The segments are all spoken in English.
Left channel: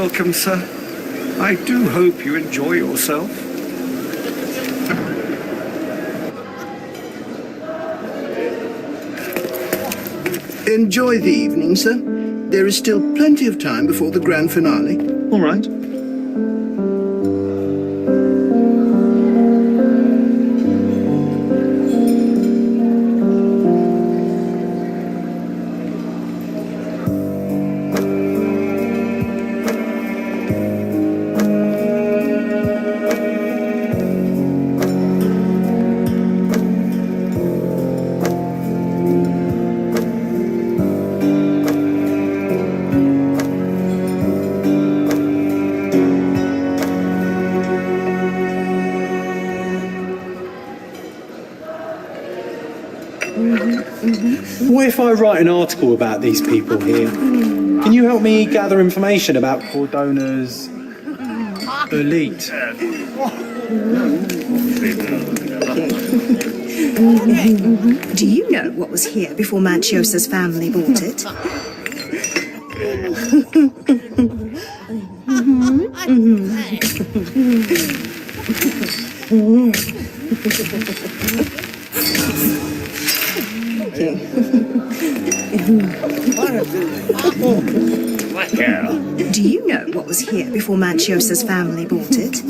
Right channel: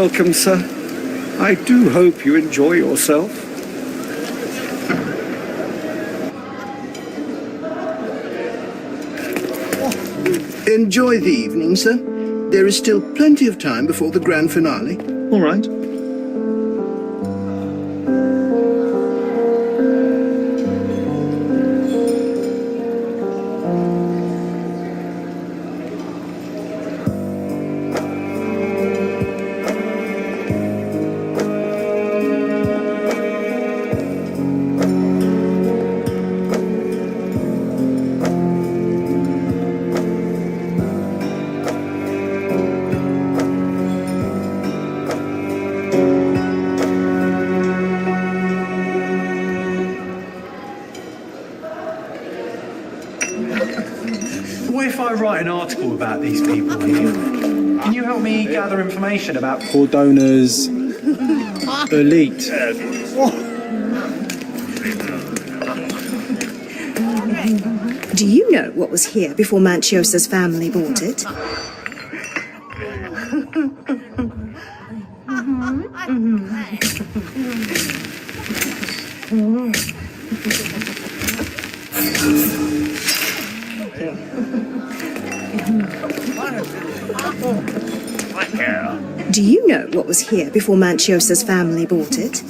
welcome, sir. I do hope you enjoy yourself. Enjoy the evening, sir. There is still plenty of time before the grand finale. All right. What if I write an article about these people here? Can you help me gather information about Cordona's elite? Do you know what was here before Manchiosa's family bought it? Do you know what was here before Manchiosa's family bought it?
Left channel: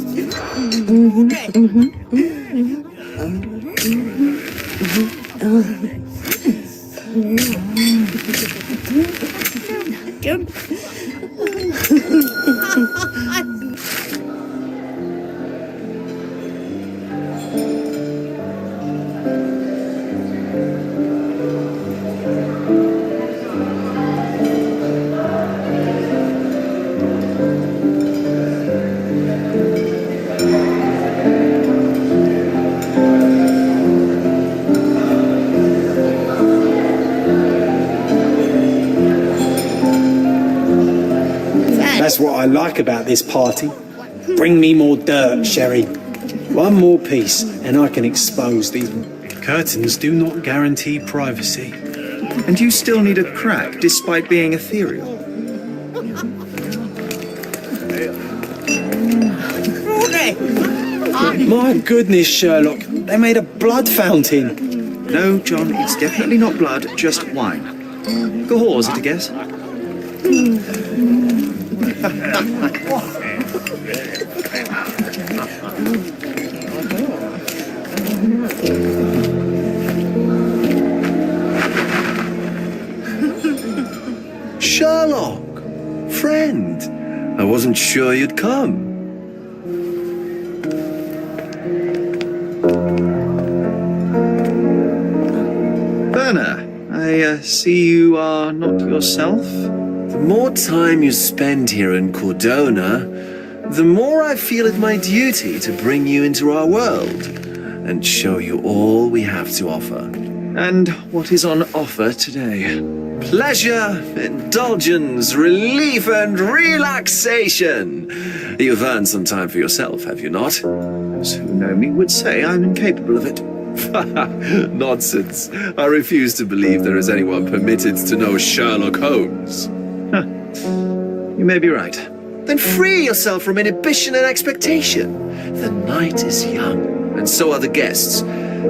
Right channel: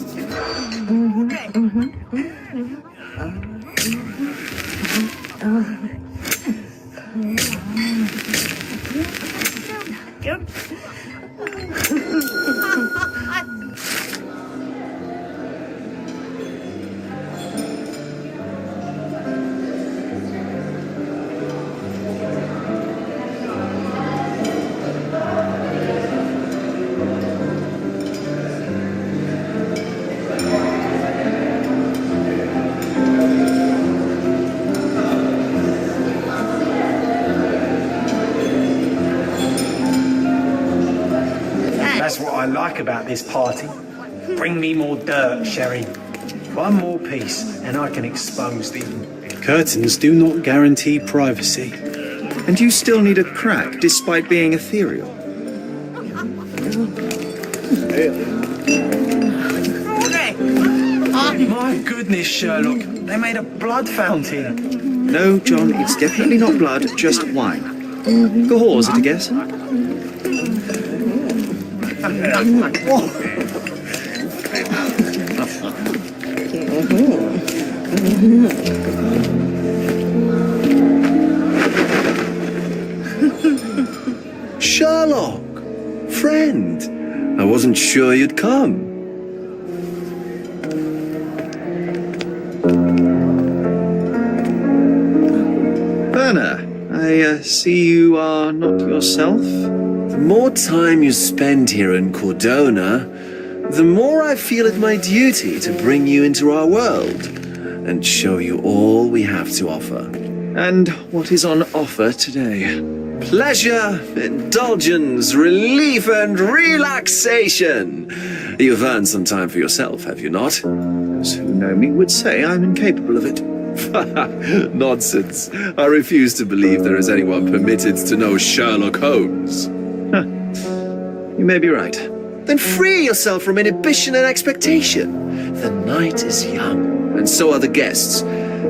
That's what I like about this party. Bring me more dirt, Sherry. One more piece, and I can expose these curtains. Do not guarantee privacy. And you still need a crack, despite being ethereal. My goodness, Sherlock, they made a blood fountain. No, John, it's definitely not blood, just wine. Cahors, at a guess? Sherlock! Friend! I wasn't sure you'd come. Berna, I see you are not yourself. The more time you spend here in Cordona, the more I feel it my duty to bring you into our world and show you all we have to offer. And what is on offer today? Pleasure, indulgence, relief, and relaxation. You've earned some time for yourself, have you not? Those who know me would say I'm incapable of it. Nonsense. I refuse to believe there is anyone permitted to know Sherlock Holmes. You may be right. Then free yourself from inhibition and expectation. The night is young, and so are the guests.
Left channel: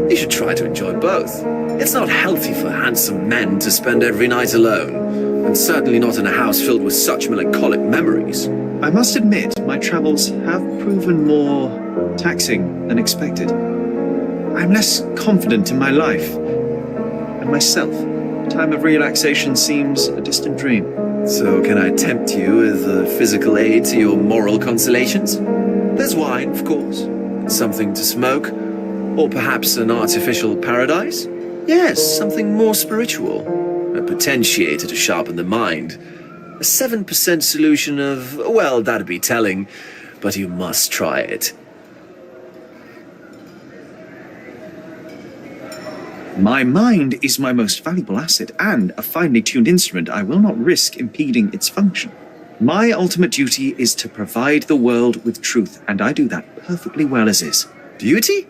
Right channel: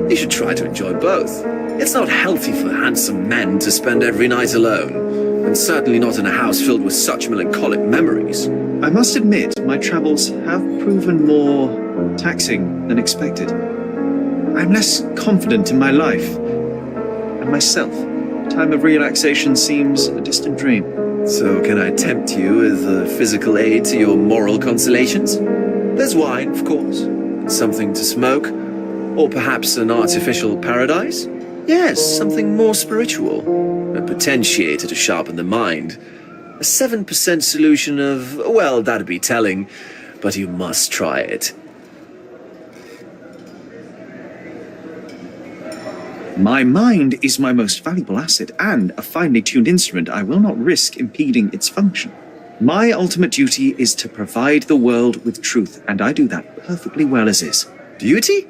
You should try to enjoy both. It's not healthy for handsome men to spend every night alone, and certainly not in a house filled with such melancholic memories. I must admit, my travels have proven more taxing than expected. I'm less confident in my life and myself. Time of relaxation seems a distant dream. So can I tempt you with a physical aid to your moral consolations? There's wine, of course, and something to smoke, or perhaps an artificial paradise? Yes, something more spiritual, a potentiator to sharpen the mind. A 7% solution of, well, that'd be telling, but you must try it. My mind is my most valuable asset, and a finely tuned instrument. I will not risk impeding its function. My ultimate duty is to provide the world with truth, and I do that perfectly well as is. Duty?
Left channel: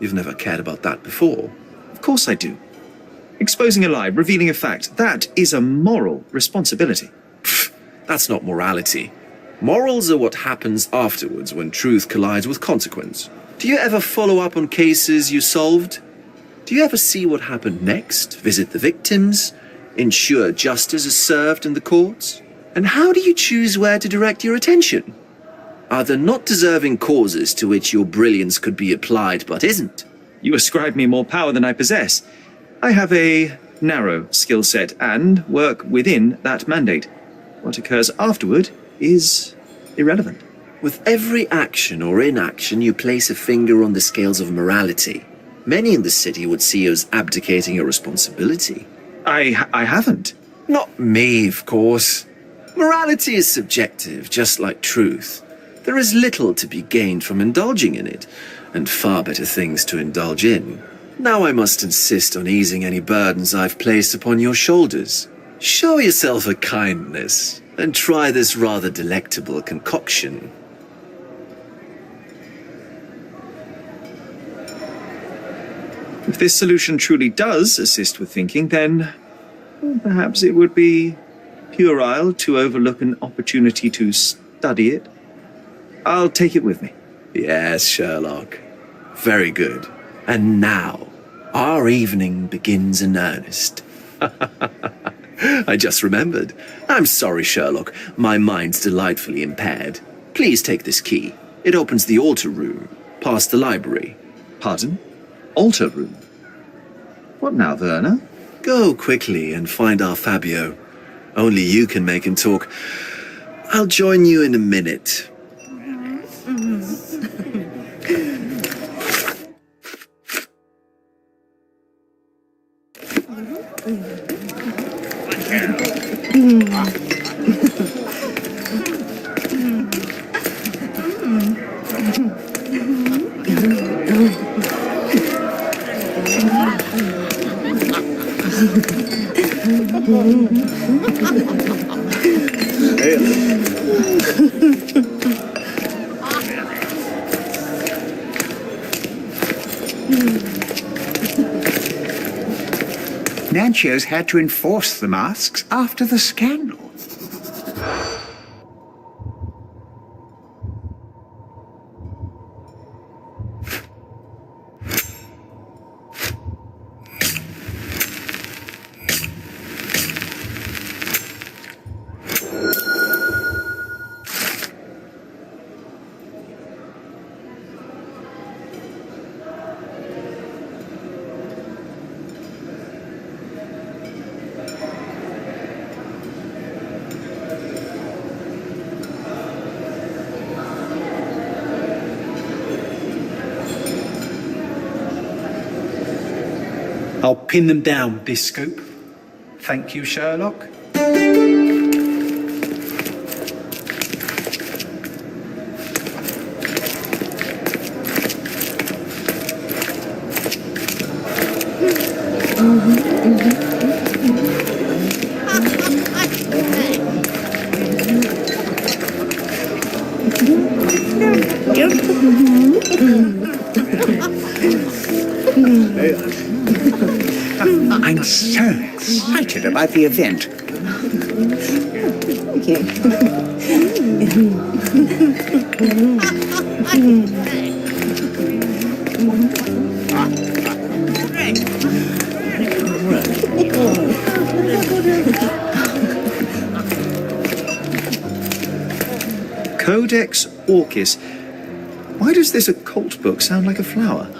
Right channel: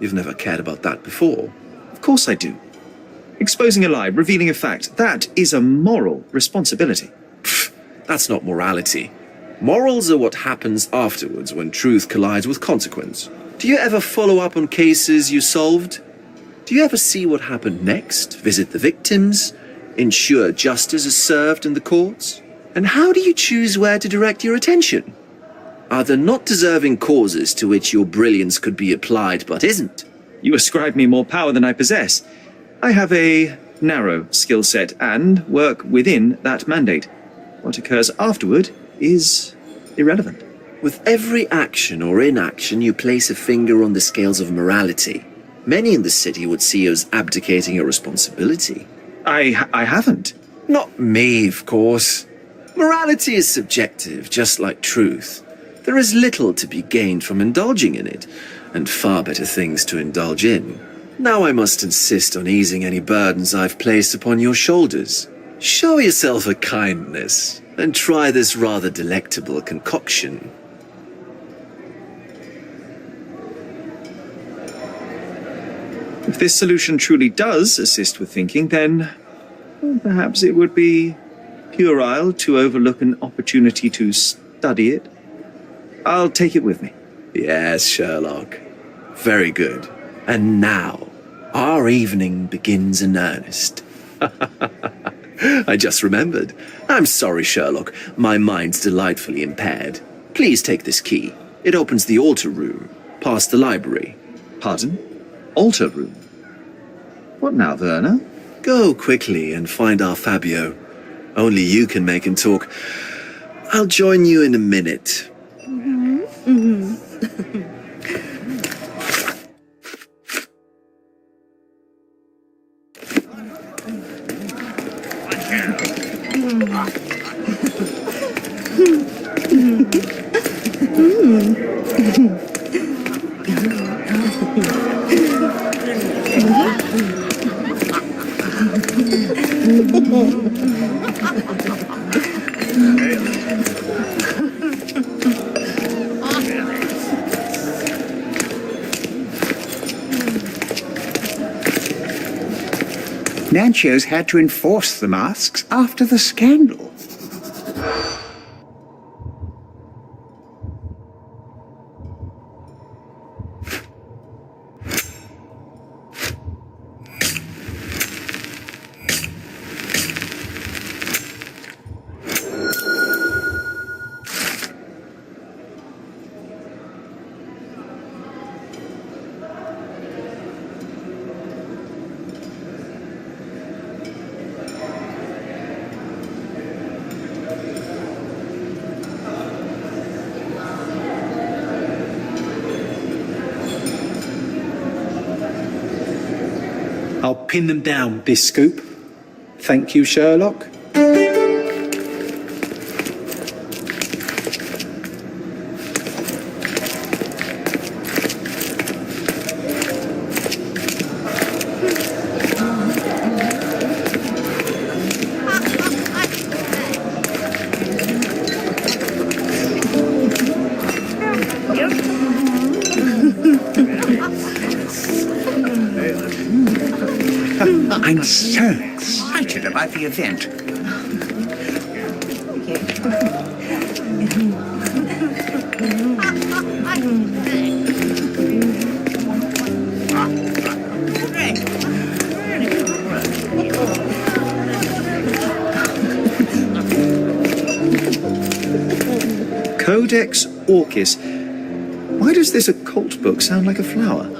You've never cared about that before. Of course I do. Exposing a lie, revealing a fact, that is a moral responsibility. Pfft, that's not morality. Morals are what happens afterwards when truth collides with consequence. Do you ever follow up on cases you solved? Do you ever see what happened next, visit the victims, ensure justice is served in the courts? And how do you choose where to direct your attention? Are there not deserving causes to which your brilliance could be applied but isn't? You ascribe me more power than I possess. I have a narrow skill set and work within that mandate. What occurs afterward is irrelevant. With every action or inaction, you place a finger on the scales of morality. Many in the city would see you as abdicating your responsibility. I haven't. Not me, of course. Morality is subjective, just like truth. There is little to be gained from indulging in it, and far better things to indulge in. Now I must insist on easing any burdens I've placed upon your shoulders. Show yourself a kindness, and try this rather delectable concoction. If this solution truly does assist with thinking, then perhaps it would be puerile to overlook an opportunity to study it. I'll take it with me. Yes, Sherlock. Very good. And now, our evening begins in earnest. I just remembered. I'm sorry, Sherlock. My mind's delightfully impaired. Please take this key. It opens the altar room, past the library. Pardon? Altar room? What now, Werner? Go quickly and find our Fabio. Only you can make him talk. I'll join you in a minute. Nancio's had to enforce the masks after the scandal. I'll pin them down with this scoop. Thank you, Sherlock. I'm so excited about the event. Codex Orchis. Why does this occult book sound like a flower?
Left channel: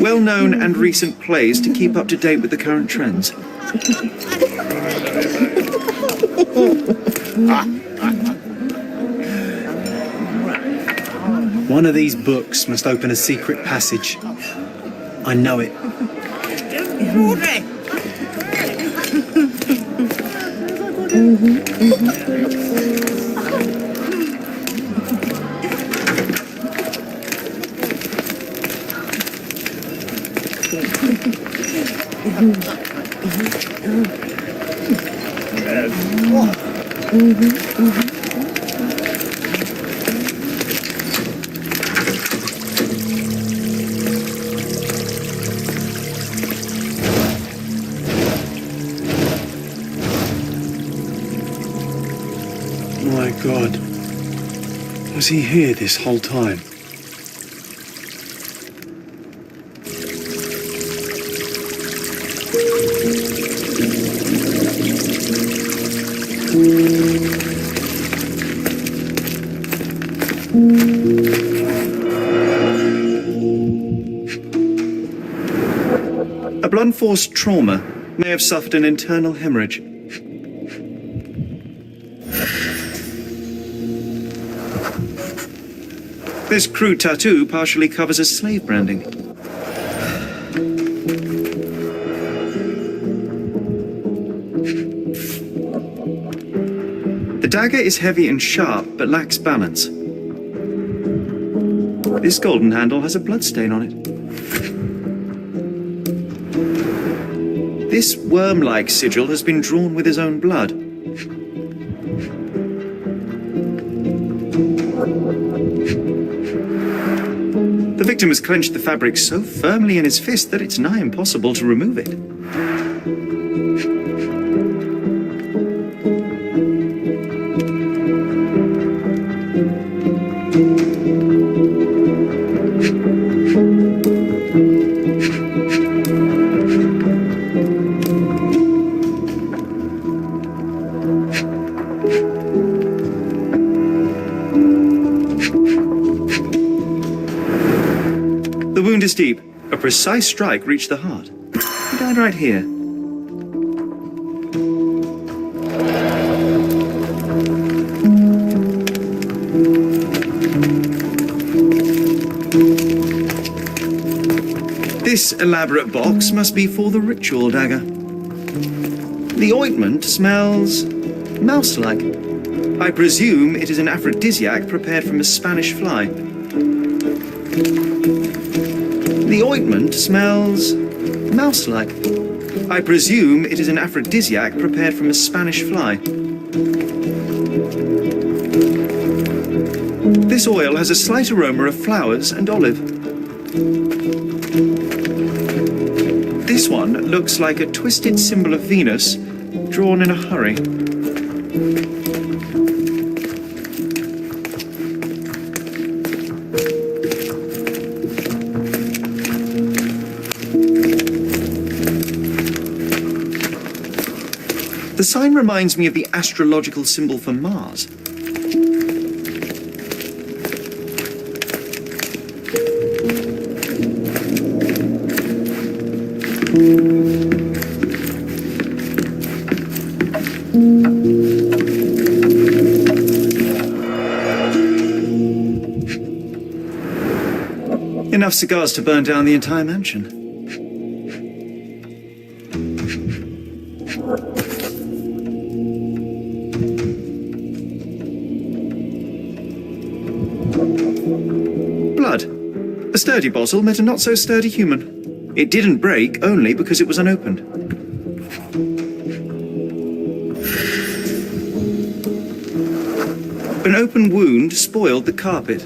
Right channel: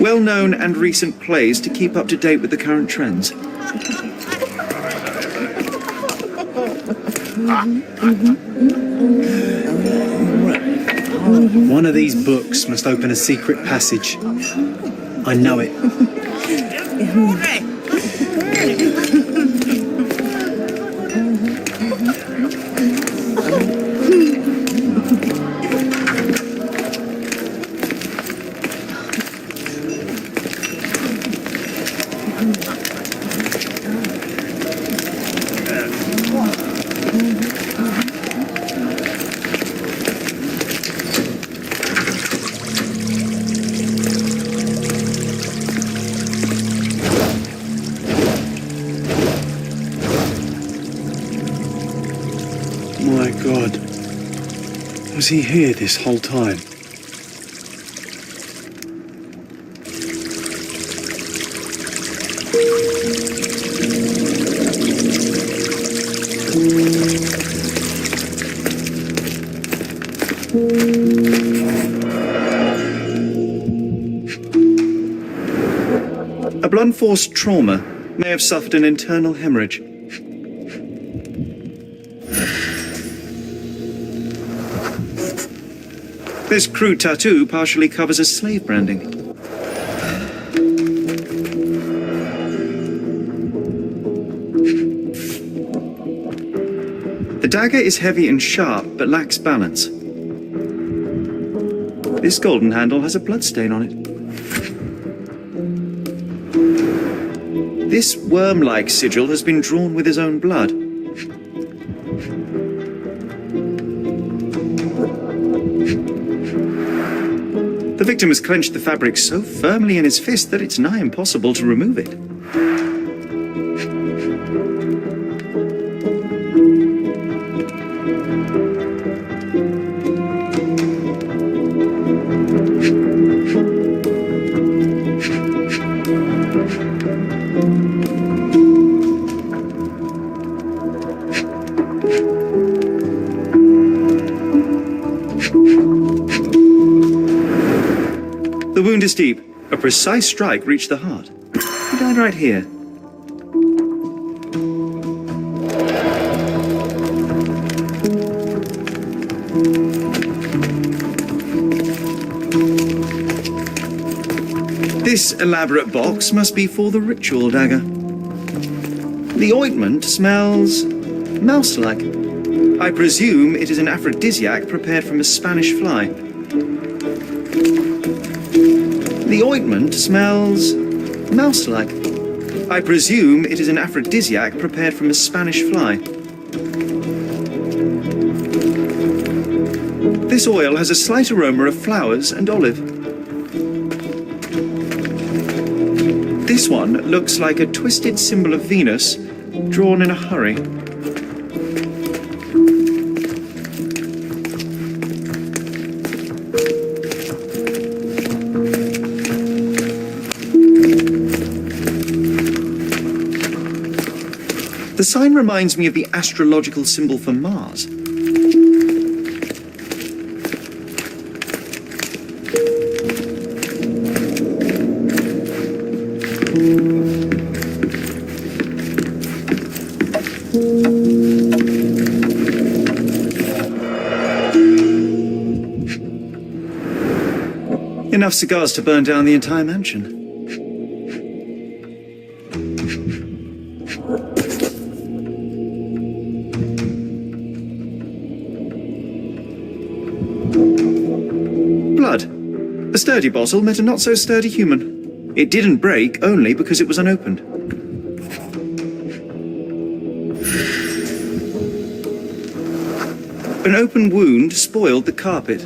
Well-known and recent plays to keep up to date with the current trends. One of these books must open a secret passage. I know it. God. Was he here this whole time? A blunt force trauma may have suffered an internal hemorrhage. This crude tattoo partially covers a slave branding. The dagger is heavy and sharp, but lacks balance. This golden handle has a bloodstain on it. This worm-like sigil has been drawn with his own blood. The victim has clenched the fabric so firmly in his fist that it's nigh impossible to remove it. The wound is deep. A precise strike reached the heart. He died right here. This elaborate box must be for the ritual dagger. The ointment smells mouse-like. I presume it is an aphrodisiac prepared from a Spanish fly. The ointment smells mouse-like. I presume it is an aphrodisiac prepared from a Spanish fly. This oil has a slight aroma of flowers and olive. This one looks like a twisted symbol of Venus drawn in a hurry. The sign reminds me of the astrological symbol for Mars. Enough cigars to burn down the entire mansion. Blood. A sturdy bottle met a not-so-sturdy human. It didn't break only because it was unopened. An open wound spoiled the carpet.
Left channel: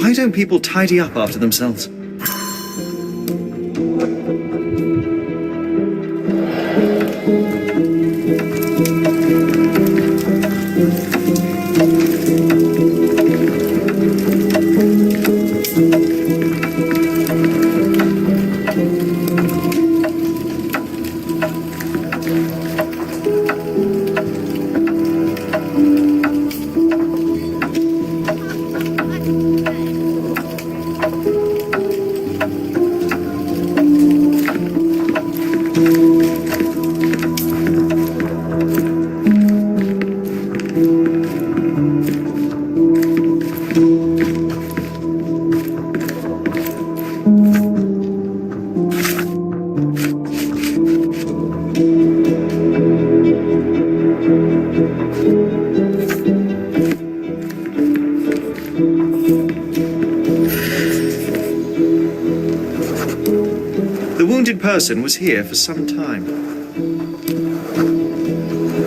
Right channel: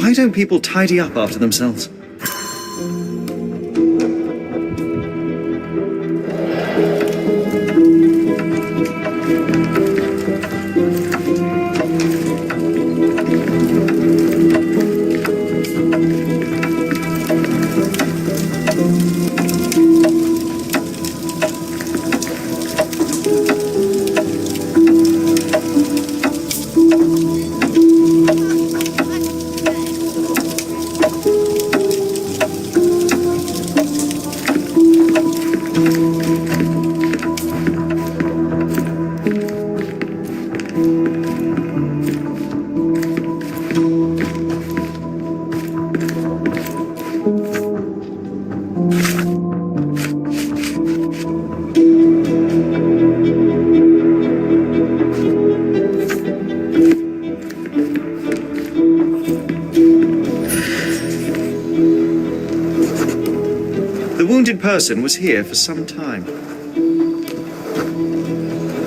Why don't people tidy up after themselves? The wounded person was here for some time.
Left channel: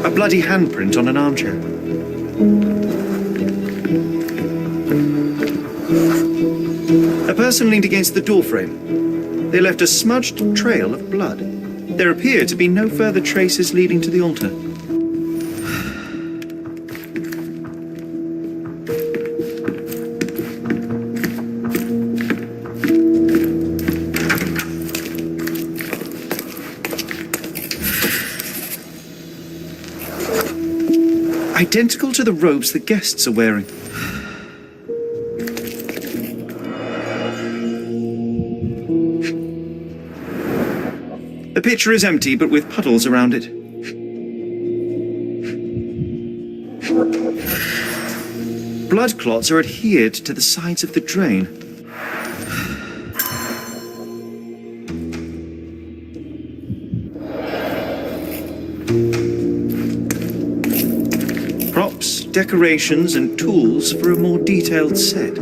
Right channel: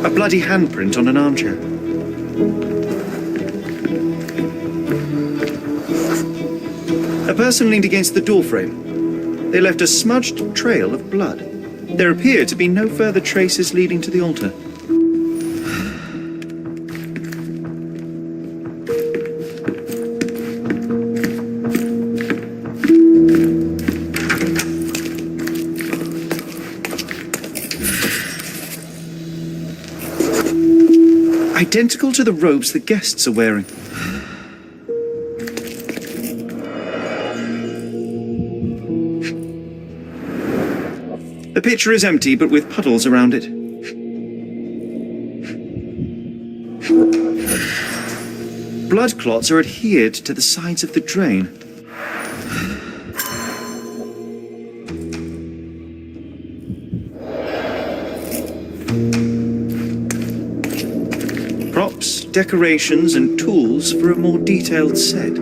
A bloody handprint on an armchair. A person leaned against the doorframe. They left a smudged trail of blood. There appear to be no further traces leading to the altar. Identical to the robes the guests are wearing. The pitcher is empty, but with puddles around it. Blood clots are adhered to the sides of the drain. Props, decorations, and tools for a more detailed set.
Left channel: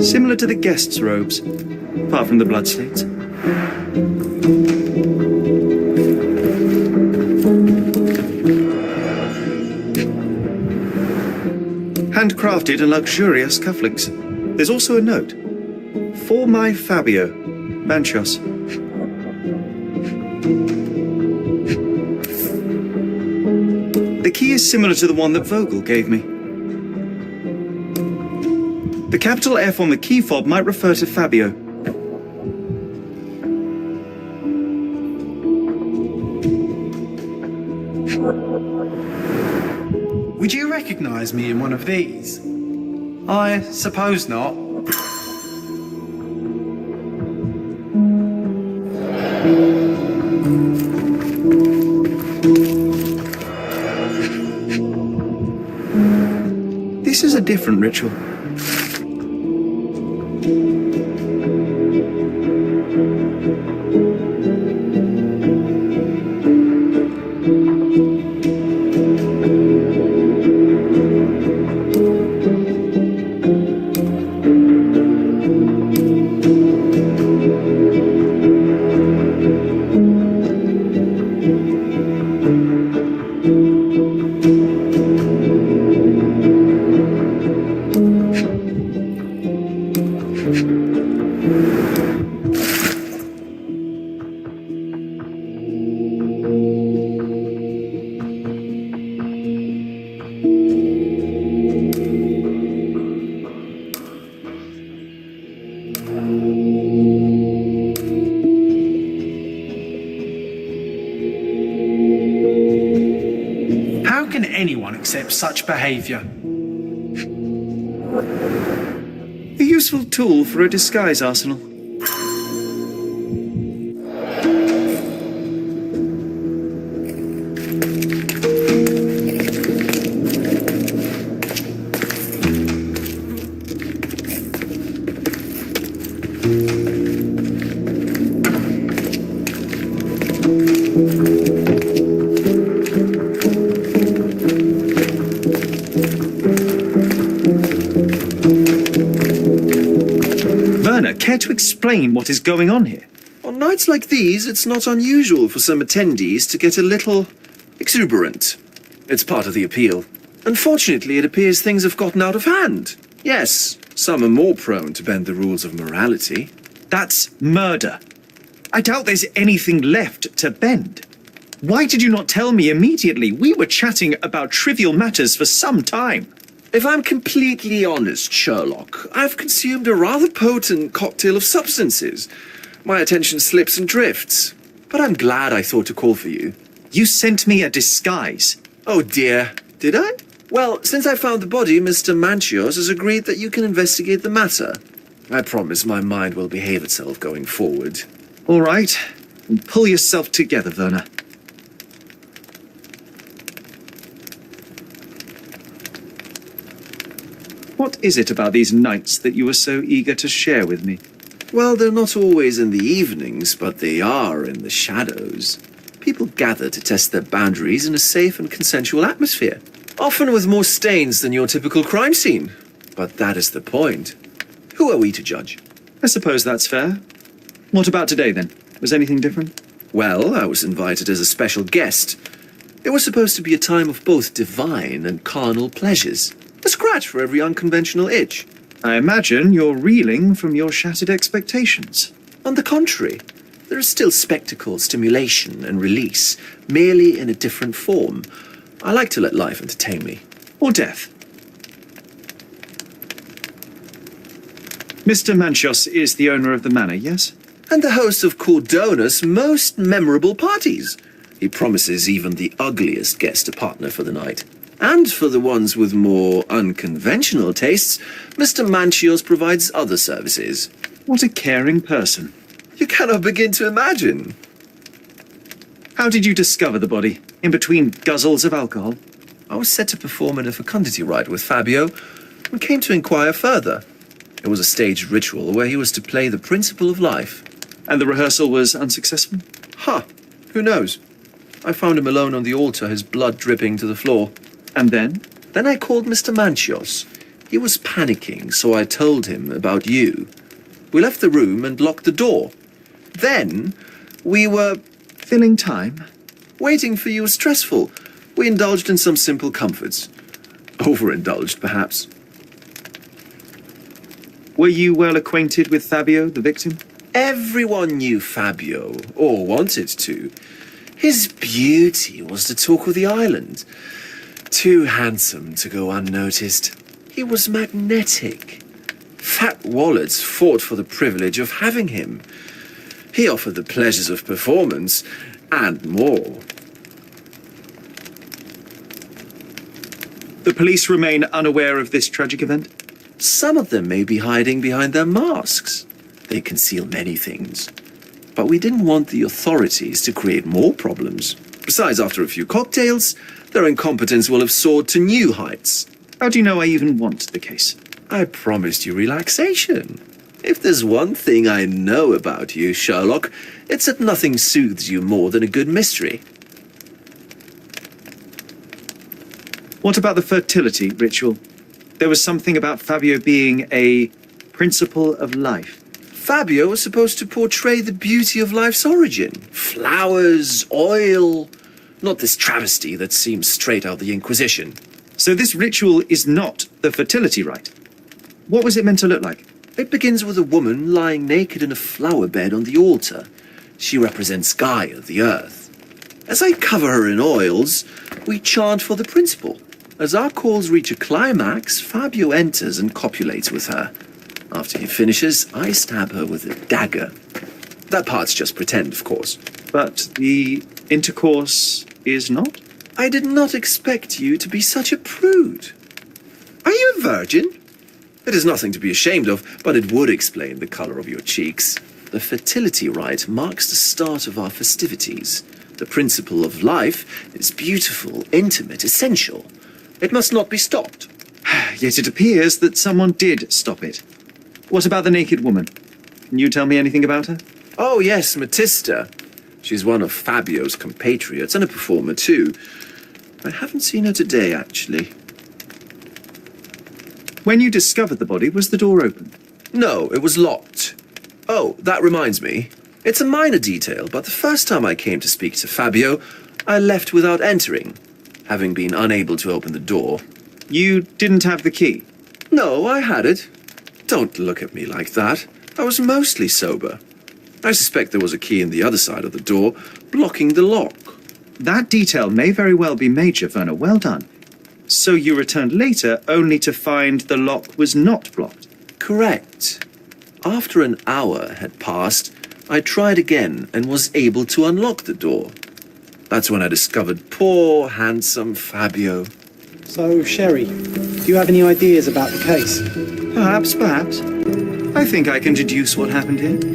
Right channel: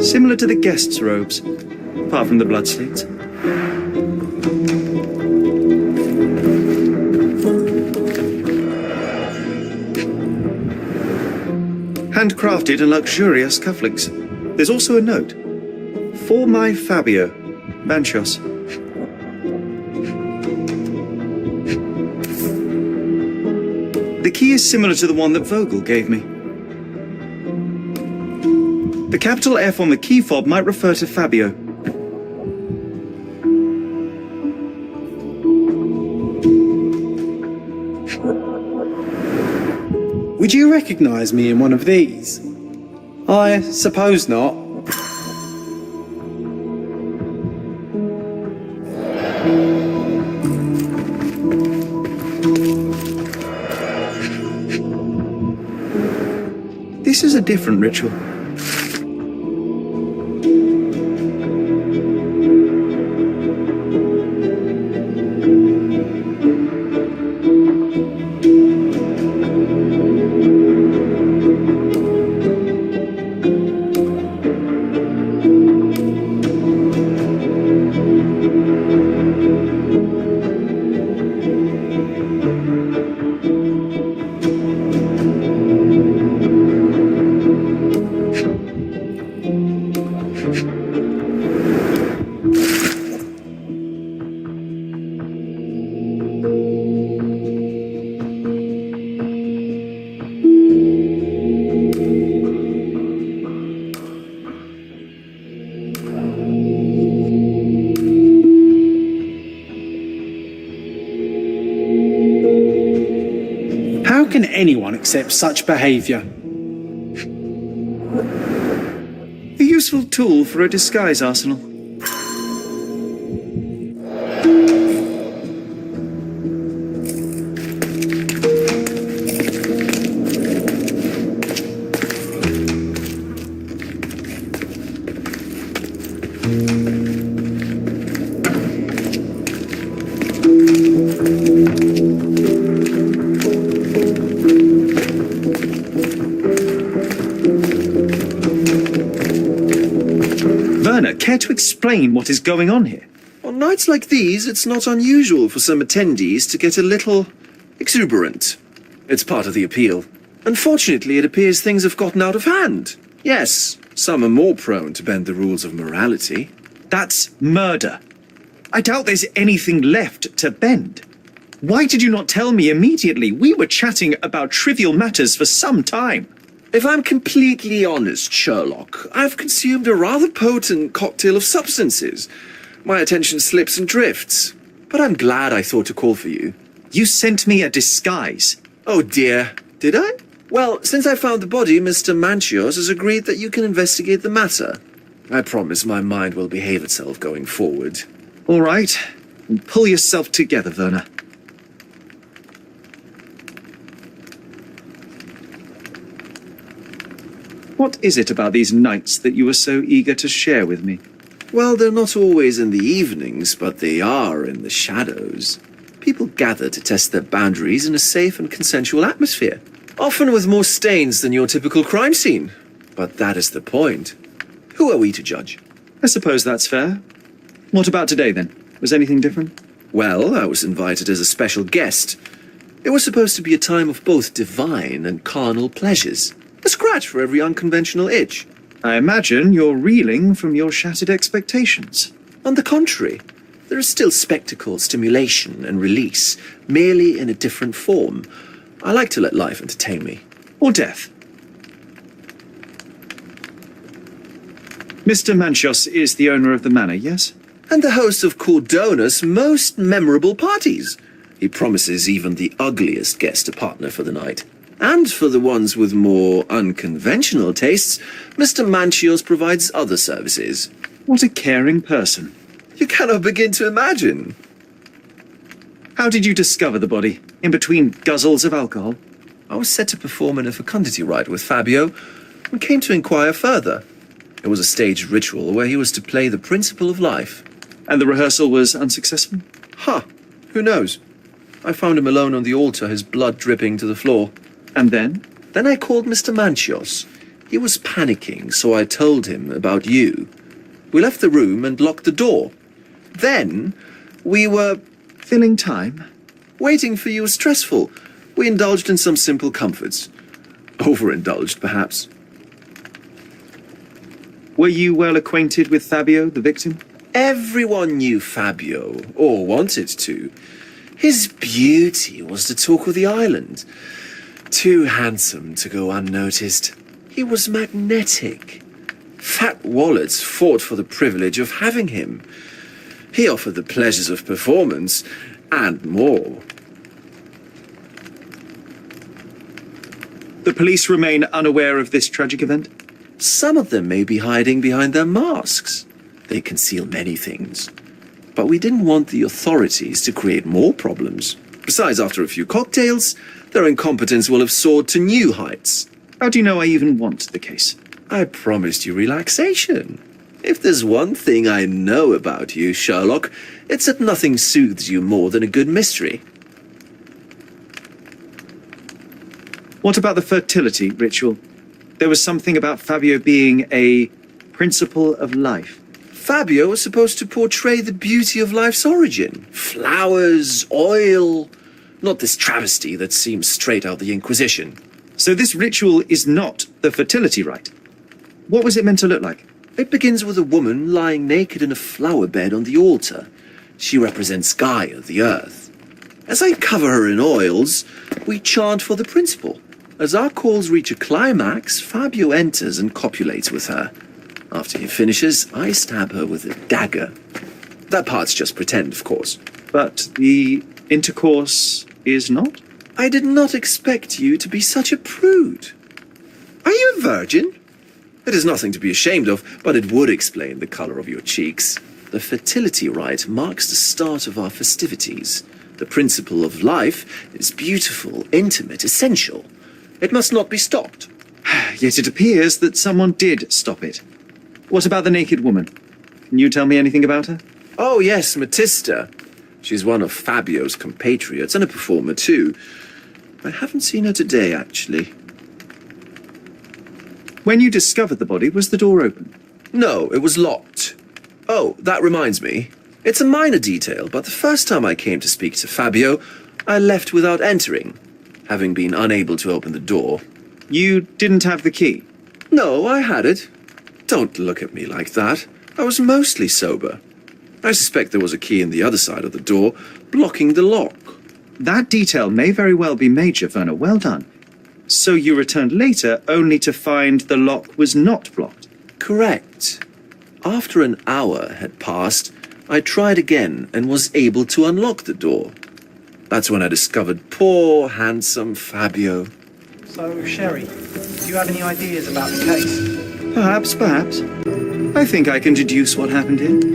Similar to the guests' robes, apart from the bloodstains. Handcrafted and luxurious cufflinks. There's also a note. For my Fabio, Manchos. The key is similar to the one that Vogel gave me. The capital F on the key fob might refer to Fabio. Would you recognize me in one of these? I suppose not. This is a different ritual. How can anyone accept such behaviour? A useful tool for a disguise arsenal. Werner, care to explain what is going on here? On nights like these, it's not unusual for some attendees to get a little exuberant. It's part of the appeal. Unfortunately, it appears things have gotten out of hand. Yes, some are more prone to bend the rules of morality. That's murder. I doubt there's anything left to bend. Why did you not tell me immediately? We were chatting about trivial matters for some time. If I'm completely honest, Sherlock, I've consumed a rather potent cocktail of substances. My attention slips and drifts. But I'm glad I thought to call for you. You sent me a disguise. Oh dear, did I? Well, since I found the body, Mr. Manchios has agreed that you can investigate the matter. I promise my mind will behave itself going forward. All right. Pull yourself together, Werner. What is it about these nights that you are so eager to share with me? Well, they're not always in the evenings, but they are in the shadows. People gather to test their boundaries in a safe and consensual atmosphere, often with more stains than your typical crime scene. But that is the point. Who are we to judge? I suppose that's fair. What about today, then? Was anything different? Well, I was invited as a special guest. It was supposed to be a time of both divine and carnal pleasures. A scratch for every unconventional itch. I imagine you're reeling from your shattered expectations. On the contrary, there is still spectacle, stimulation, and release, merely in a different form. I like to let life entertain me. Or death. Mr. Manchios is the owner of the manor, yes? And the host of Cordona's most memorable parties. He promises even the ugliest guest a partner for the night. And for the ones with more unconventional tastes, Mr. Manchios provides other services. What a caring person. You cannot begin to imagine. How did you discover the body? In between guzzles of alcohol? I was set to perform in a fecundity rite with Fabio and came to inquire further. It was a staged ritual where he was to play the principle of life. And the rehearsal was unsuccessful? Who knows? I found him alone on the altar, his blood dripping to the floor. And then? Then I called Mr. Manchios. He was panicking, so I told him about you. We left the room and locked the door. Then we were Filling time? waiting for you was stressful. We indulged in some simple comforts. Overindulged, perhaps. Were you well acquainted with Fabio, the victim? Everyone knew Fabio, or wanted to. His beauty was the talk of the island. Too handsome to go unnoticed. He was magnetic. Fat wallets fought for the privilege of having him. He offered the pleasures of performance, and more. The police remain unaware of this tragic event? Some of them may be hiding behind their masks. They conceal many things. But we didn't want the authorities to create more problems. Besides, after a few cocktails, their incompetence will have soared to new heights. How do you know I even want the case? I promised you relaxation. If there's one thing I know about you, Sherlock, it's that nothing soothes you more than a good mystery. What about the fertility ritual? There was something about Fabio being a principle of life. Fabio was supposed to portray the beauty of life's origin. Flowers, oil, not this travesty that seems straight out of the Inquisition. So this ritual is not the fertility rite. What was it meant to look like? It begins with a woman lying naked in a flower bed on the altar. She represents Gaia, the earth. As I cover her in oils, we chant for the principle. As our calls reach a climax, Fabio enters and copulates with her. After he finishes, I stab her with a dagger. That part's just pretend, of course. But the intercourse is not? I did not expect you to be such a prude. Are you a virgin? It is nothing to be ashamed of, but it would explain the color of your cheeks. The fertility rite marks the start of our festivities. The principle of life is beautiful, intimate, essential. It must not be stopped. Yet it appears that someone did stop it. What about the naked woman? Can you tell me anything about her? Oh yes, Matista. She's one of Fabio's compatriots and a performer too. I haven't seen her today, actually. When you discovered the body, was the door open? No, it was locked. Oh, that reminds me. It's a minor detail, but the first time I came to speak to Fabio, I left without entering, having been unable to open the door. You didn't have the key? No, I had it. Don't look at me like that. I was mostly sober. I suspect there was a key in the other side of the door, blocking the lock. That detail may very well be major, Werner. Well done. So you returned later only to find the lock was not blocked? Correct. After an hour had passed, I tried again and was able to unlock the door. That's when I discovered poor, handsome Fabio. So, Sherry, do you have any ideas about the case? Perhaps. I think I can deduce what happened here.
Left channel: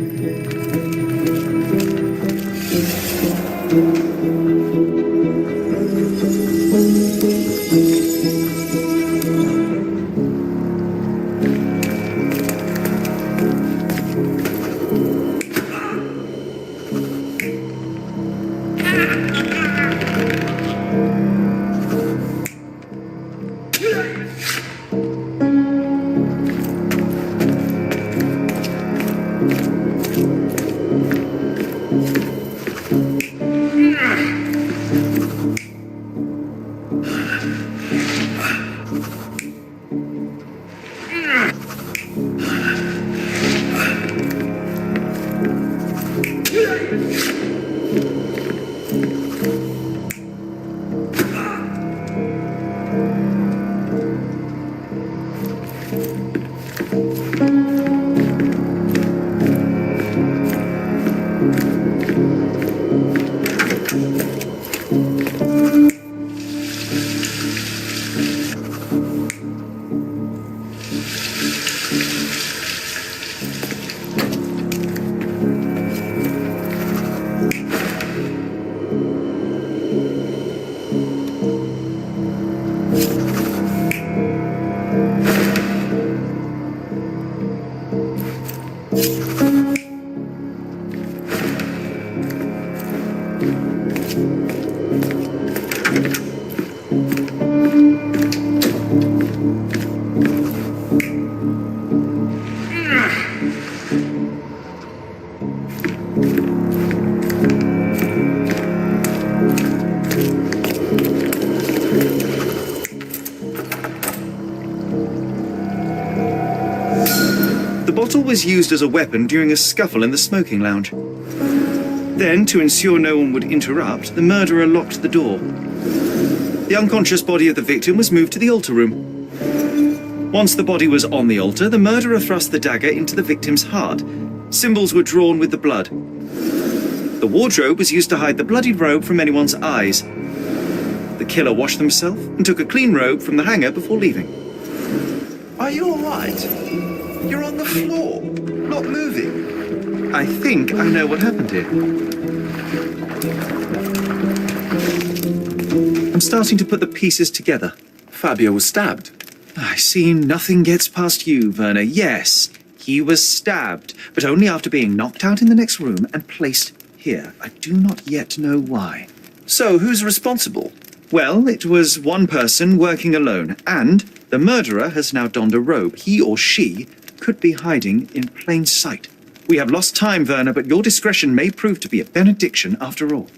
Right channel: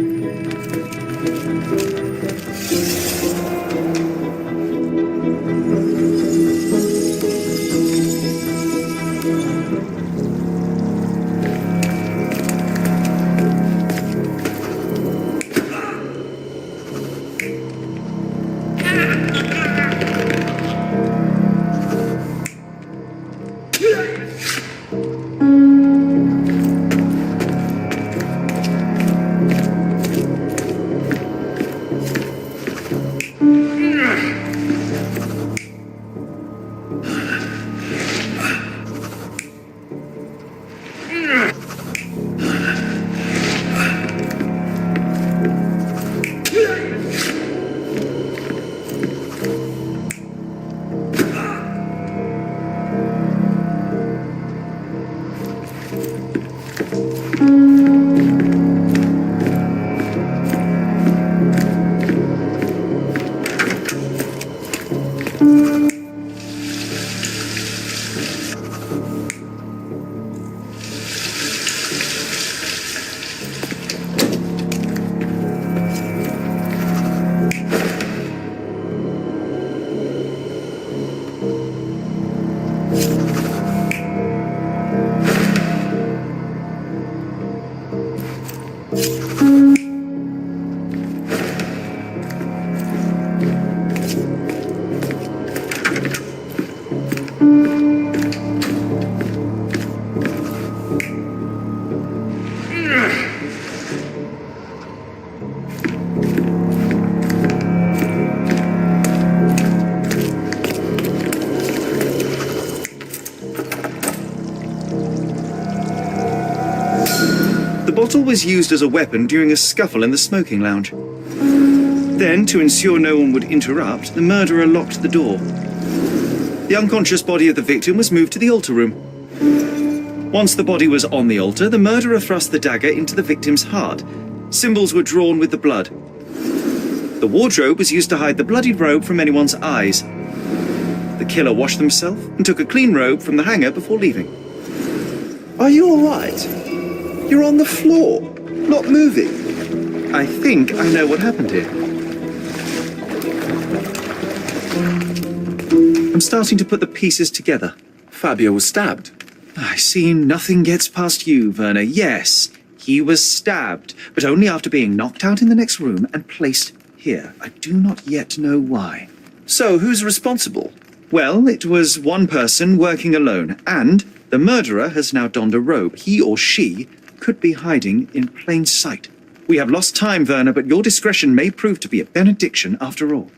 The bottle was used as a weapon during a scuffle in the smoking lounge. Then, to ensure no one would interrupt, the murderer locked the door. The unconscious body of the victim was moved to the altar room. Once the body was on the altar, the murderer thrust the dagger into the victim's heart. Symbols were drawn with the blood. The wardrobe was used to hide the bloodied robe from anyone's eyes. The killer washed himself and took a clean robe from the hanger before leaving. Are you all right? You're on the floor, not moving. I think I know what happened here. I'm starting to put the pieces together. Fabio was stabbed. I see nothing gets past you, Werner. Yes, he was stabbed, but only after being knocked out in the next room and placed here. I do not yet know why. So, who's responsible? Well, it was one person working alone, and the murderer has now donned a robe. He or she could be hiding in plain sight. We have lost time, Werner, but your discretion may prove to be a benediction after all.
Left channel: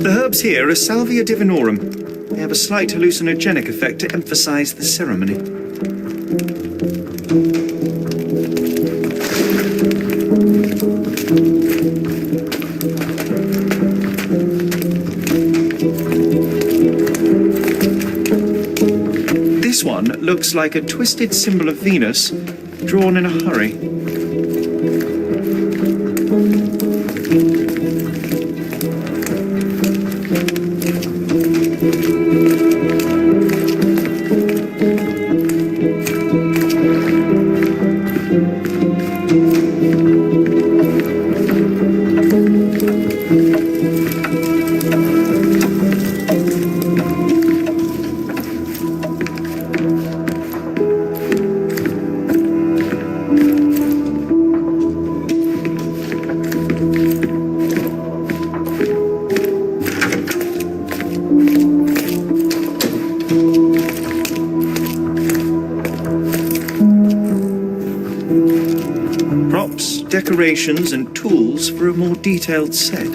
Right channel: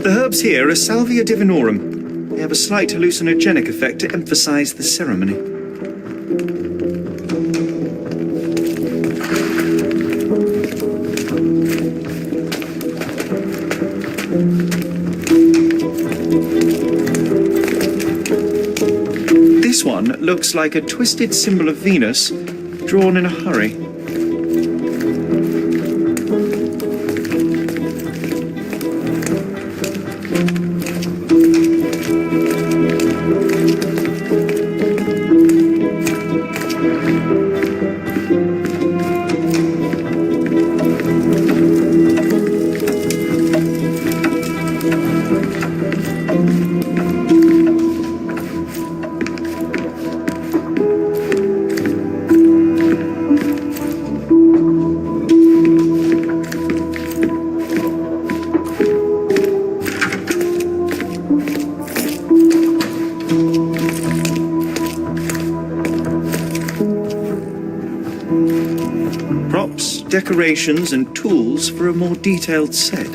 The herbs here are Salvia divinorum. They have a slight hallucinogenic effect to emphasize the ceremony. This one looks like a twisted symbol of Venus, drawn in a hurry. Props, decorations, and tools for a more detailed set.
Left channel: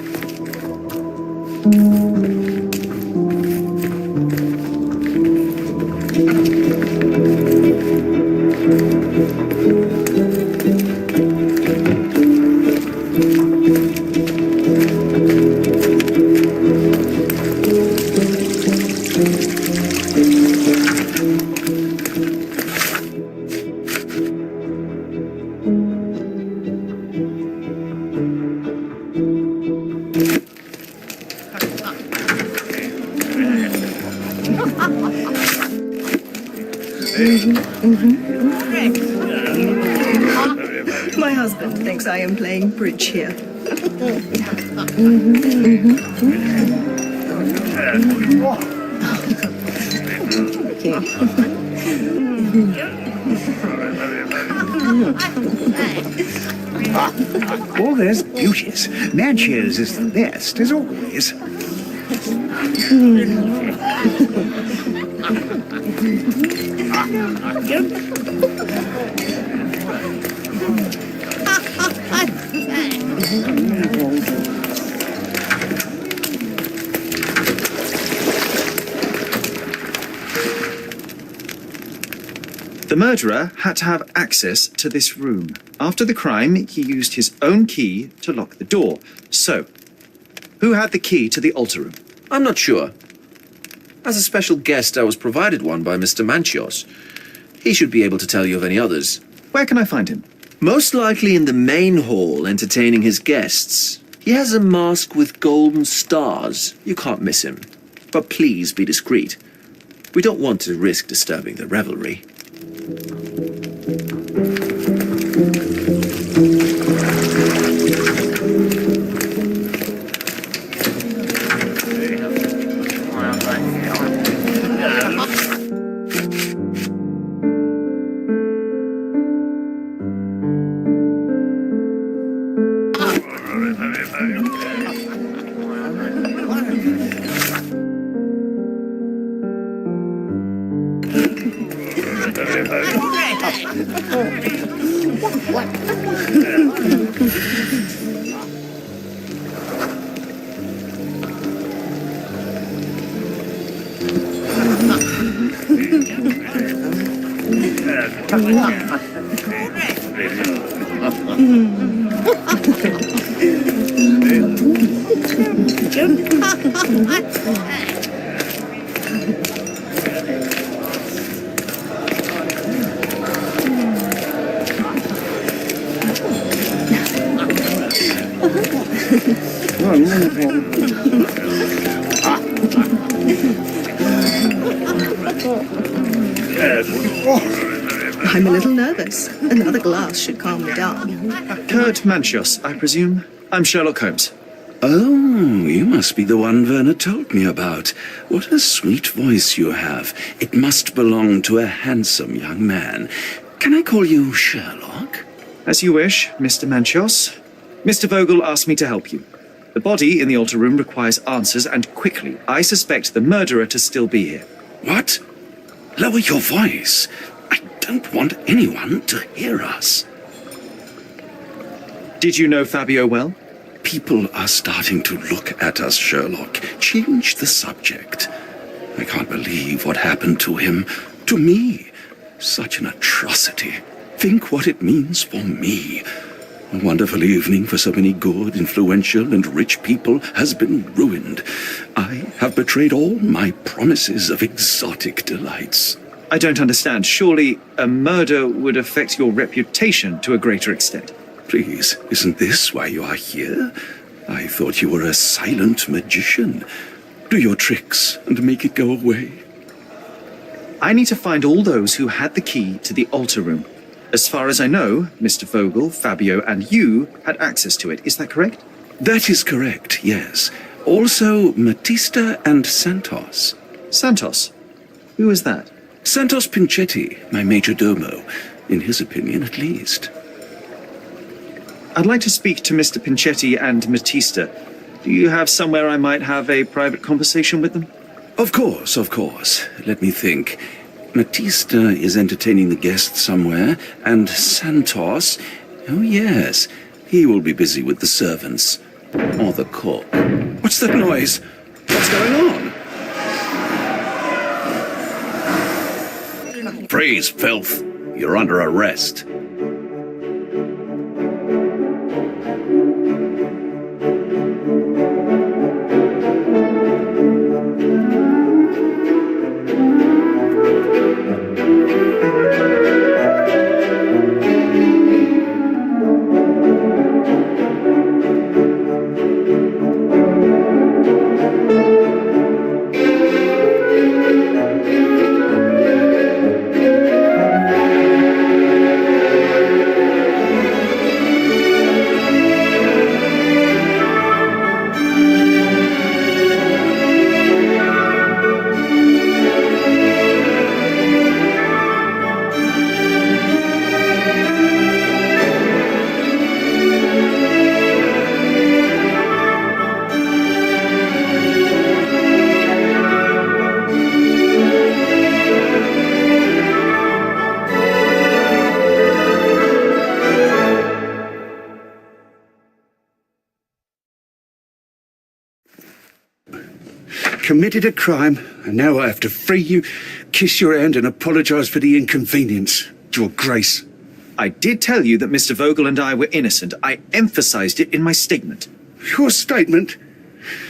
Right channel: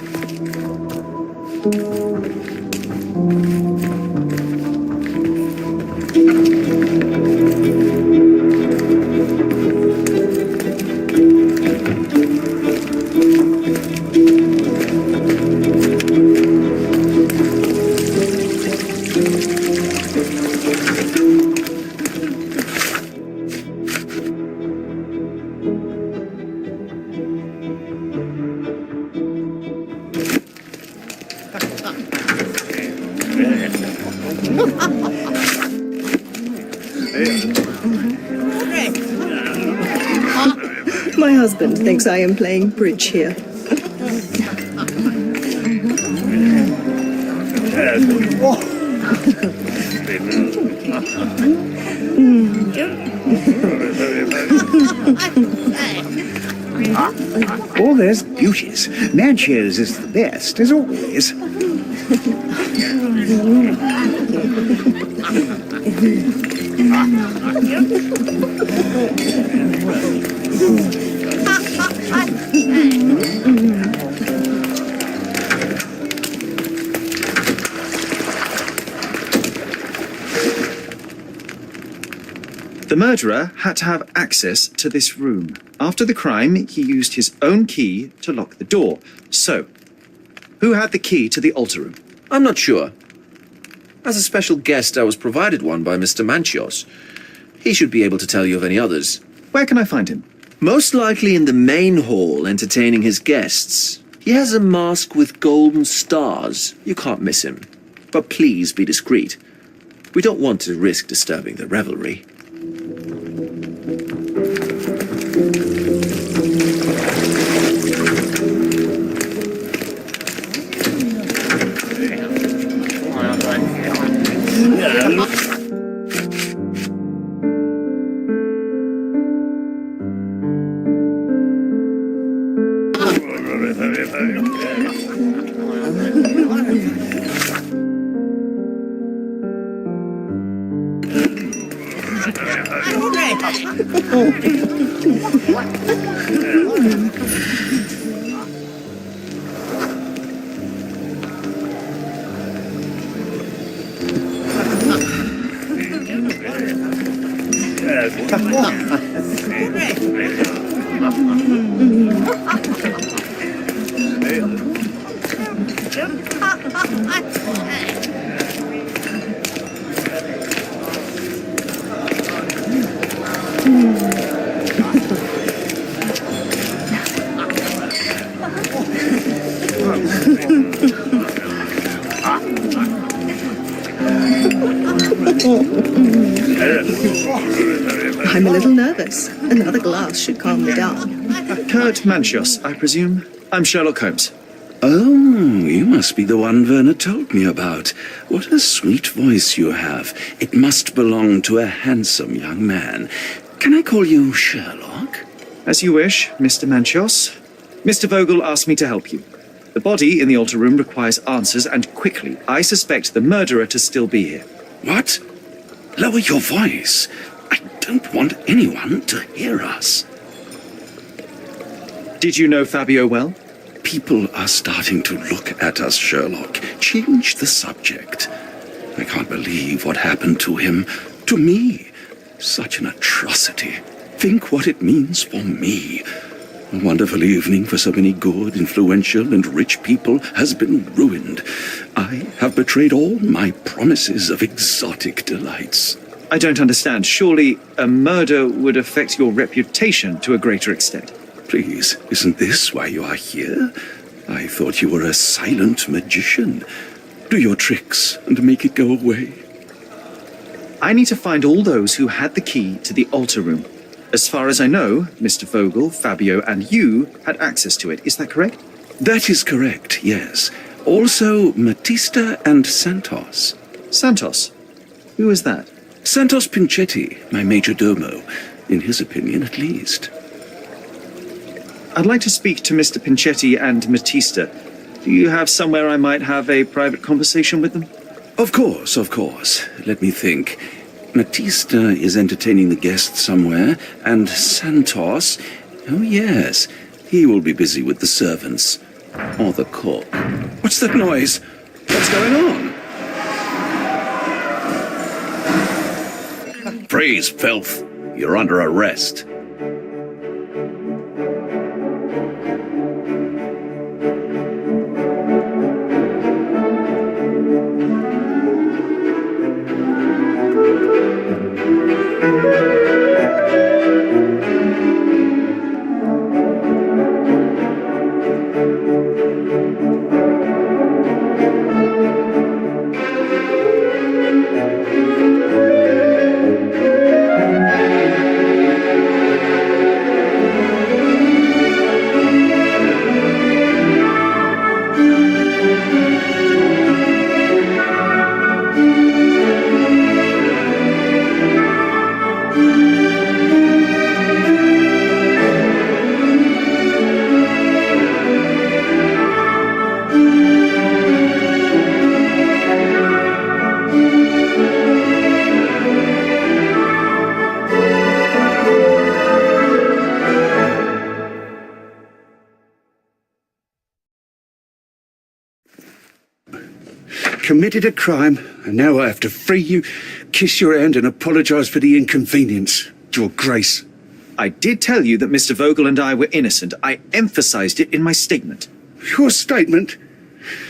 My husband thinks I am playing bridge here. All there's beauty please. Manchio's is the best, as always. The murderer had to have access to this room. After the crime, he used his own key to lock the door. So, who had the key to the altar room? I'm not sure. As a special guest, I was provided one by Mr. Manchios. He should be able to tell you of any others. Where can I find him? Most likely in the main hall, entertaining his guests. He has a mask with golden stars. You can't miss him. But please be discreet. We don't want to risk disturbing the revelry. I'm a little nervous. Another glass should calm me down. Kurt Manchios, I presume. I'm Sherlock Holmes. Oh, you must be the one Werner told me about. What a sweet voice you have. It must belong to a handsome young man. Can I call you Sherlock? As you wish, Mr. Manchios. Mr. Vogel asked me to help you. The body in the altar room requires answers, and quickly. I suspect the murderer to still be here. What? Lower your voice. I don't want anyone to hear us. Did you know Fabio well? People are starting to look at us, Sherlock. Change the subject. I can't believe what happened to him. To me. Such an atrocity. Think what it means for me. A wonderful evening for so many good, influential, and rich people has been ruined. I have betrayed all my promises of exotic delights. I don't understand. Surely a murder would affect your reputation to a greater extent. Please, isn't this why you are here? I thought you were a silent magician. Do your tricks and make it go away. I need to find all those who had the key to the altar room. As far as I know, Mr. Vogel, Fabio, and you had access to it. Is that correct? That is correct, yes. Also, Matista and Santos. Santos? Who is that? Santos Pinchetti, my major domo. In his opinion, at least. I'd like to speak to Mr. Pinchetti and Matista. Do you have somewhere I might have a private conversation with them? Of course, of course. Let me think. Matista is entertaining the guests somewhere, and Santos... Oh, yes. He will be busy with the servants. Or the cook. What's that noise? What's going on? Freeze, filth. You're under arrest. committed a crime, and now I have to free you, kiss your hand, and apologise for the inconvenience. Your Grace. I did tell you that Mr. Vogel and I were innocent. I emphasized it in my statement. Your statement?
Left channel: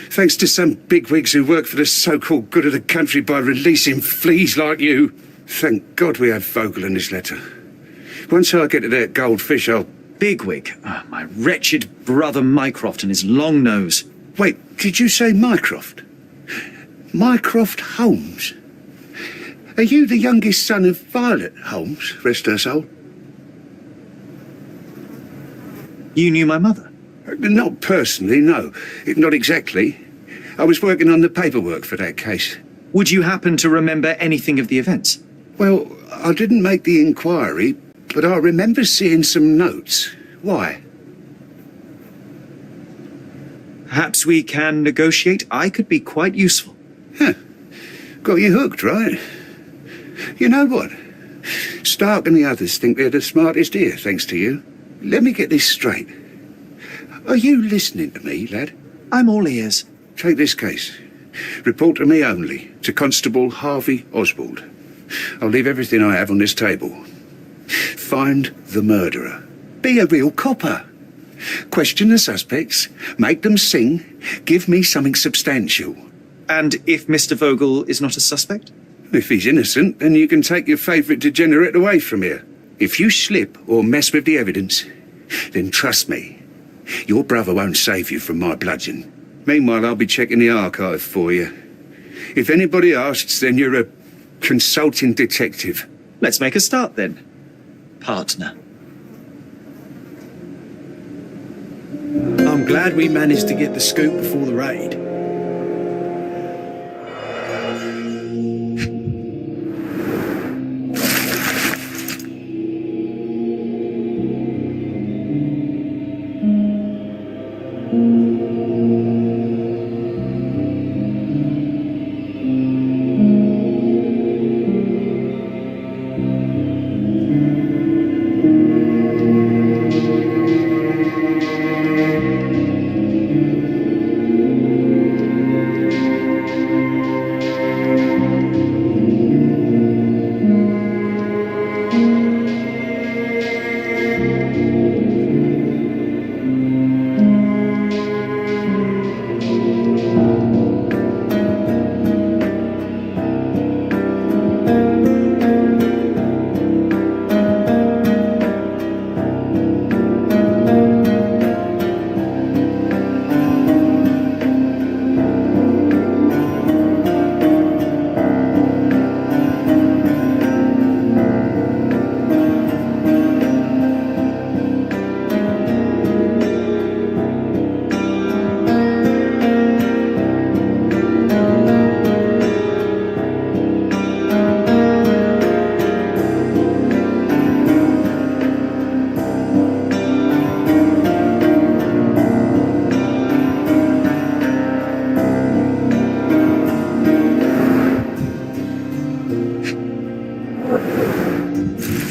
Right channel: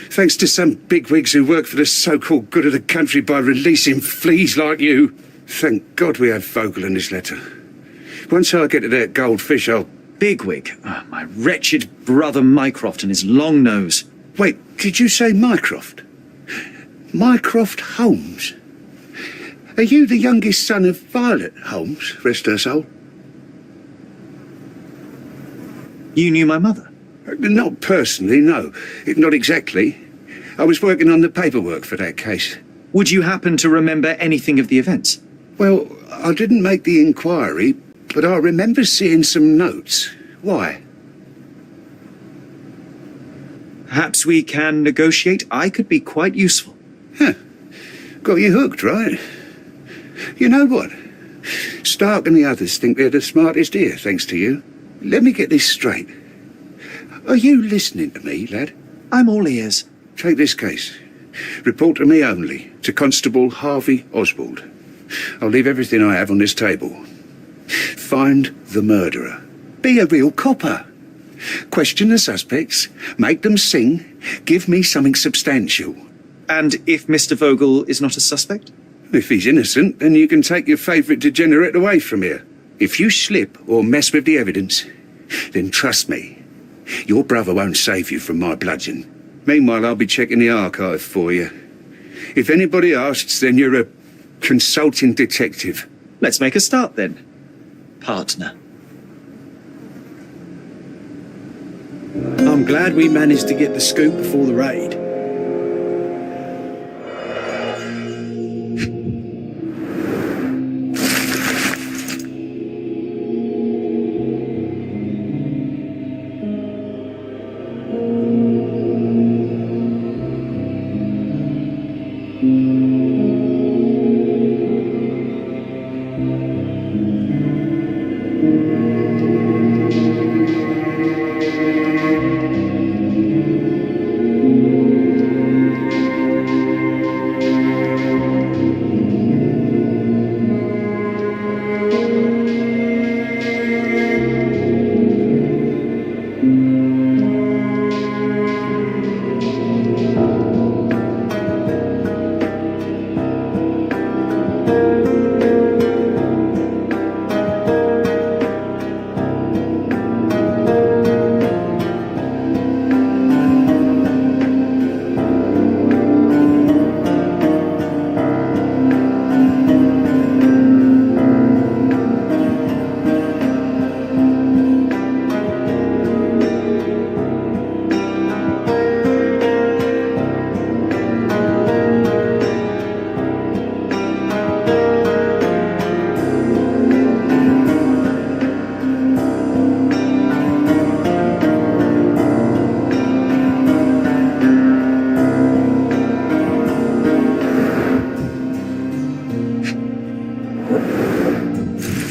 Thanks to some bigwigs who work for the so-called good of the country by releasing fleas like you. Thank God we had Vogel in his letter. Once I get to that goldfish, I'll... Bigwig. Ah, my wretched brother Mycroft and his long nose. Wait, did you say Mycroft? Mycroft Holmes? Are you the youngest son of Violet Holmes, rest her soul? You knew my mother? Not personally, no. Not exactly. I was working on the paperwork for that case. Would you happen to remember anything of the events? Well, I didn't make the inquiry, but I remember seeing some notes. Why? Perhaps we can negotiate. I could be quite useful. Huh. Got you hooked, right? You know what? Stark and the others think they're the smartest here, thanks to you. Let me get this straight. Are you listening to me, lad? I'm all ears. Take this case. Report to me only, to Constable Harvey Oswald. I'll leave everything I have on this table. Find the murderer. Be a real copper. Question the suspects, make them sing, give me something substantial. And if Mr. Vogel is not a suspect? If he's innocent, then you can take your favourite degenerate away from here. If you slip or mess with the evidence, then trust me, your brother won't save you from my bludgeon. Meanwhile, I'll be checking the archive for you. If anybody asks, then you're a consulting detective. Let's make a start then, partner. I'm glad we managed to get the scoop before the raid.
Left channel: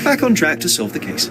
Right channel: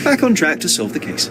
Back on track to solve the case.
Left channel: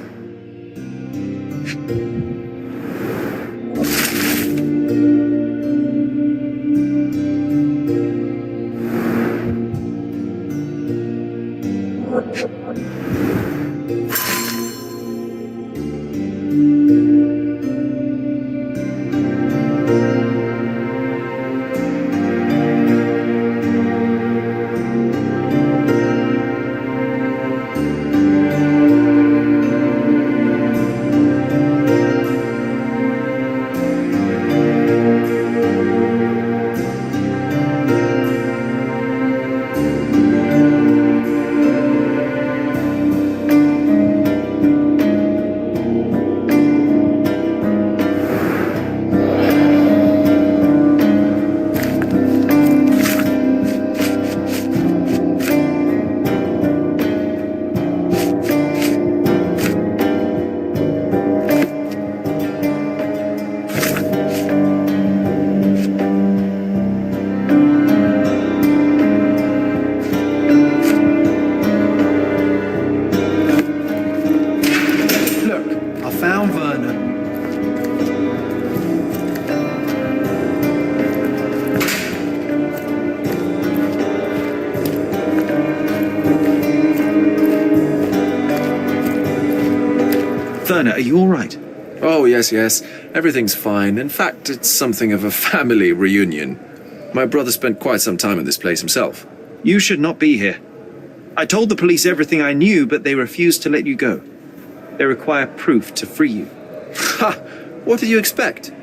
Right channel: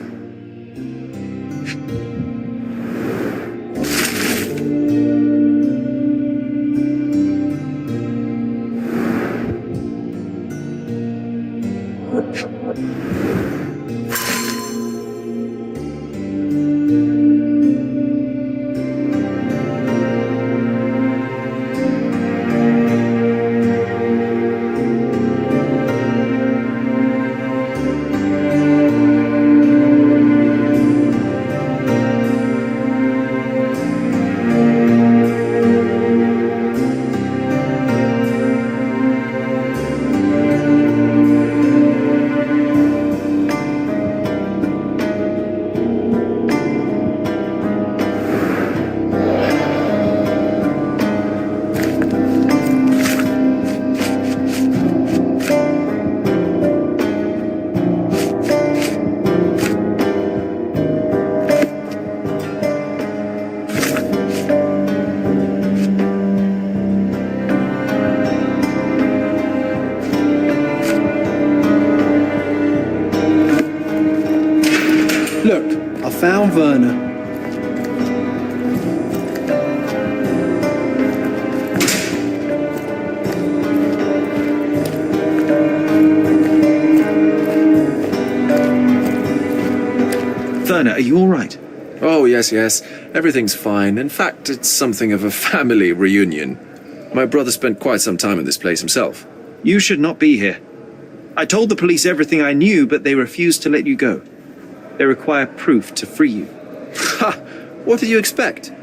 Found Werner. Werner, are you all right? Oh, yes. Everything's fine. In fact, it's something of a family reunion. My brother spent quite some time in this place himself. You should not be here. I told the police everything I knew, but they refused to let you go. They require proof to free you. Ha! What did you expect?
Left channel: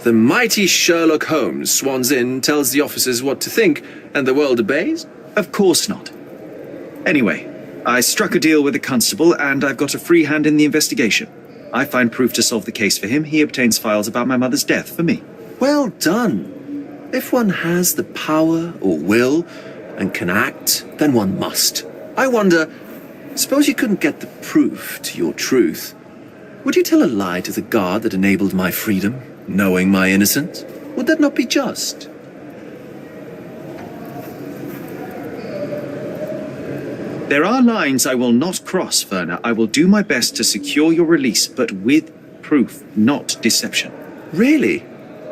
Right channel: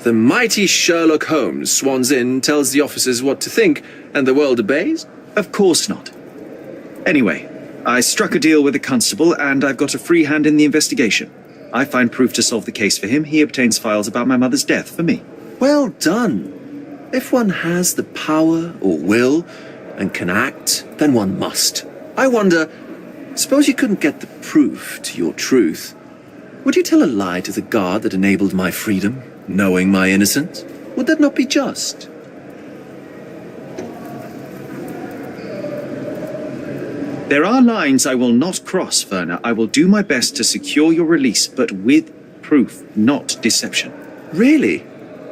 The mighty Sherlock Holmes swans in, tells the officers what to think, and the world obeys? Of course not. Anyway, I struck a deal with the constable, and I've got a free hand in the investigation. I find proof to solve the case for him. He obtains files about my mother's death for me. Well done. If one has the power or will and can act, then one must. I wonder, suppose you couldn't get the proof to your truth. Would you tell a lie to the guard that enabled my freedom, knowing my innocence? Would that not be just? There are lines I will not cross, Werner. I will do my best to secure your release, but with proof, not deception. Really?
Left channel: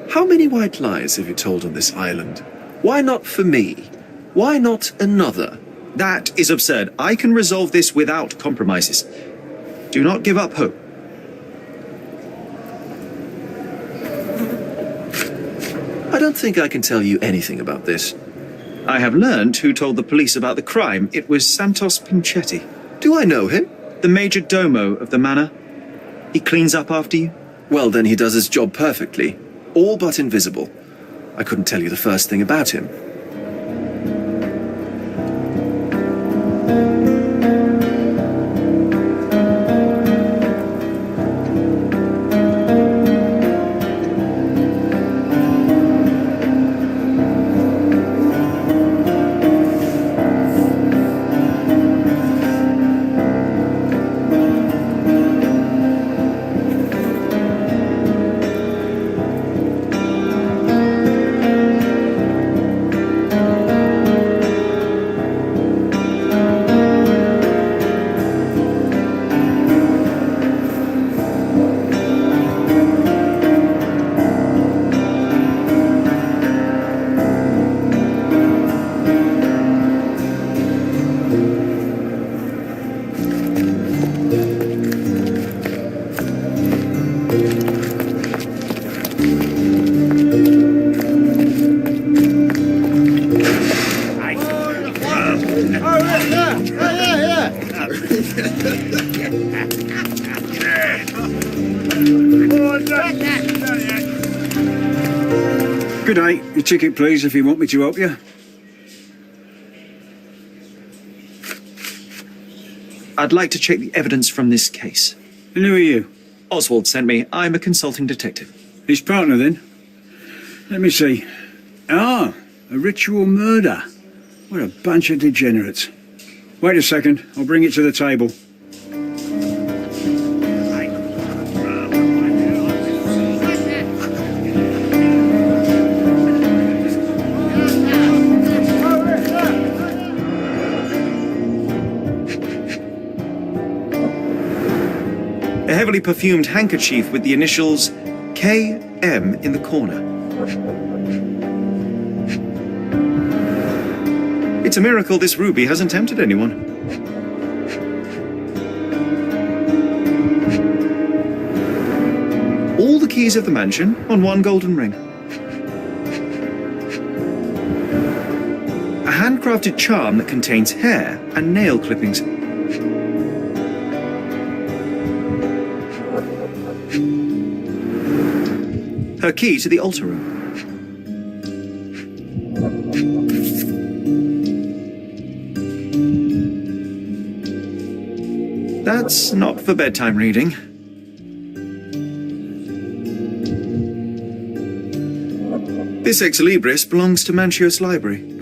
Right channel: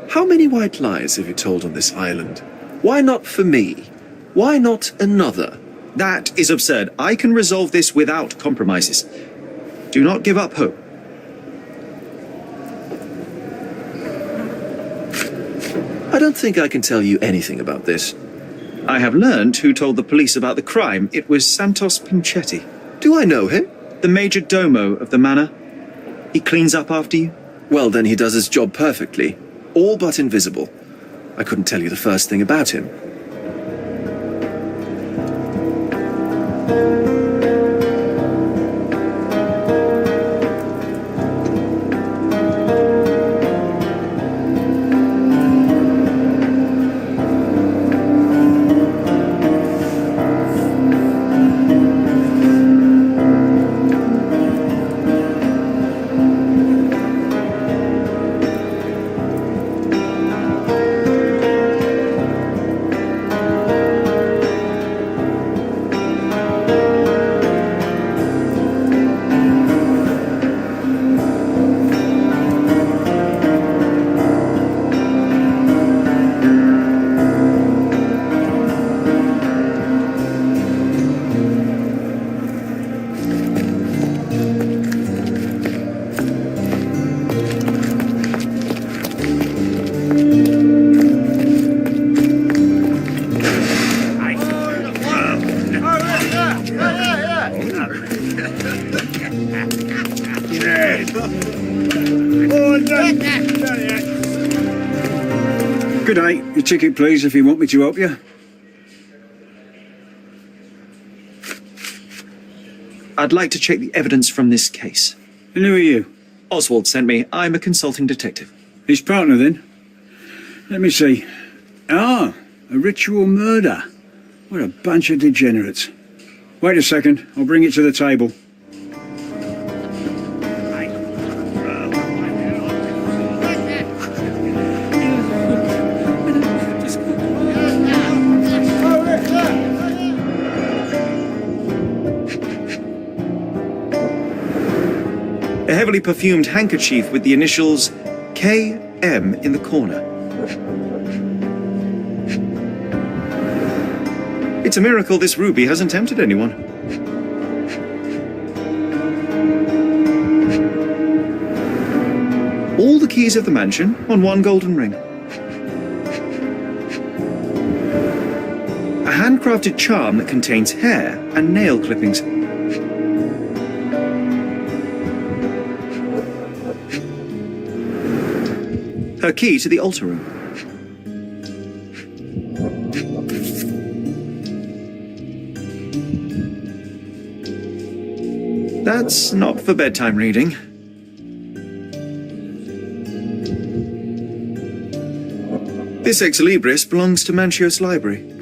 How many white lies have you told on this island? Why not for me? Why not another? That is absurd. I can resolve this without compromises. Do not give up hope. I don't think I can tell you anything about this. I have learned who told the police about the crime. It was Santos Pinchetti, Do I know him? the major domo of the manor. He cleans up after you. Well, then he does his job perfectly. All but invisible. I couldn't tell you the first thing about him. Good day. Your ticket, please, if you want me to help you. I'd like to check the evidence from this case. And who are you? Oswald sent me. I'm a consulting detective. His partner, then? Let me see. Ah, a ritual murder. What a bunch of degenerates. Wait a second. I'll bring it to the table. A heavily perfumed handkerchief with the initials KM in the corner. It's a miracle this ruby hasn't tempted anyone. All the keys of the mansion on one golden ring. A handcrafted charm that contains hair and nail clippings. Her key to the altar room. That's not for bedtime reading. This ex libris belongs to Manchios Library.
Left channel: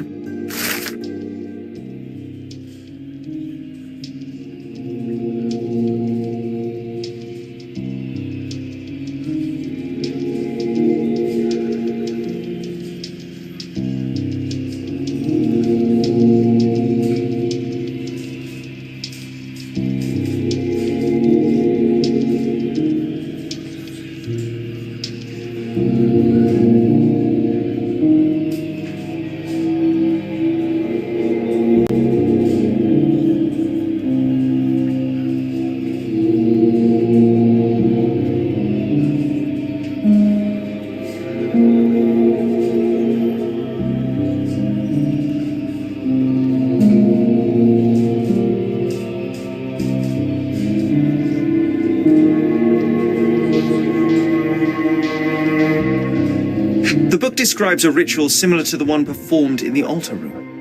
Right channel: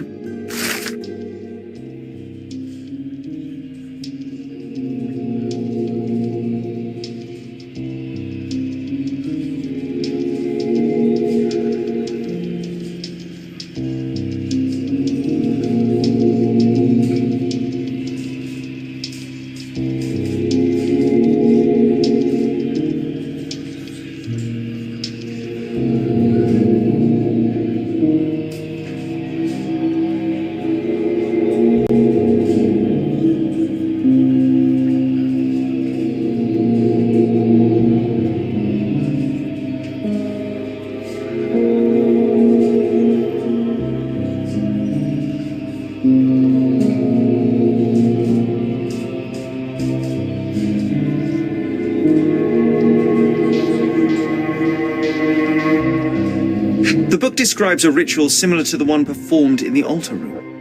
describes a ritual similar to the one performed in the altar room.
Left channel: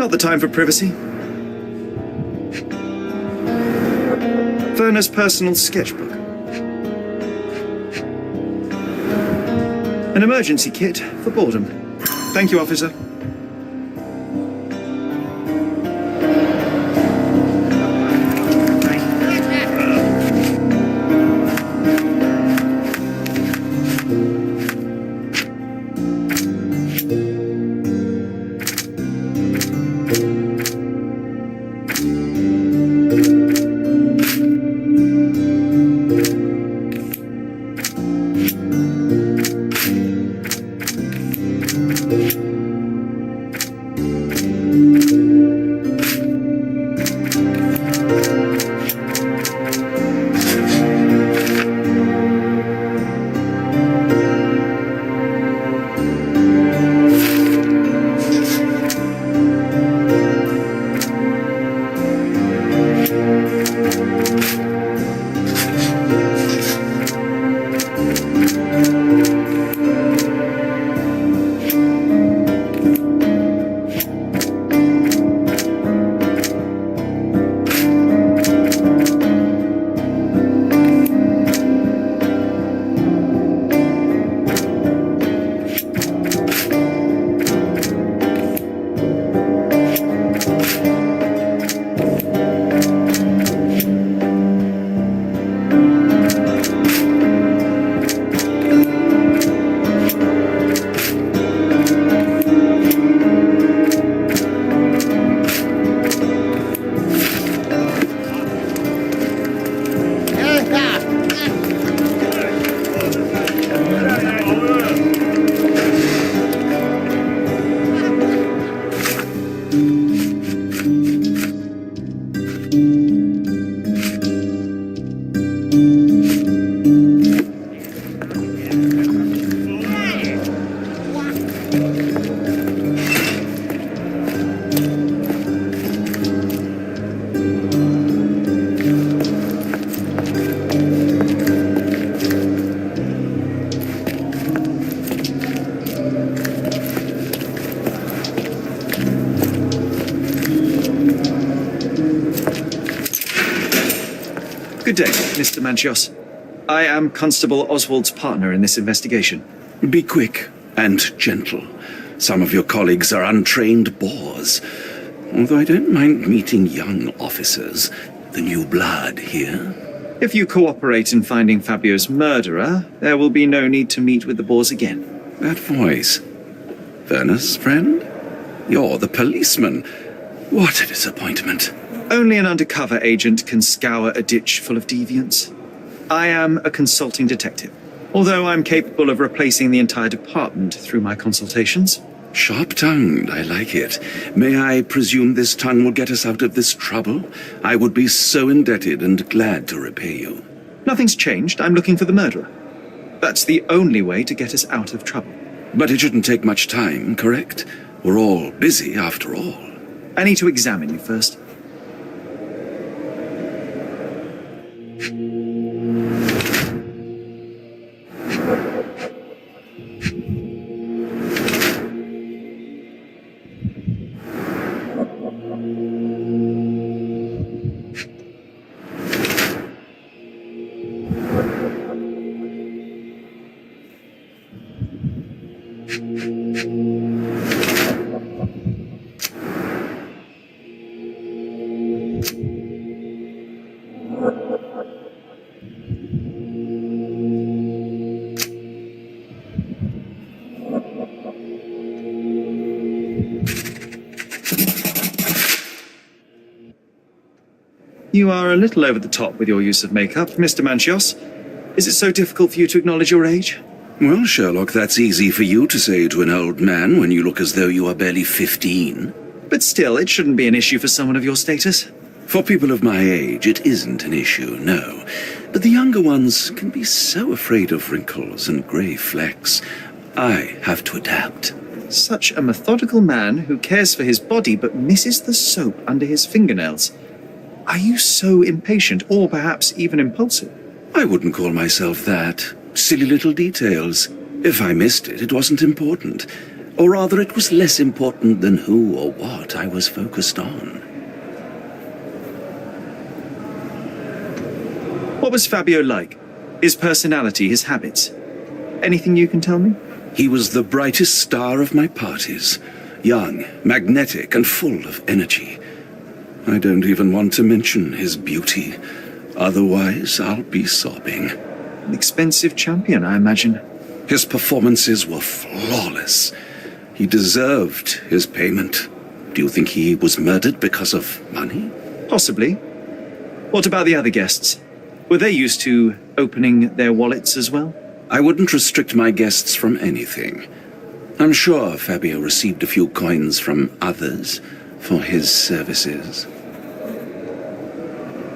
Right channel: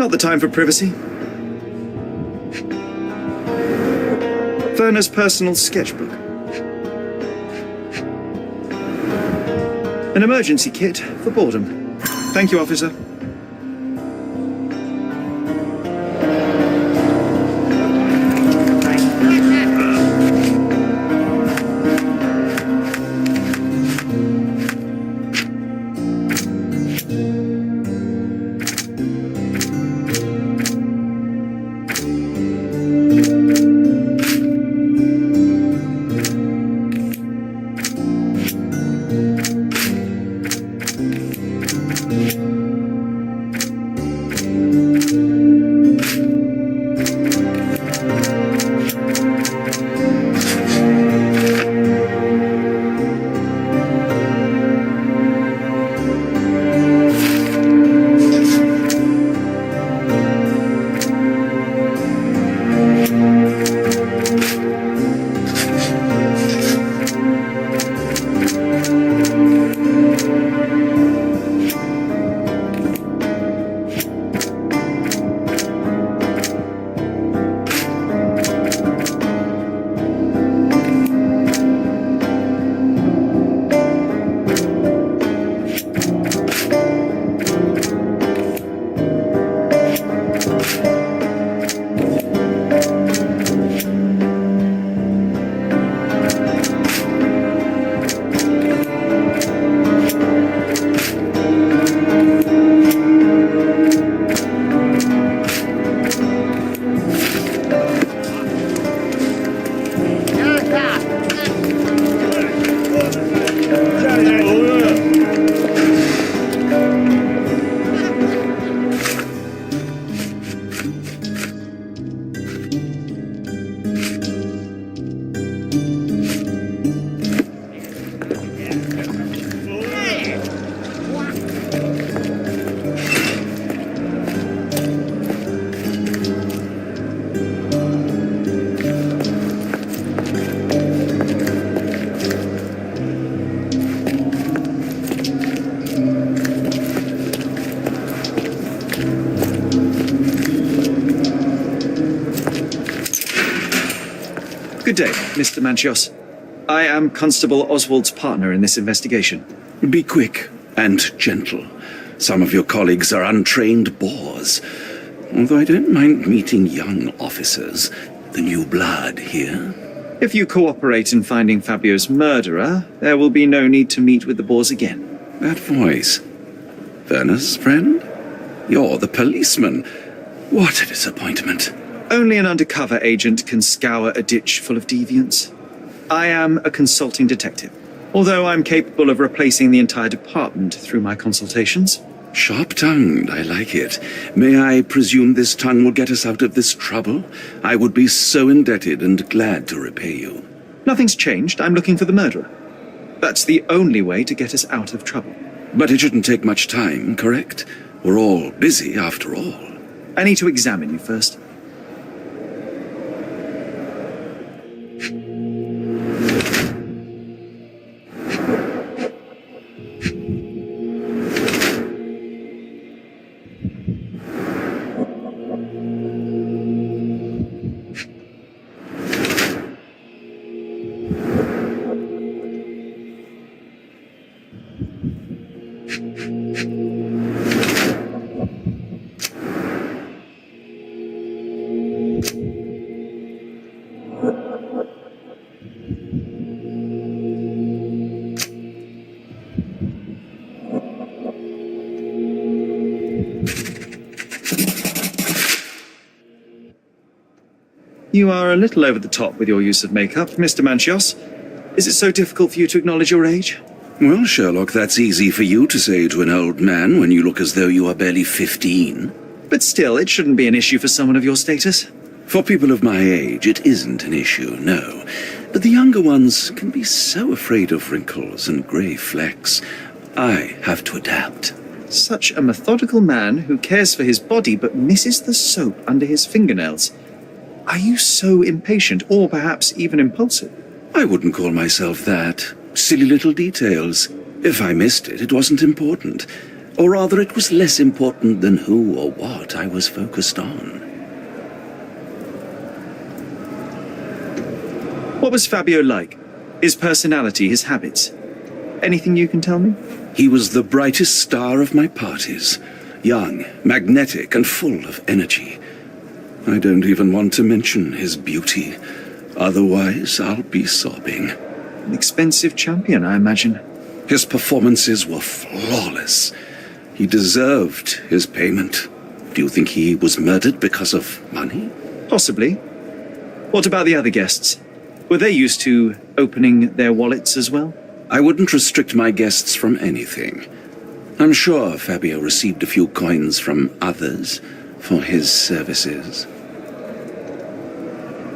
Not the time for privacy. Werner's personal sketchbook. An emergency kit for boredom. Thank you, officer. Good day, Mr. Manchios. I am Constable Oswald's partner in this investigation. Be quick and gentle. Some of your colleagues are untrained boors. Although I don't mind meeting young officers, the new blood here. If you cooperate in finding Fabio's murderer, there will be no need to meet with the Boers again. That voice. Werner's friend? You're the policeman. What a disappointment. Only an undercover agent can scour a ditch full of deviants. I am a consulting detective, although I'm capable of replacing the entire department through my consultations. Sharp-tongued, I like it. May I presume this tongue will get us out of this trouble? I would be so indebted and glad to repay you. Nothing's changed. I'm looking for the murderer. That's the only way to get us out of trouble. But it shouldn't take much time, correct? We're all busy, after all. I need to examine you first. You are a little over the top with your use of makeup, Mr. Manchios. Is it so difficult for you to acknowledge your age? Well, Sherlock, that's easy for you to say to an old man when you look as though you are barely 15. But still, it shouldn't be an issue for someone of your status. For people of my age, it isn't an issue, no. But the younger ones can be so afraid of wrinkles and grey flecks. I have to adapt. Such a methodical man who cares for his body but misses the soap under his fingernails. Are you so impatient, or perhaps even impulsive? I wouldn't call myself that. Silly little details. If I missed it, it wasn't important. Or rather, it was less important than who or what I was focused on. What was Fabio like? His personality, his habits? Anything you can tell me? He was the brightest star of my parties. Young, magnetic, and full of energy. I don't even want to mention his beauty. Otherwise, I'll be sobbing. An expensive champion, I imagine. His performances were flawless. He deserved his payment. Do you think he was murdered because of money? Possibly. What about the other guests? Were they used to opening their wallets as well? I wouldn't restrict my guests from anything. I'm sure Fabio received a few coins from others for his services.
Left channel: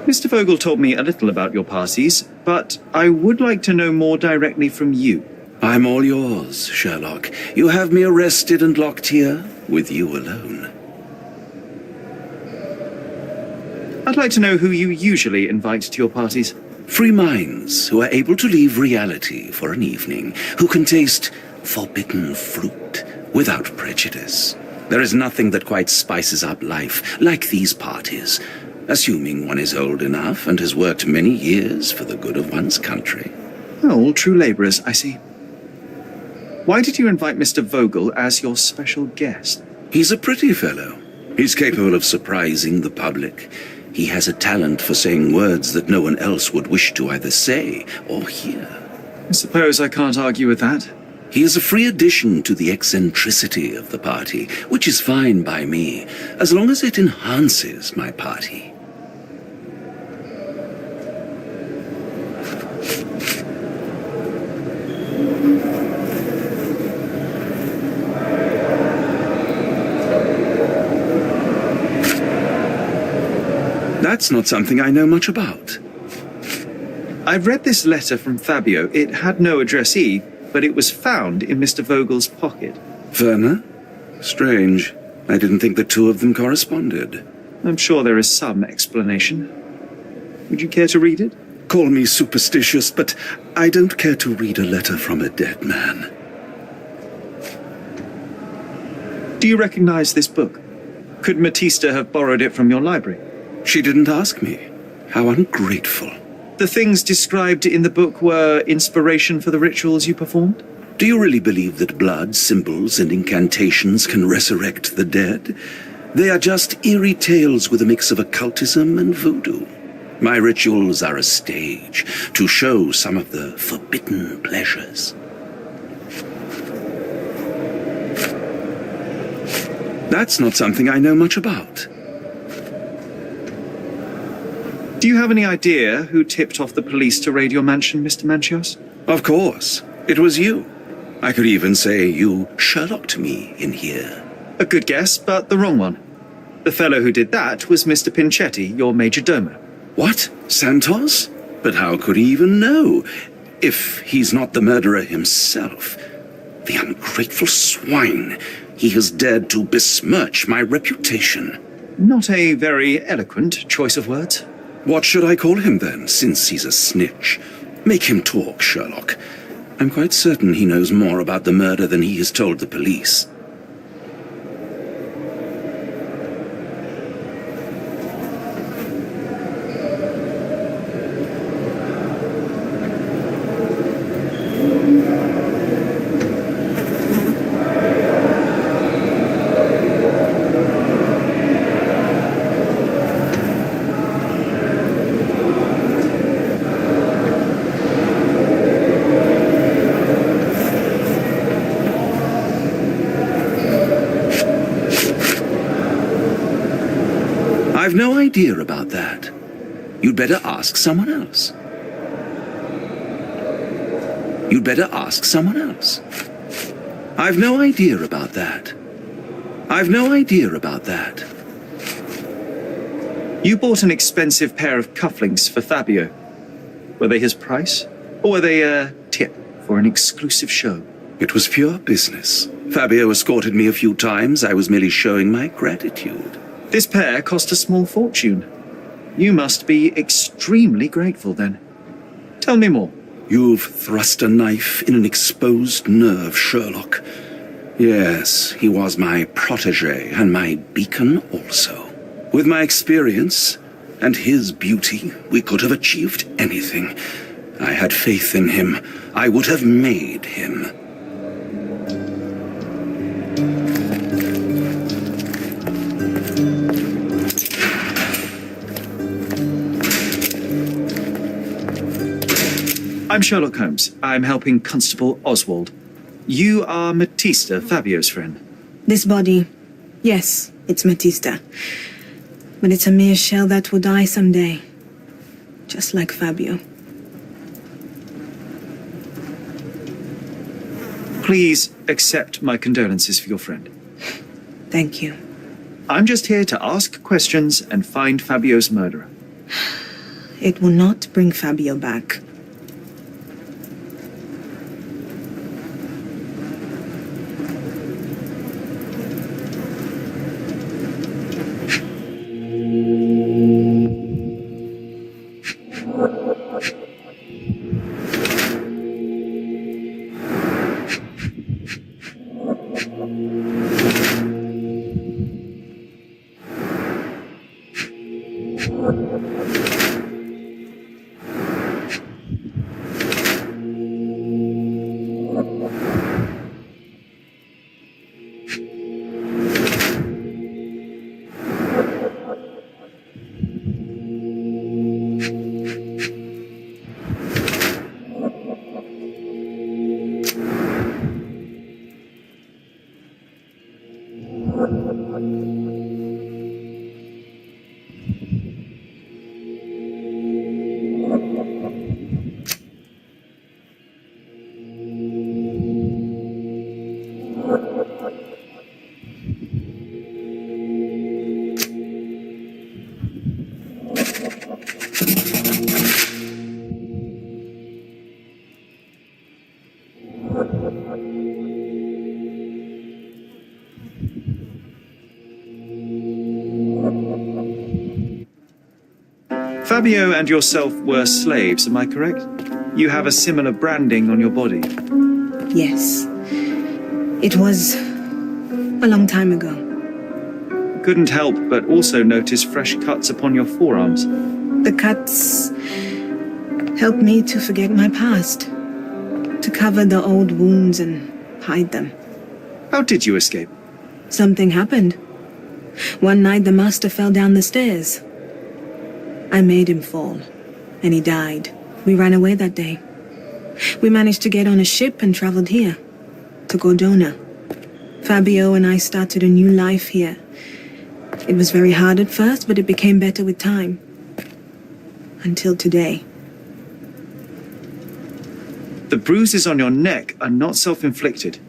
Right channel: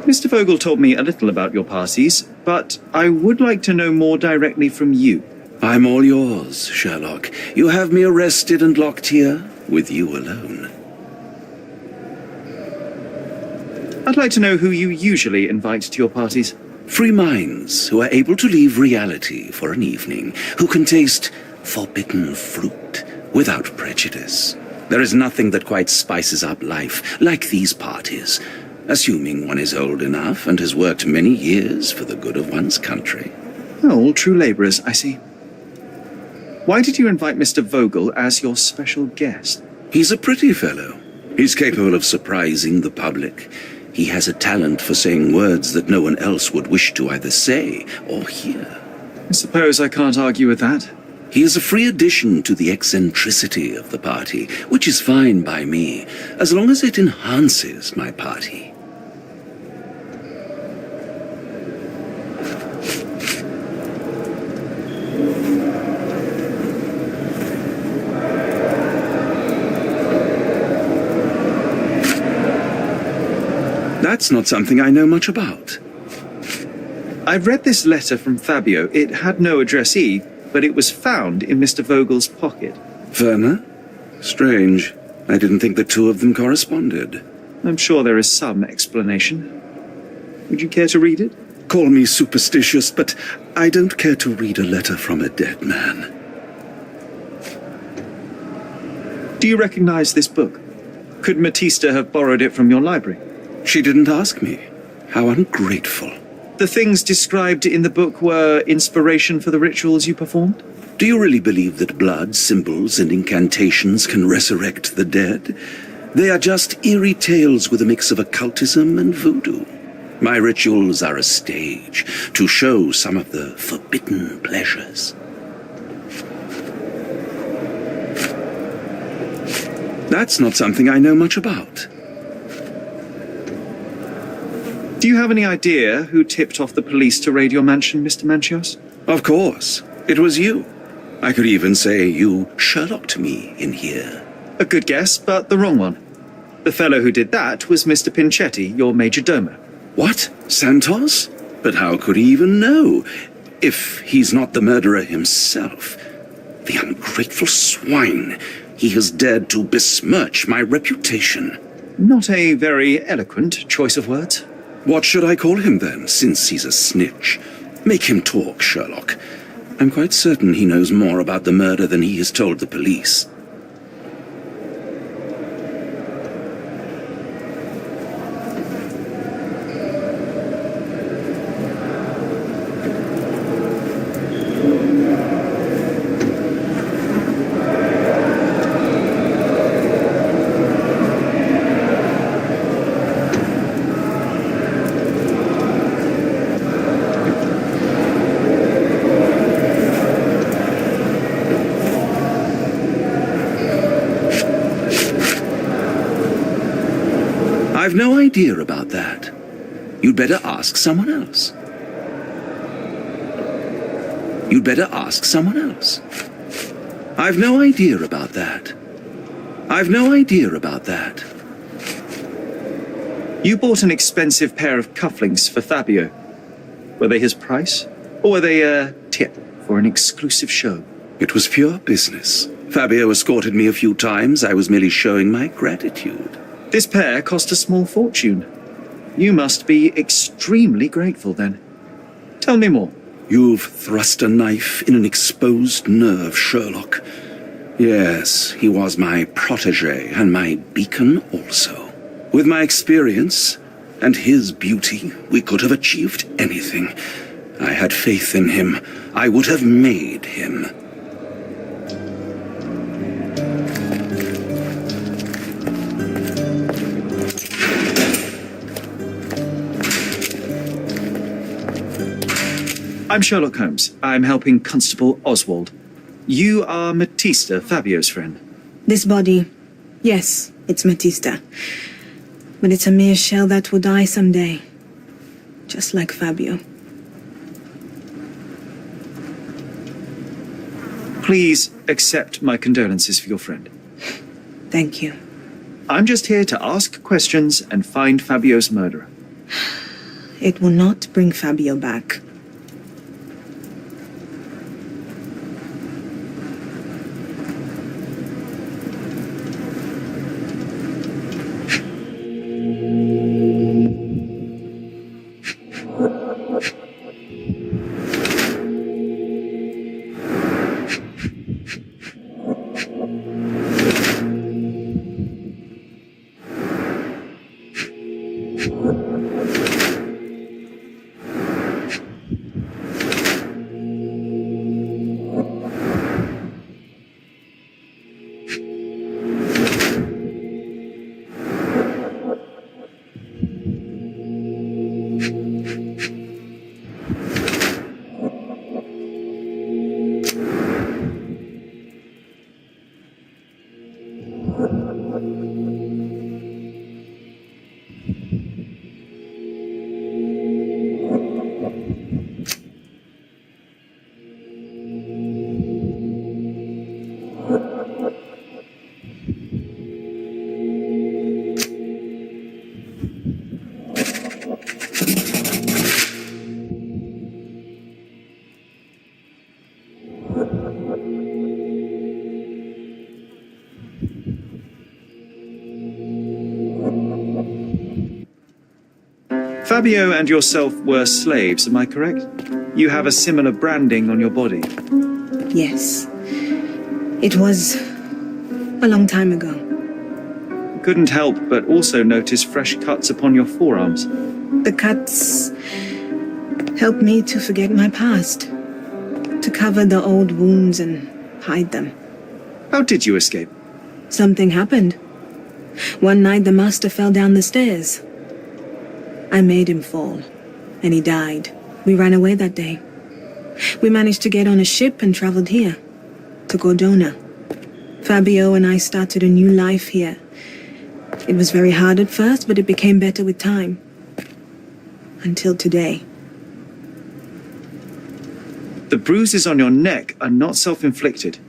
Mr. Vogel told me a little about your parties, but I would like to know more directly from you. I'm all yours, Sherlock. You have me arrested and locked here with you alone. I'd like to know who you usually invite to your parties. Free minds who are able to leave reality for an evening, who can taste forbidden fruit without prejudice. There is nothing that quite spices up life like these parties, assuming one is old enough and has worked many years for the good of one's country. Oh, all true labourers, I see. Why did you invite Mr. Vogel as your special guest? He's a pretty fellow. He's capable of surprising the public. He has a talent for saying words that no one else would wish to either say or hear. I suppose I can't argue with that. He is a free addition to the eccentricity of the party, which is fine by me, as long as it enhances my party. That's not something I know much about. I've read this letter from Fabio. It had no addressee, but it was found in Mr. Vogel's pocket. Werner? Strange. I didn't think the two of them corresponded. I'm sure there is some explanation. Would you care to read it? Call me superstitious, but I don't care to read a letter from a dead man. Do you recognize this book? Could Matista have borrowed it from your library? She didn't ask me. How ungrateful. The things described in the book were inspiration for the rituals you performed? Do you really believe that blood, symbols, and incantations can resurrect the dead? They are just eerie tales with a mix of occultism and voodoo. My rituals are a stage to show some of the forbidden pleasures. That's not something I know much about. Do you have any idea who tipped off the police to raid your mansion, Mr. Manchios? Of course. It was you. I could even say you Sherlocked me in here. A good guess, but the wrong one. The fellow who did that was Mr. Pinchetti, your major domo. What? Santos? But how could he even know? If he's not the murderer himself. The ungrateful swine. He has dared to besmirch my reputation. Not a very eloquent choice of words. What should I call him then, since he's a snitch? Make him talk, Sherlock. I'm quite certain he knows more about the murder than he has told the police. I've no idea about that. You'd better ask someone else. You'd better ask someone else. I've no idea about that. I've no idea about that. You bought an expensive pair of cufflinks for Fabio. Were they his price? Or were they a tip for an exclusive show? It was pure business. Fabio escorted me a few times. I was merely showing my gratitude. This pair cost a small fortune. You must be extremely grateful then. Tell me more. You've thrust a knife in an exposed nerve, Sherlock. Yes, he was my protégé and my beacon also. With my experience and his beauty, we could have achieved anything. I had faith in him. I would have made him. I'm Sherlock Holmes. I'm helping Constable Oswald. You are Matista, Fabio's friend. This body, yes, it's Matista. But it's a mere shell that will die someday. Just like Fabio. Please accept my condolences for your friend. Thank you. I'm just here to ask questions and find Fabio's murderer. It will not bring Fabio back. Fabio and yourself were slaves, am I correct? You have a similar branding on your body. Yes. It was a long time ago. Couldn't help but also notice fresh cuts upon your forearms. The cuts helped me to forget my past, to cover the old wounds and hide them. How did you escape? Something happened. One night the master fell down the stairs. I made him fall, and he died. We ran away that day. We managed to get on a ship and traveled here, to Gordona. Fabio and I started a new life here. It was very hard at first, but it became better with time. Until today. The bruises on your neck are not self-inflicted.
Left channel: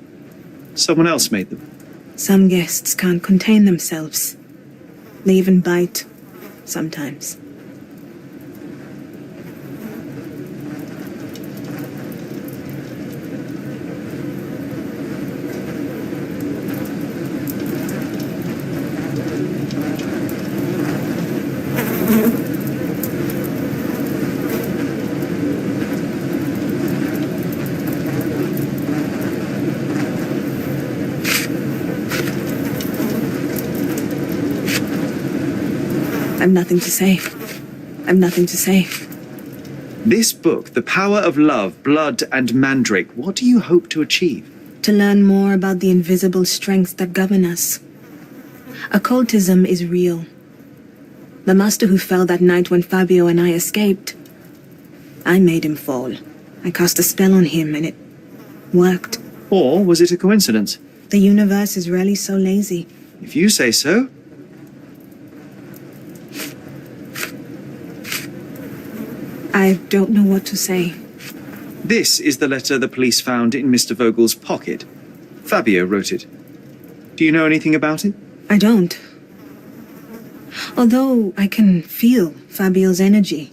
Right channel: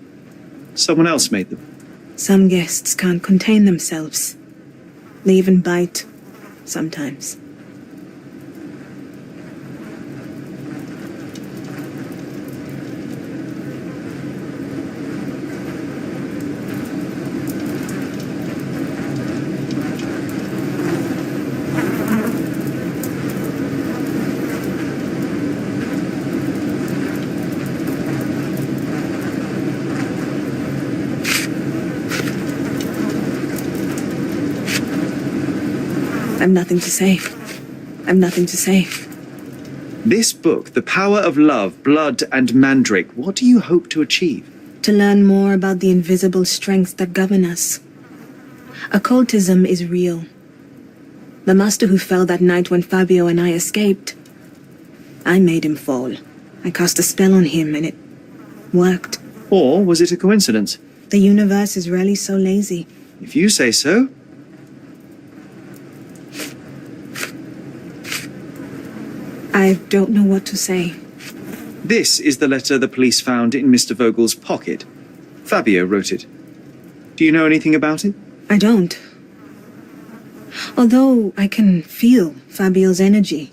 Someone else made them. Some guests can't contain themselves. They even bite, sometimes. I've nothing to say. I've nothing to say. This book, The Power of Love, Blood and Mandrake, what do you hope to achieve? To learn more about the invisible strengths that govern us. Occultism is real. The master who fell that night when Fabio and I escaped, I made him fall. I cast a spell on him and it worked. Or was it a coincidence? The universe is rarely so lazy. If you say so. I don't know what to say. This is the letter the police found in Mr. Vogel's pocket. Fabio wrote it. Do you know anything about it? I don't. Although I can feel Fabio's energy.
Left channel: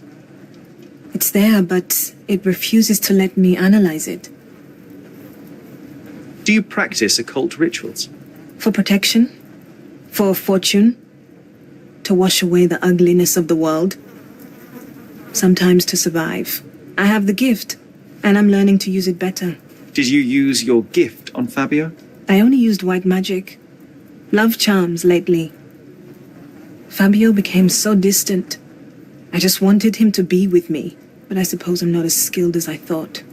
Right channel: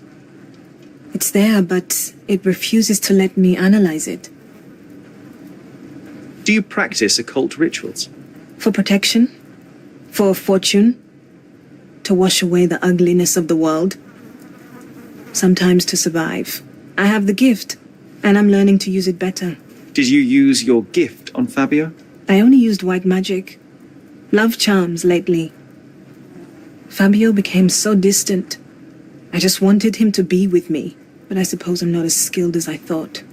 It's there, but it refuses to let me analyze it. Do you practice occult rituals? For protection? For fortune? To wash away the ugliness of the world? Sometimes to survive. I have the gift, and I'm learning to use it better. Did you use your gift on Fabio? I only used white magic. Love charms lately. Fabio became so distant. I just wanted him to be with me, but I suppose I'm not as skilled as I thought.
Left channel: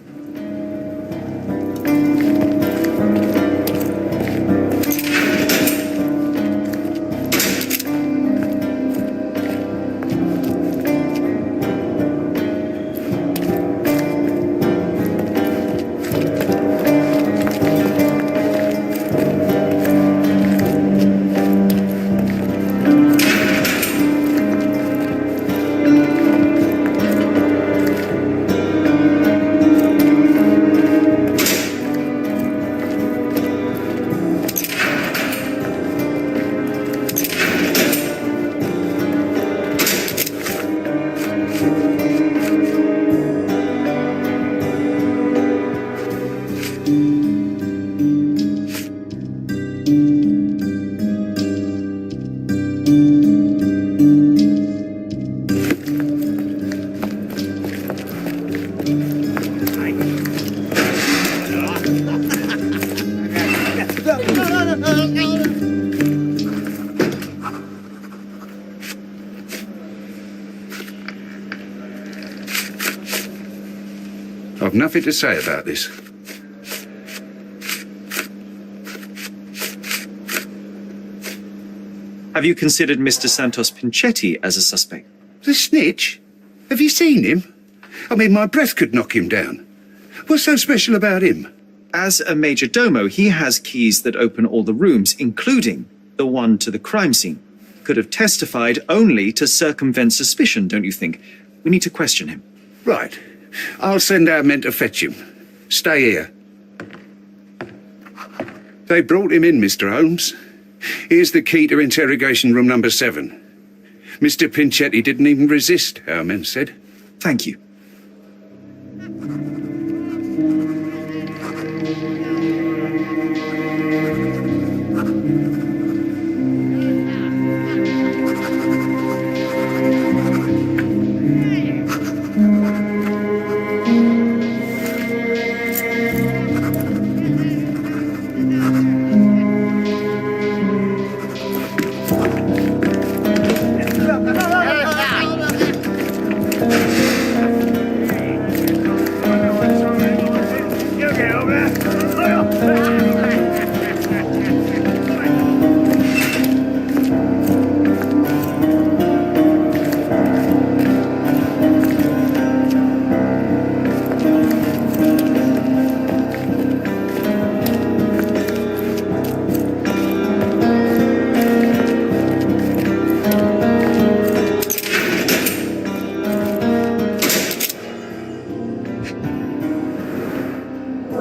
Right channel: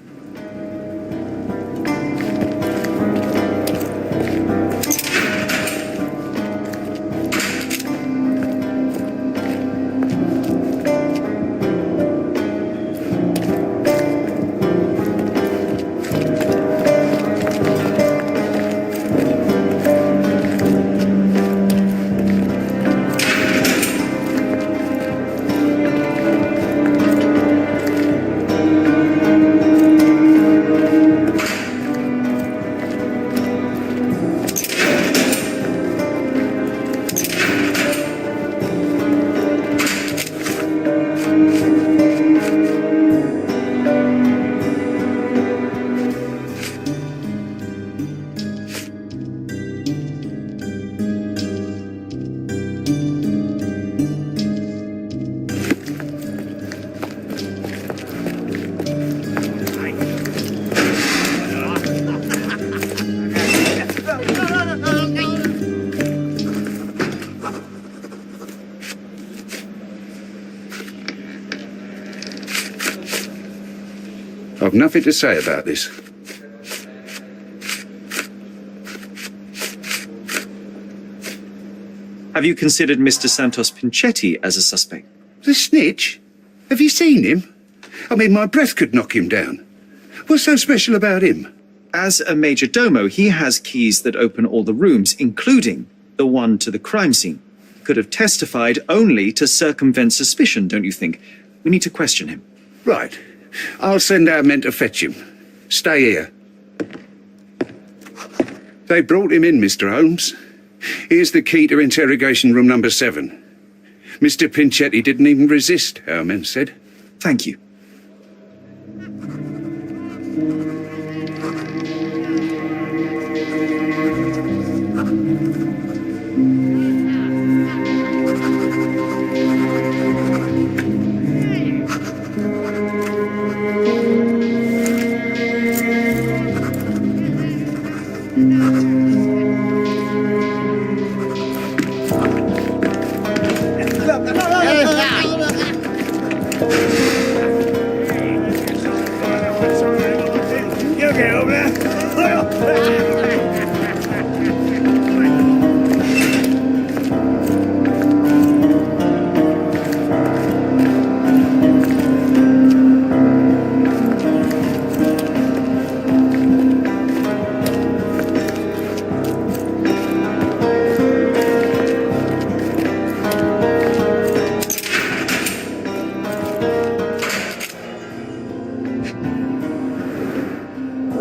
I've nothing to say about this. Have you considered Mr. Santos Pinchetti as a suspect? The snitch? Have you seen him? I mean, my breath could knock him down. What's so special about him? As a major domo, he has keys that open all the rooms, including the one to the crime scene. Could have testified only to circumvent suspicion, don't you think? We need to question him. Right. I'll send our men to fetch him. Stay here. They brought him in, Mr. Holmes. Here's the key to interrogation room number 7. Mr. Pinchetti didn't even resist, our men said. Thank you.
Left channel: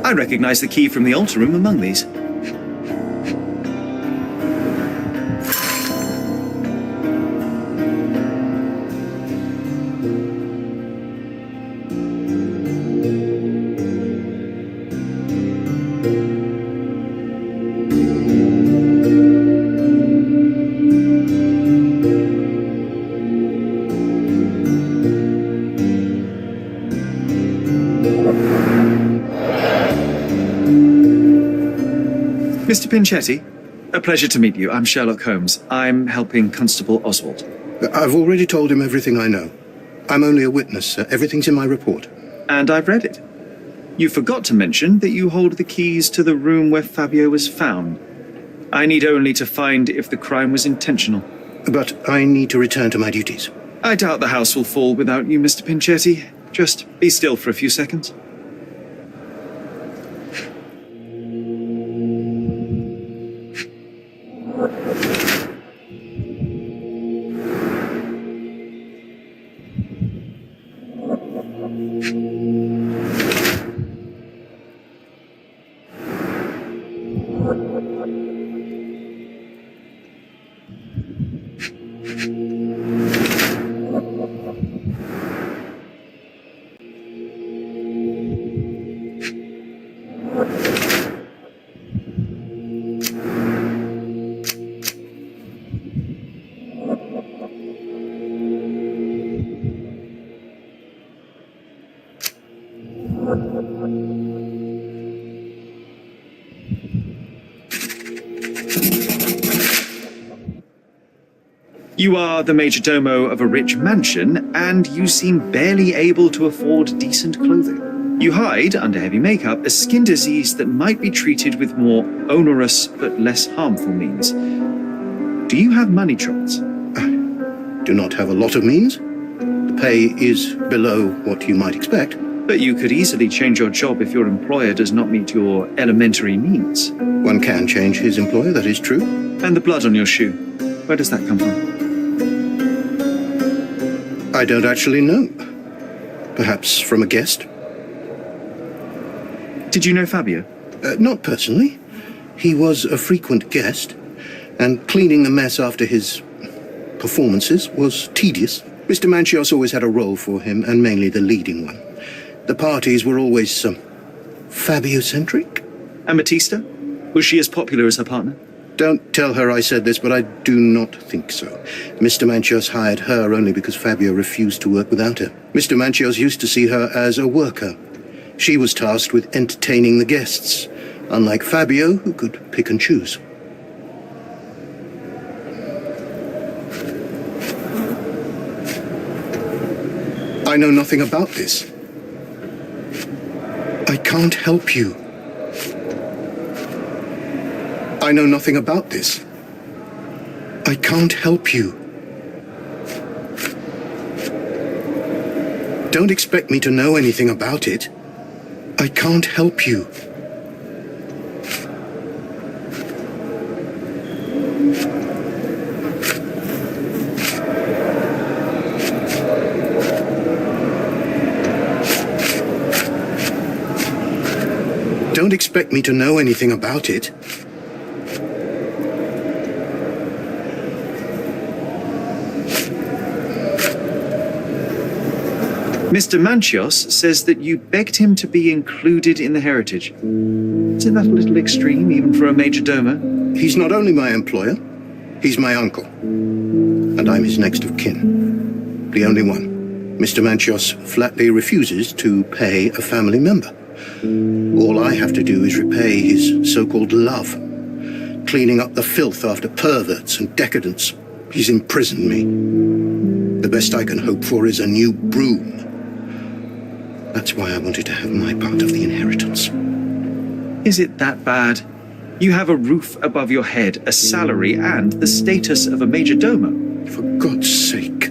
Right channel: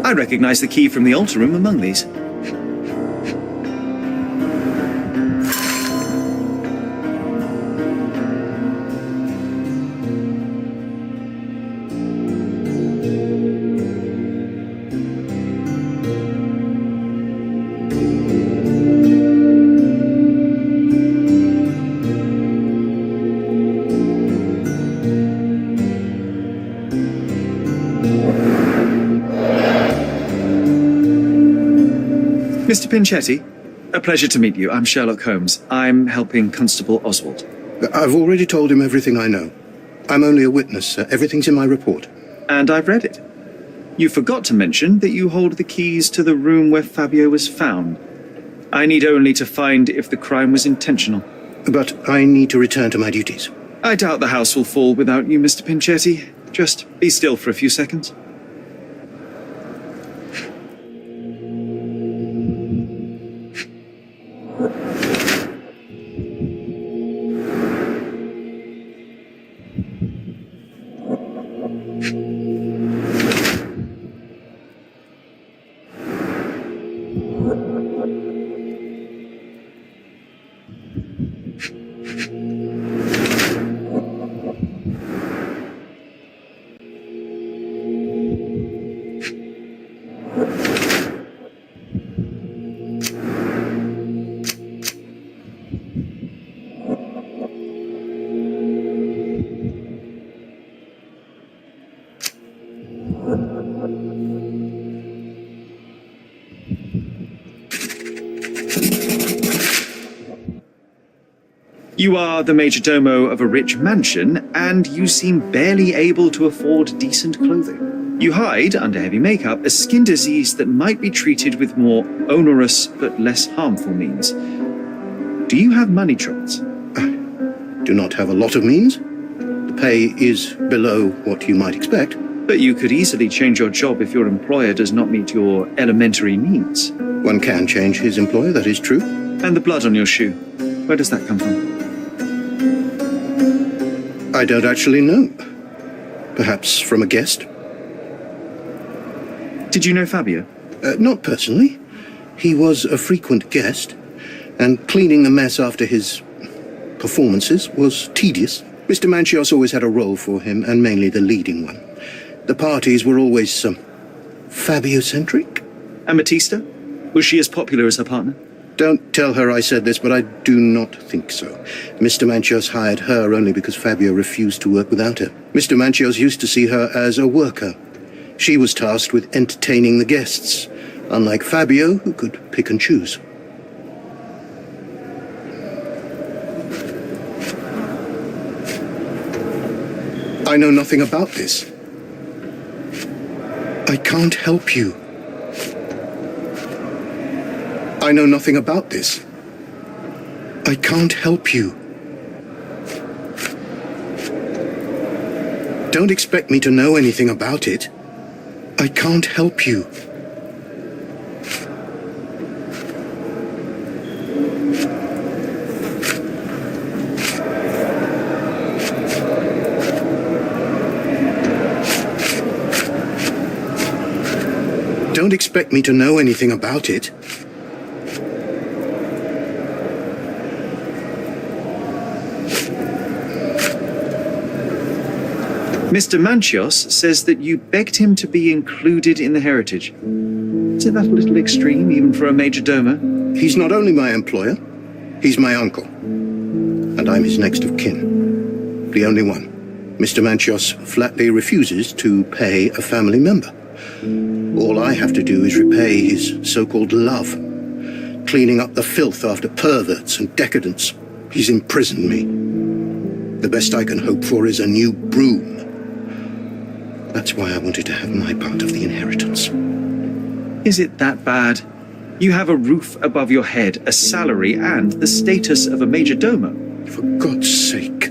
I recognize the key from the altar room among these. Mr. Pinchetti, a pleasure to meet you. I'm Sherlock Holmes. I'm helping Constable Oswald. I've already told him everything I know. I'm only a witness, sir. Everything's in my report. And I've read it. You forgot to mention that you hold the keys to the room where Fabio was found. I need only to find if the crime was intentional. But I need to return to my duties. I doubt the house will fall without you, Mr. Pinchetti. Just be still for a few seconds. You are the major domo of a rich mansion, and you seem barely able to afford decent clothing. You hide, under heavy makeup, a skin disease that might be treated with more onerous but less harmful means. Do you have money troubles? Do not have a lot of means. The pay is below what you might expect. But you could easily change your job if your employer does not meet your elementary needs. One can change his employer, that is true. And the blood on your shoe, where does that come from? I don't actually know. Perhaps from a guest? Did you know Fabio? Not personally. He was a frequent guest, and cleaning the mess after his performances was tedious. Mr. Manchios always had a role for him, and mainly the leading one. The parties were always Fabio-centric. And Batista? Was she as popular as her partner? Don't tell her I said this, but I do not think so. Mr. Manchios hired her only because Fabio refused to work without her. Mr. Manchios used to see her as a worker. She was tasked with entertaining the guests, unlike Fabio, who could pick and choose. I know nothing about this. I can't help you. I know nothing about this. I can't help you. Don't expect me to know anything about it. I can't help you. Don't expect me to know anything about it. Mr. Manchios says that you begged him to be included in the heritage. Isn't that a little extreme, even for a major domo? He's not only my employer, he's my uncle. And I'm his next of kin. The only one. Mr. Manchios flatly refuses to pay a family member. All I have to do is repay his so-called love, cleaning up the filth after perverts and decadents. He's imprisoned me. The best I can hope for is a new broom. That's why I wanted to have my part of the inheritance. Is it that bad? You have a roof above your head, a salary, and the status of a major domo. For God's sake.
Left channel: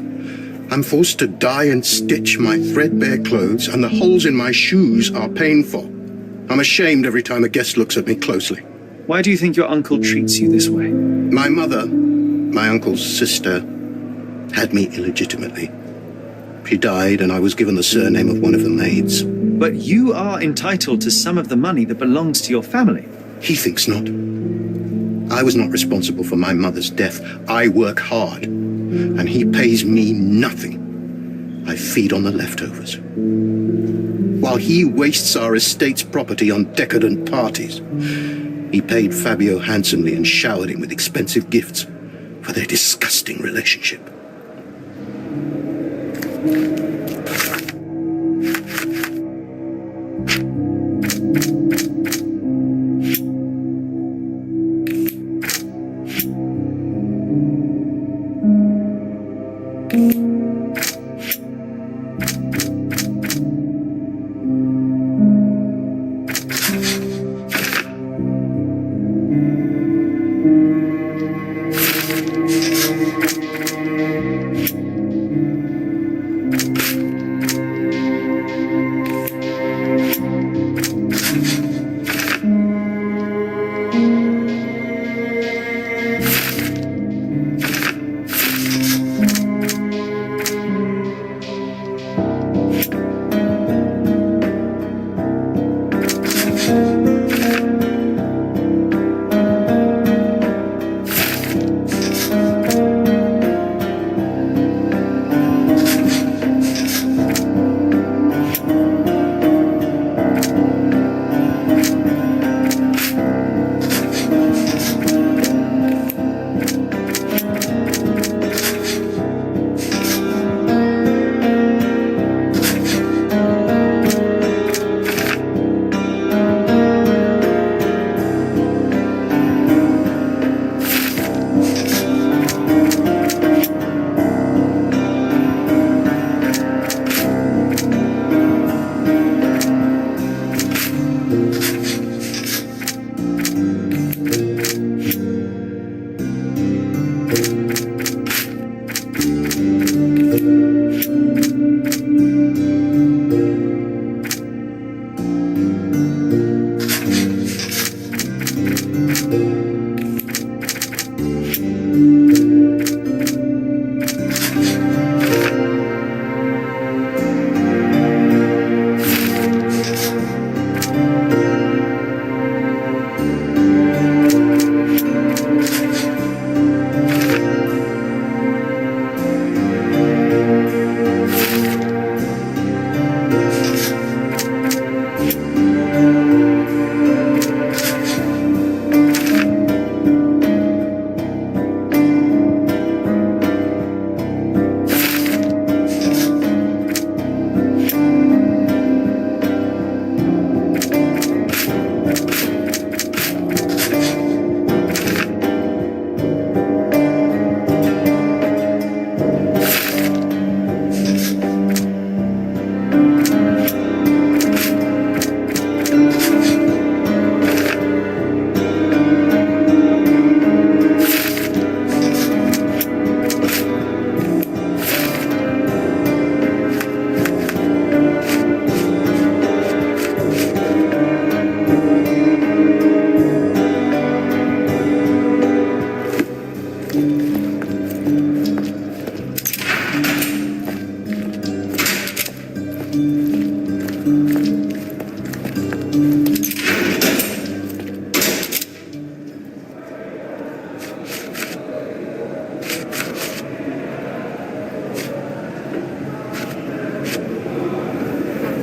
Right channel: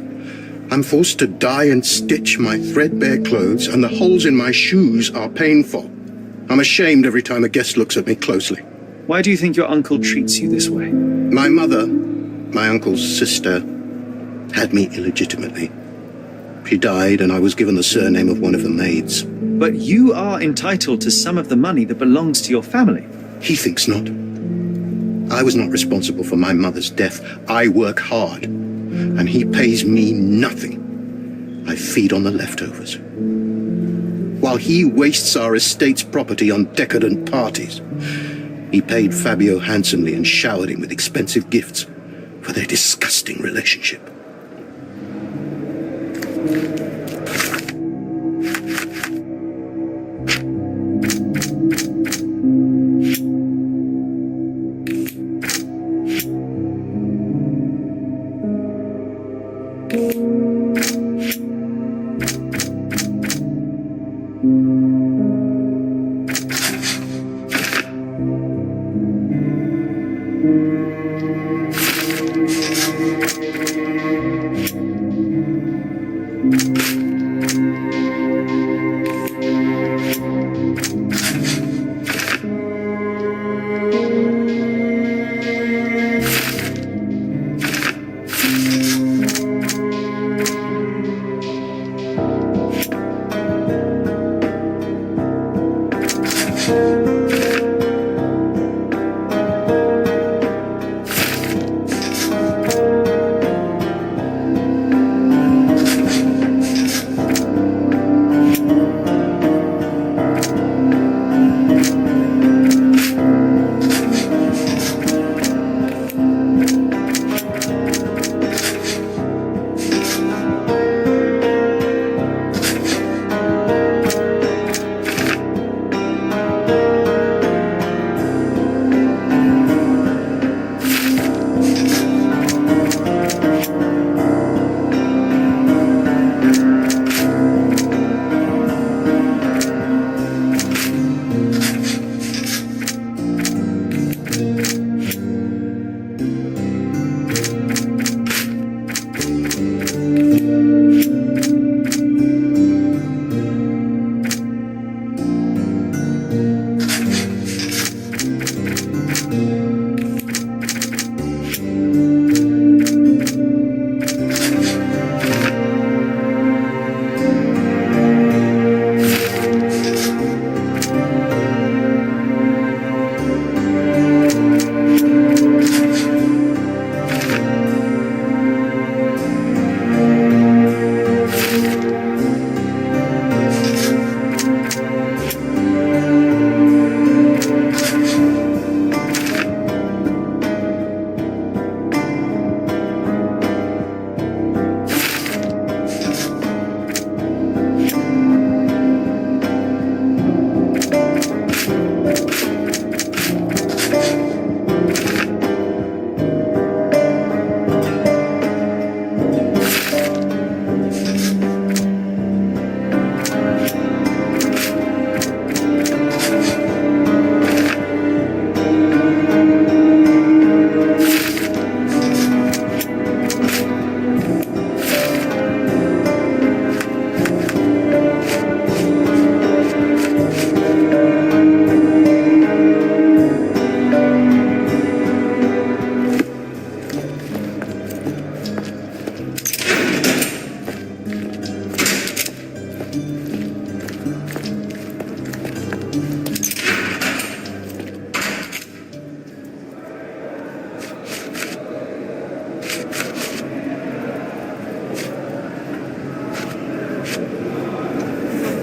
I'm forced to dye and stitch my threadbare clothes, and the holes in my shoes are painful. I'm ashamed every time a guest looks at me closely. Why do you think your uncle treats you this way? My mother, my uncle's sister, had me illegitimately. She died, and I was given the surname of one of the maids. But you are entitled to some of the money that belongs to your family. He thinks not. I was not responsible for my mother's death. I work hard, and he pays me nothing. I feed on the leftovers. While he wastes our estate's property on decadent parties, he paid Fabio handsomely and showered him with expensive gifts for their disgusting relationship.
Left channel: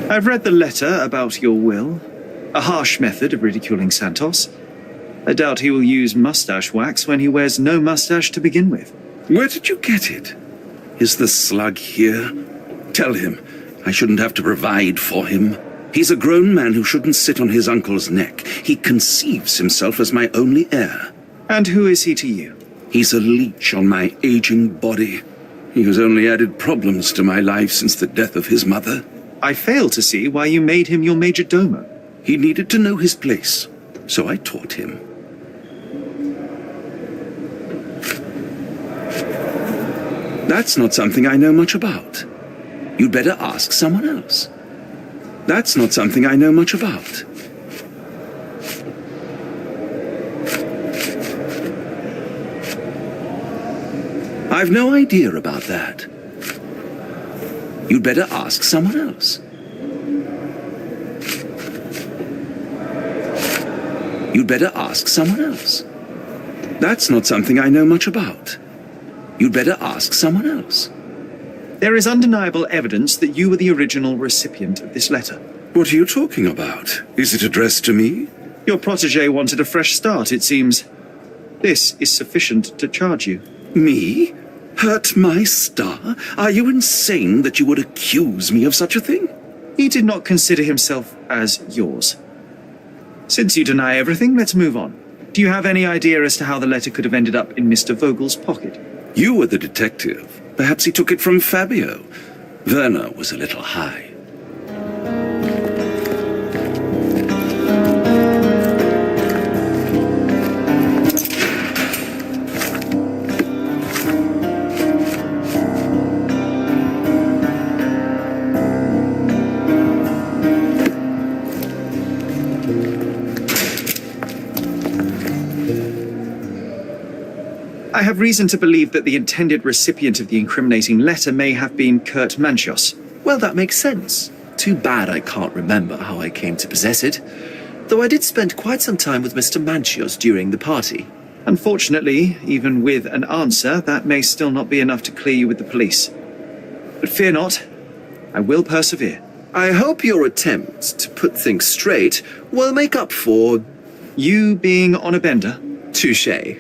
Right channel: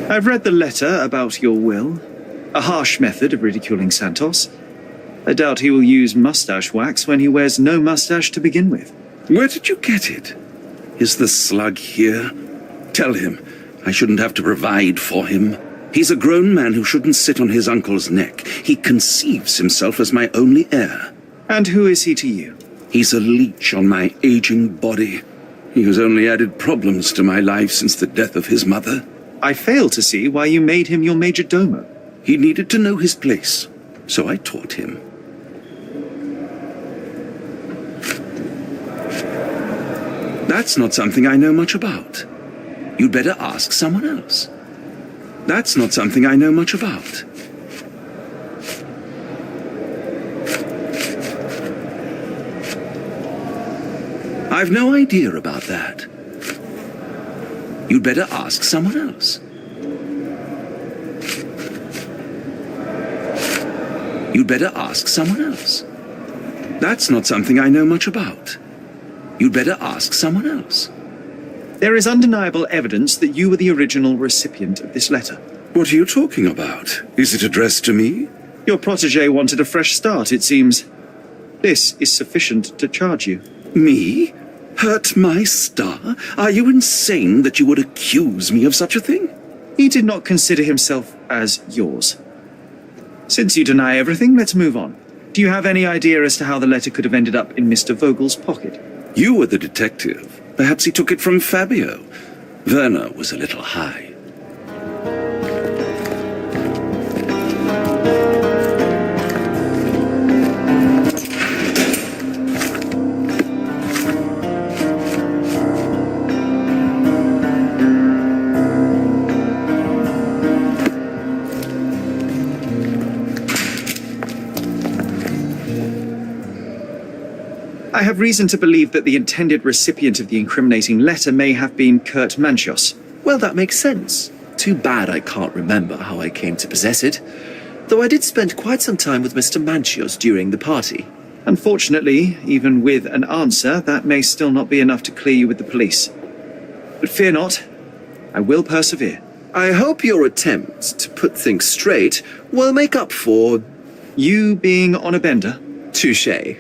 I've read the letter about your will. A harsh method of ridiculing Santos. I doubt he will use mustache wax when he wears no mustache to begin with. Where did you get it? Is the slug here? Tell him I shouldn't have to provide for him. He's a grown man who shouldn't sit on his uncle's neck. He conceives himself as my only heir. And who is he to you? He's a leech on my aging body. He has only added problems to my life since the death of his mother. I fail to see why you made him your major domo. He needed to know his place, so I taught him. That's not something I know much about. You'd better ask someone else. That's not something I know much about. I've no idea about that. You'd better ask someone else. You'd better ask someone else. That's not something I know much about. You'd better ask someone else. There is undeniable evidence that you were the original recipient of this letter. What are you talking about? Is it addressed to me? Your protege wanted a fresh start, it seems. This is sufficient to charge you. Me? Hurt my star? Are you insane that you would accuse me of such a thing? He did not consider himself as yours. Since you deny everything, let's move on. Do you have any idea as to how the letter could have ended up in Mr. Vogel's pocket? You were the detective. Perhaps he took it from Fabio. Werner was a little high. I have reason to believe that the intended recipient of the incriminating letter may have been Kurt Manchios. Well, that makes sense. Too bad I can't remember how I came to possess it. Though I did spend quite some time with Mr. Manchios during the party. Unfortunately, even with an answer, that may still not be enough to clear you with the police. But fear not, I will persevere. I hope your attempt to put things straight will make up for... You being on a bender? touché.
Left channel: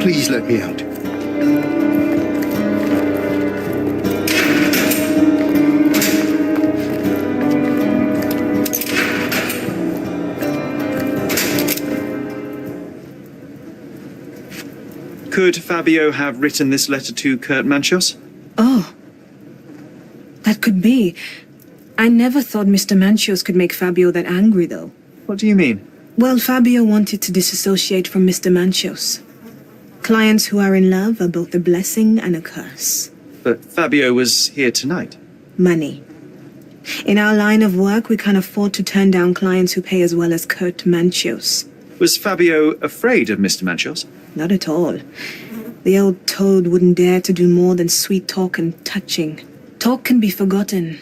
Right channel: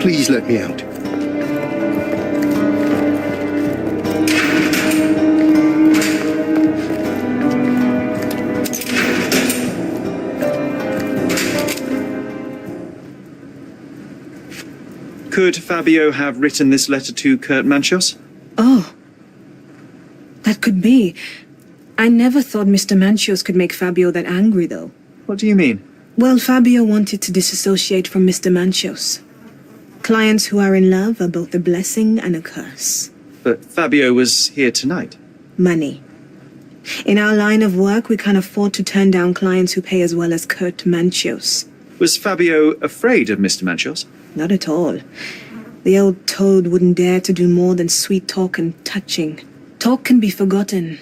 Please let me out. Could Fabio have written this letter to Kurt Manchos? Oh, that could be. I never thought Mr. Manchos could make Fabio that angry, though. What do you mean? Well, Fabio wanted to disassociate from Mr. Manchos. Clients who are in love are both a blessing and a curse. But Fabio was here tonight. Money. In our line of work, we can't afford to turn down clients who pay as well as Kurt Manchos. Was Fabio afraid of Mr. Manchos? Not at all. The old toad wouldn't dare to do more than sweet talk and touching. Talk can be forgotten,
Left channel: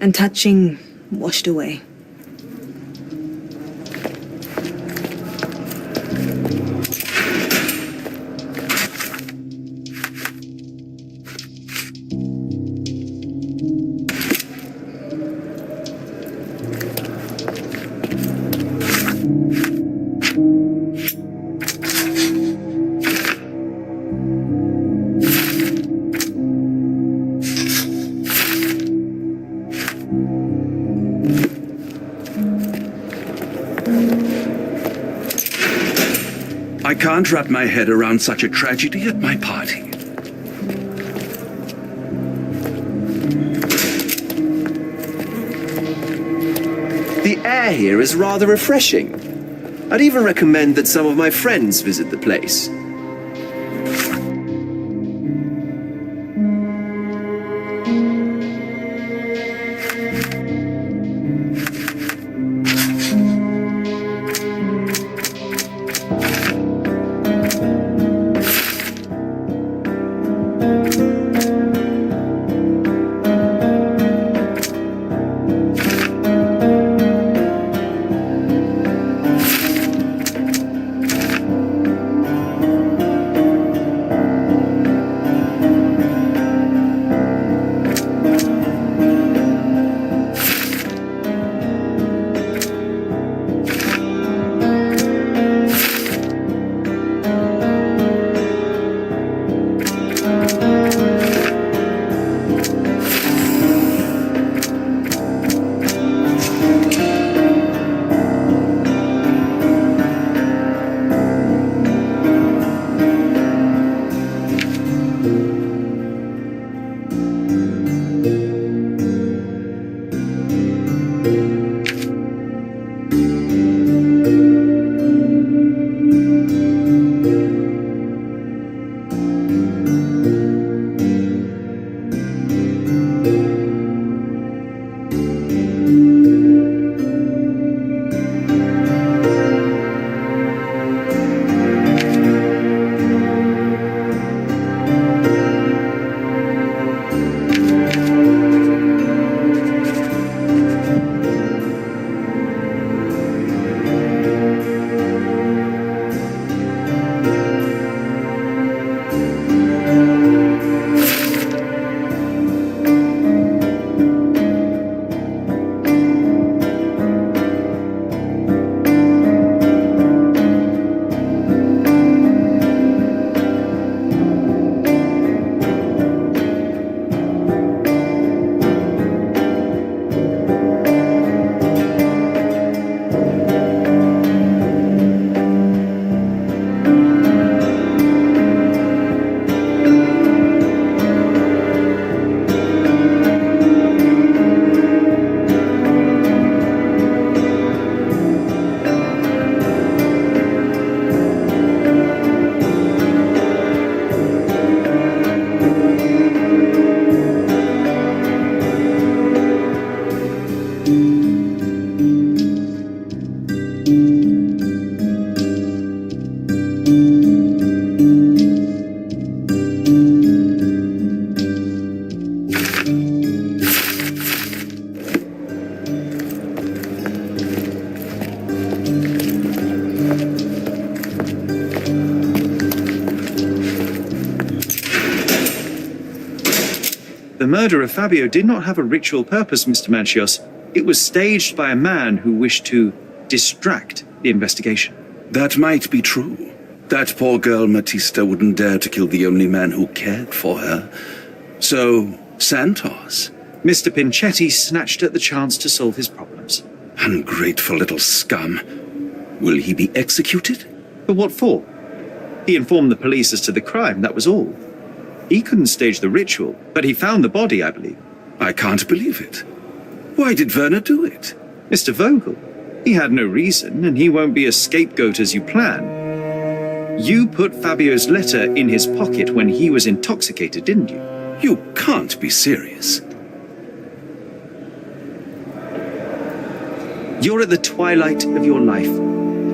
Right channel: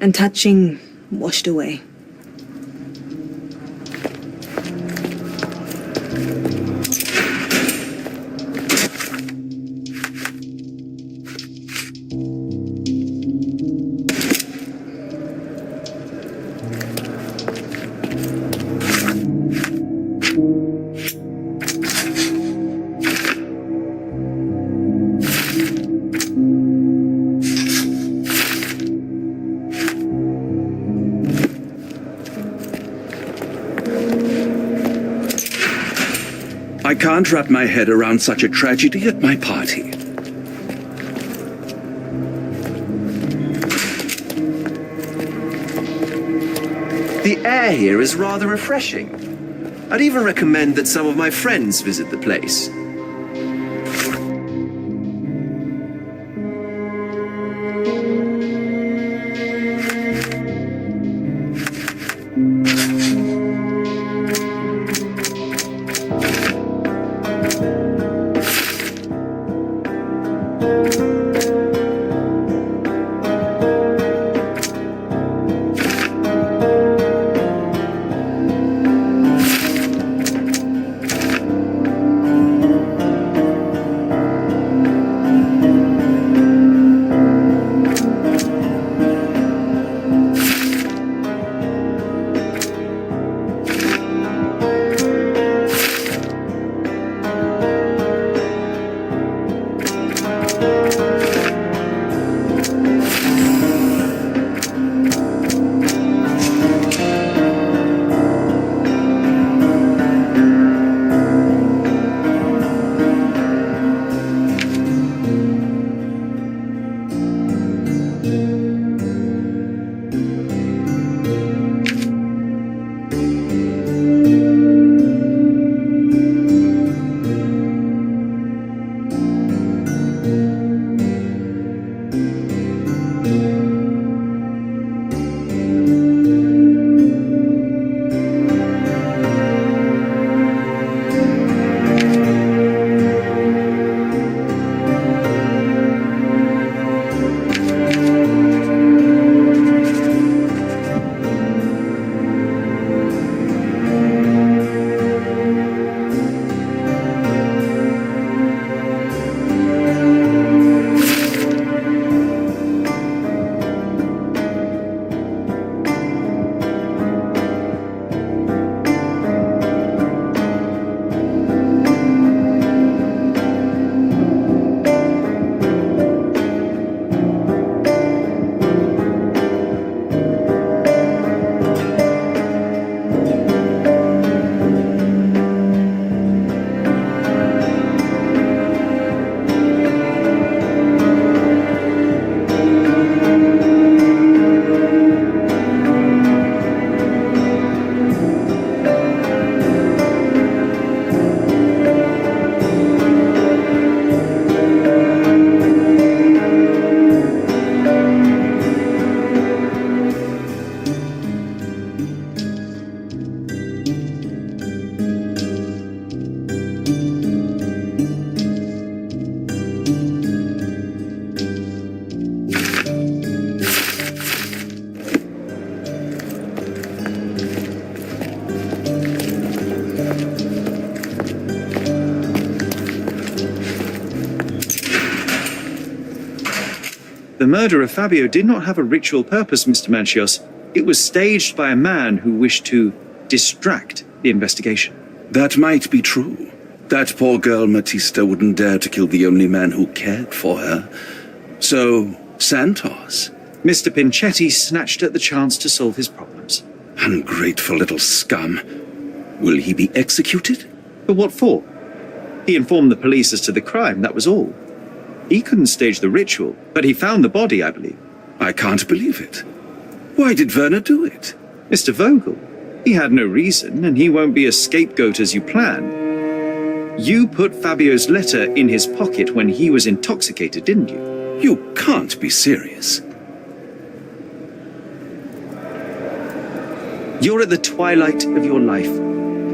and touching washed away. I can't wrap my head around such a tragedy at my party. The air here is rather refreshing. I'd even recommend that some of my friends visit the place. The murder of Fabio did not have a ritual purpose, Mr. Manchios. It was staged by a man who wished to distract the investigation. That might be true. That poor girl Matista wouldn't dare to kill the only man who cared for her. So, Santos. Mr. Pinchetti snatched at the chance to solve his problems. Ungrateful little scum. Will he be executed? But what for? He informed the police as to the crime, that was all. He couldn't stage the ritual, but he found the body, I believe. I can't believe it. Why did Werner do it? Mr. Vogel. He had no reason, and he won't be a scapegoat as you plan. You put Fabio's letter in his pocket when he was intoxicated, didn't you? You can't be serious. You're at the twilight of your life.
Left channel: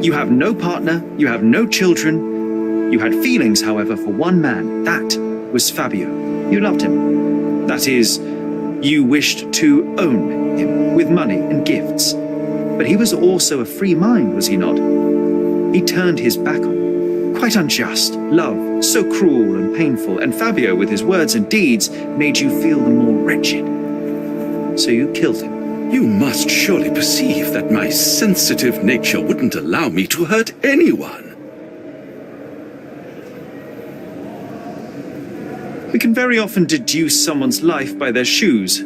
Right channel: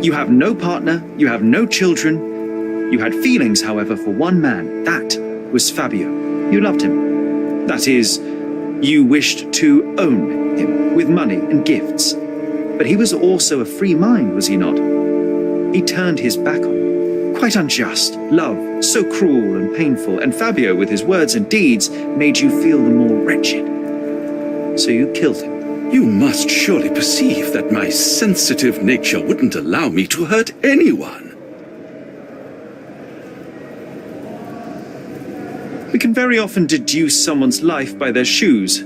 You have no partner, you have no children. You had feelings, however, for one man. That was Fabio. You loved him. That is, you wished to own him with money and gifts. But he was also a free mind, was he not? He turned his back on you. Quite unjust. Love, so cruel and painful, and Fabio, with his words and deeds, made you feel the more wretched. So you killed him. You must surely perceive that my sensitive nature wouldn't allow me to hurt anyone. We can very often deduce someone's life by their shoes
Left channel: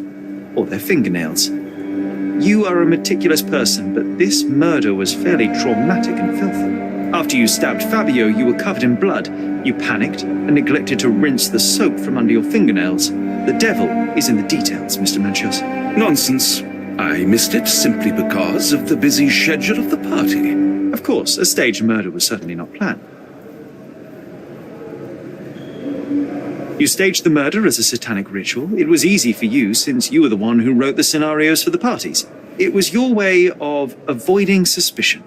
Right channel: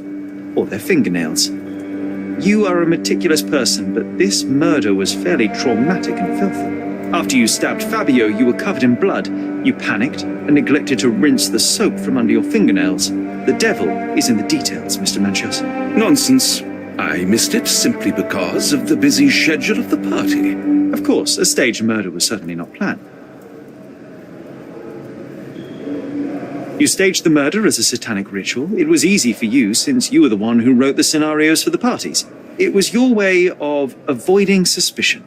or their fingernails. You are a meticulous person, but this murder was fairly traumatic and filthy. After you stabbed Fabio, you were covered in blood. You panicked and neglected to rinse the soap from under your fingernails. The devil is in the details, Mr. Manchios. Nonsense. I missed it simply because of the busy schedule of the party. Of course, a staged murder was certainly not planned. You staged the murder as a satanic ritual. It was easy for you since you were the one who wrote the scenarios for the parties. It was your way of avoiding suspicion.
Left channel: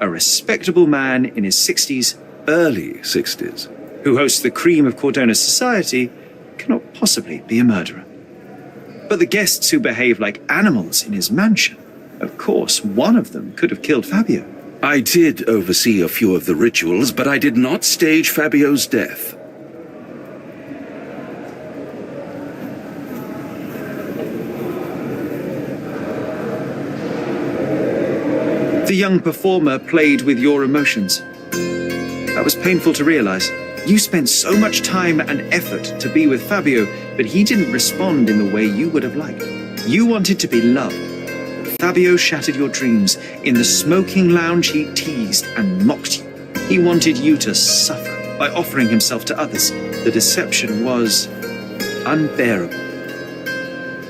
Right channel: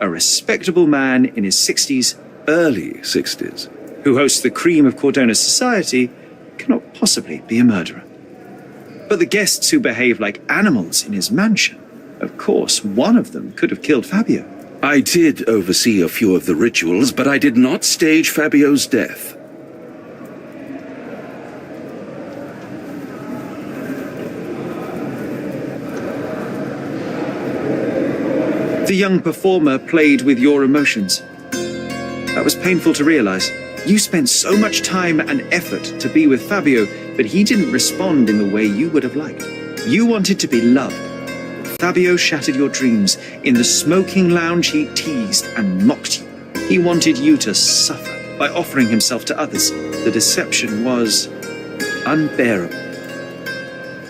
A respectable man in his 60s, Early 60s. who hosts the cream of Cordona's society, cannot possibly be a murderer. But the guests who behave like animals in his mansion, of course, one of them could have killed Fabio. I did oversee a few of the rituals, but I did not stage Fabio's death. The young performer played with your emotions. That was painful to realize. You spent so much time and effort to be with Fabio, but he didn't respond in the way you would have liked. You wanted to be loved. But Fabio shattered your dreams. In the smoking lounge, he teased and mocked you. He wanted you to suffer by offering himself to others. The deception was unbearable.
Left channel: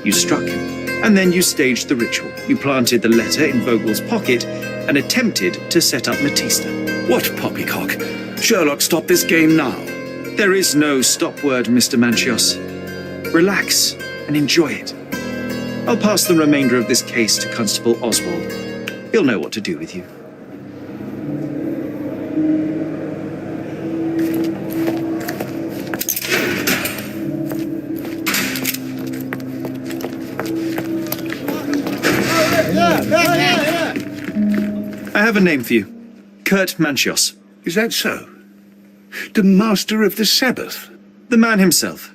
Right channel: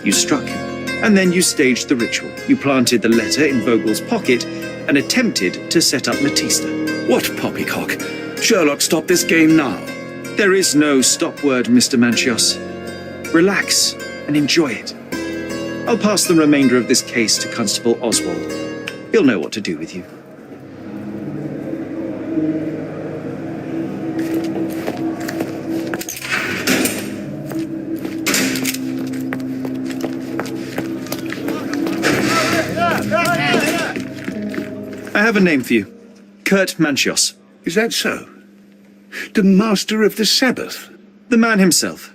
You struck him, and then you staged the ritual. You planted the letter in Vogel's pocket and attempted to set up Matista. What poppycock? Sherlock, stop this game now. There is no stop word, Mr. Manchios. Relax and enjoy it. I'll pass the remainder of this case to Constable Oswald. He'll know what to do with you. I have a name for you. Kurt Manchios. Is that so? The master of the Sabbath? The man himself.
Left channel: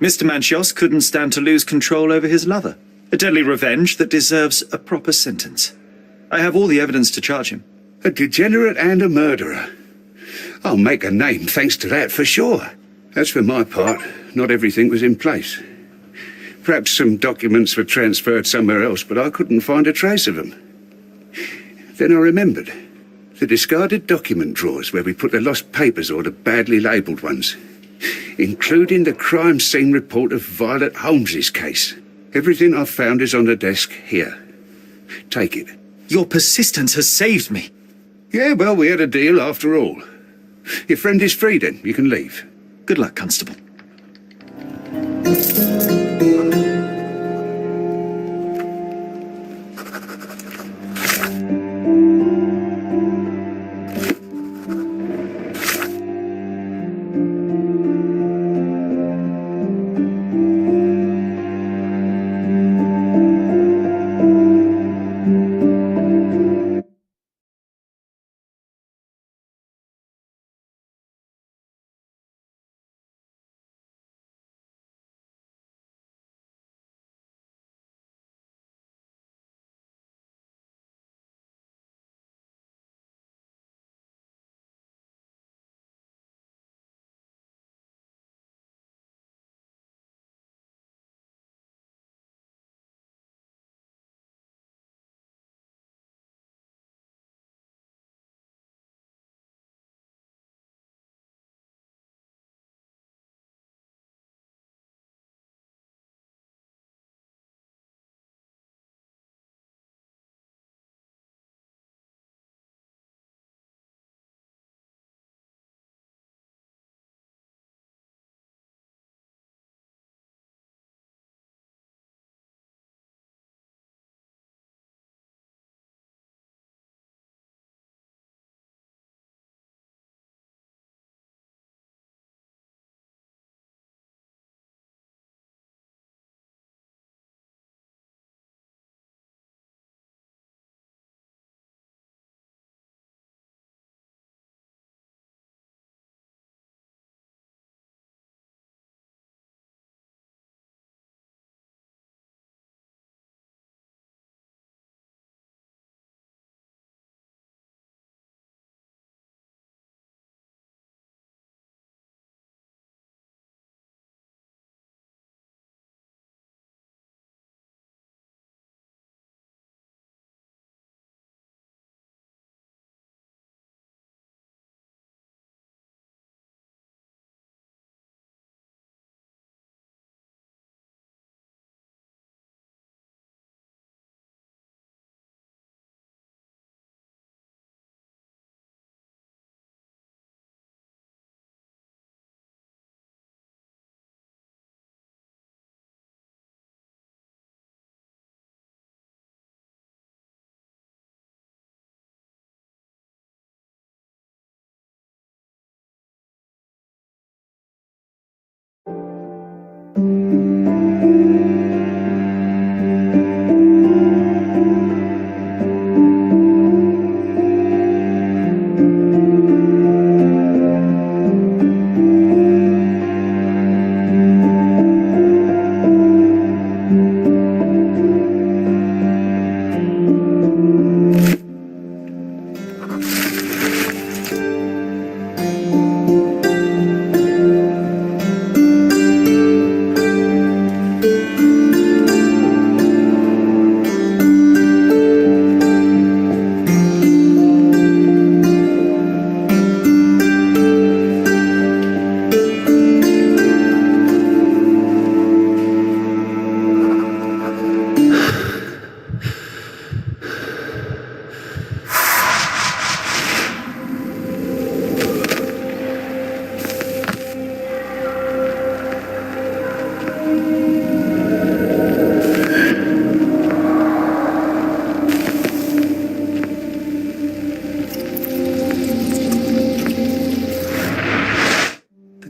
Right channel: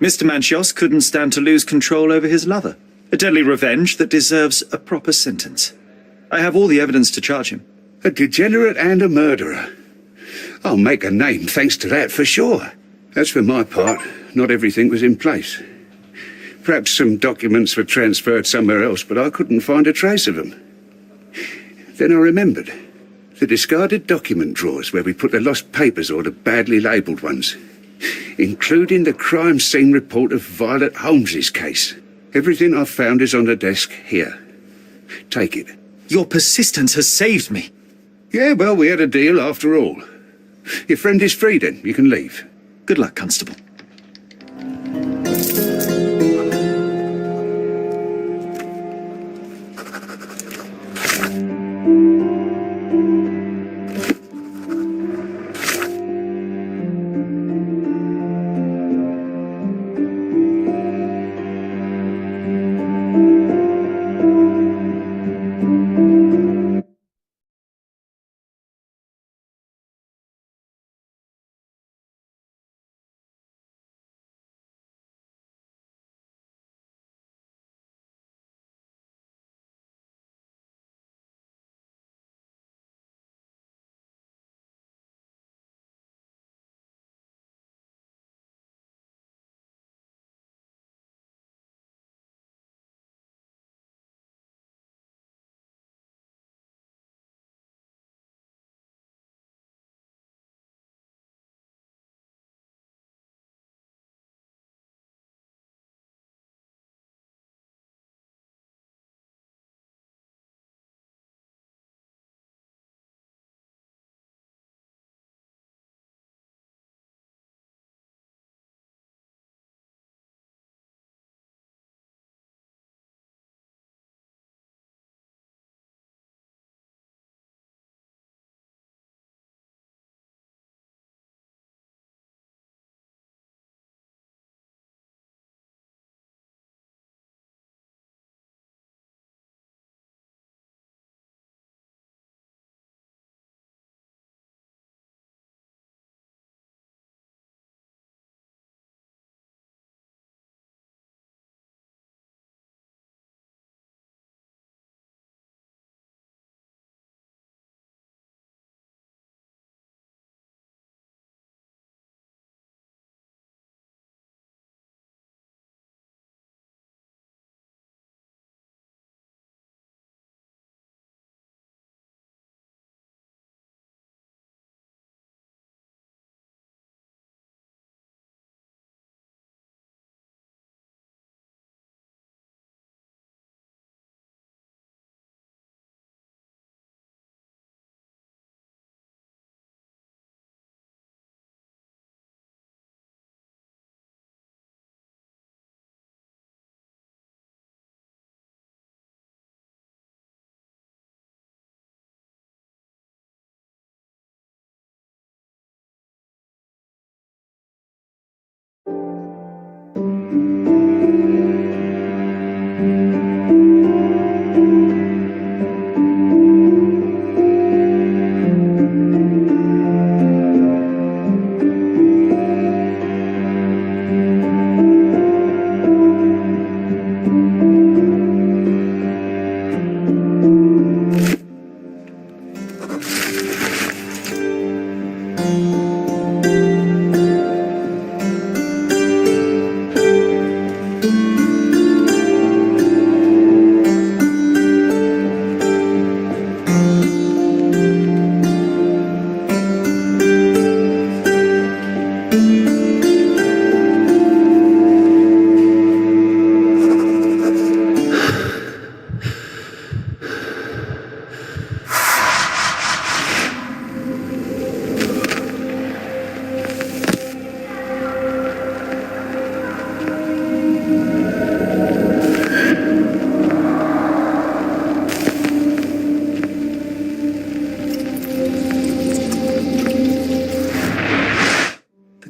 Mr. Manchios couldn't stand to lose control over his lover. A deadly revenge that deserves a proper sentence. I have all the evidence to charge him. A degenerate and a murderer. I'll make a name thanks to that for sure. As for my part, not everything was in place. Perhaps some documents were transferred somewhere else, but I couldn't find a trace of them. Then I remembered. The discarded document drawers where we put the lost papers or the badly labelled ones, including the crime scene report of Violet Holmes's case. Everything I've found is on the desk here. Take it. Your persistence has saved me. Yeah, well, we had a deal after all. Your friend is free then. You can leave. Good luck, Constable.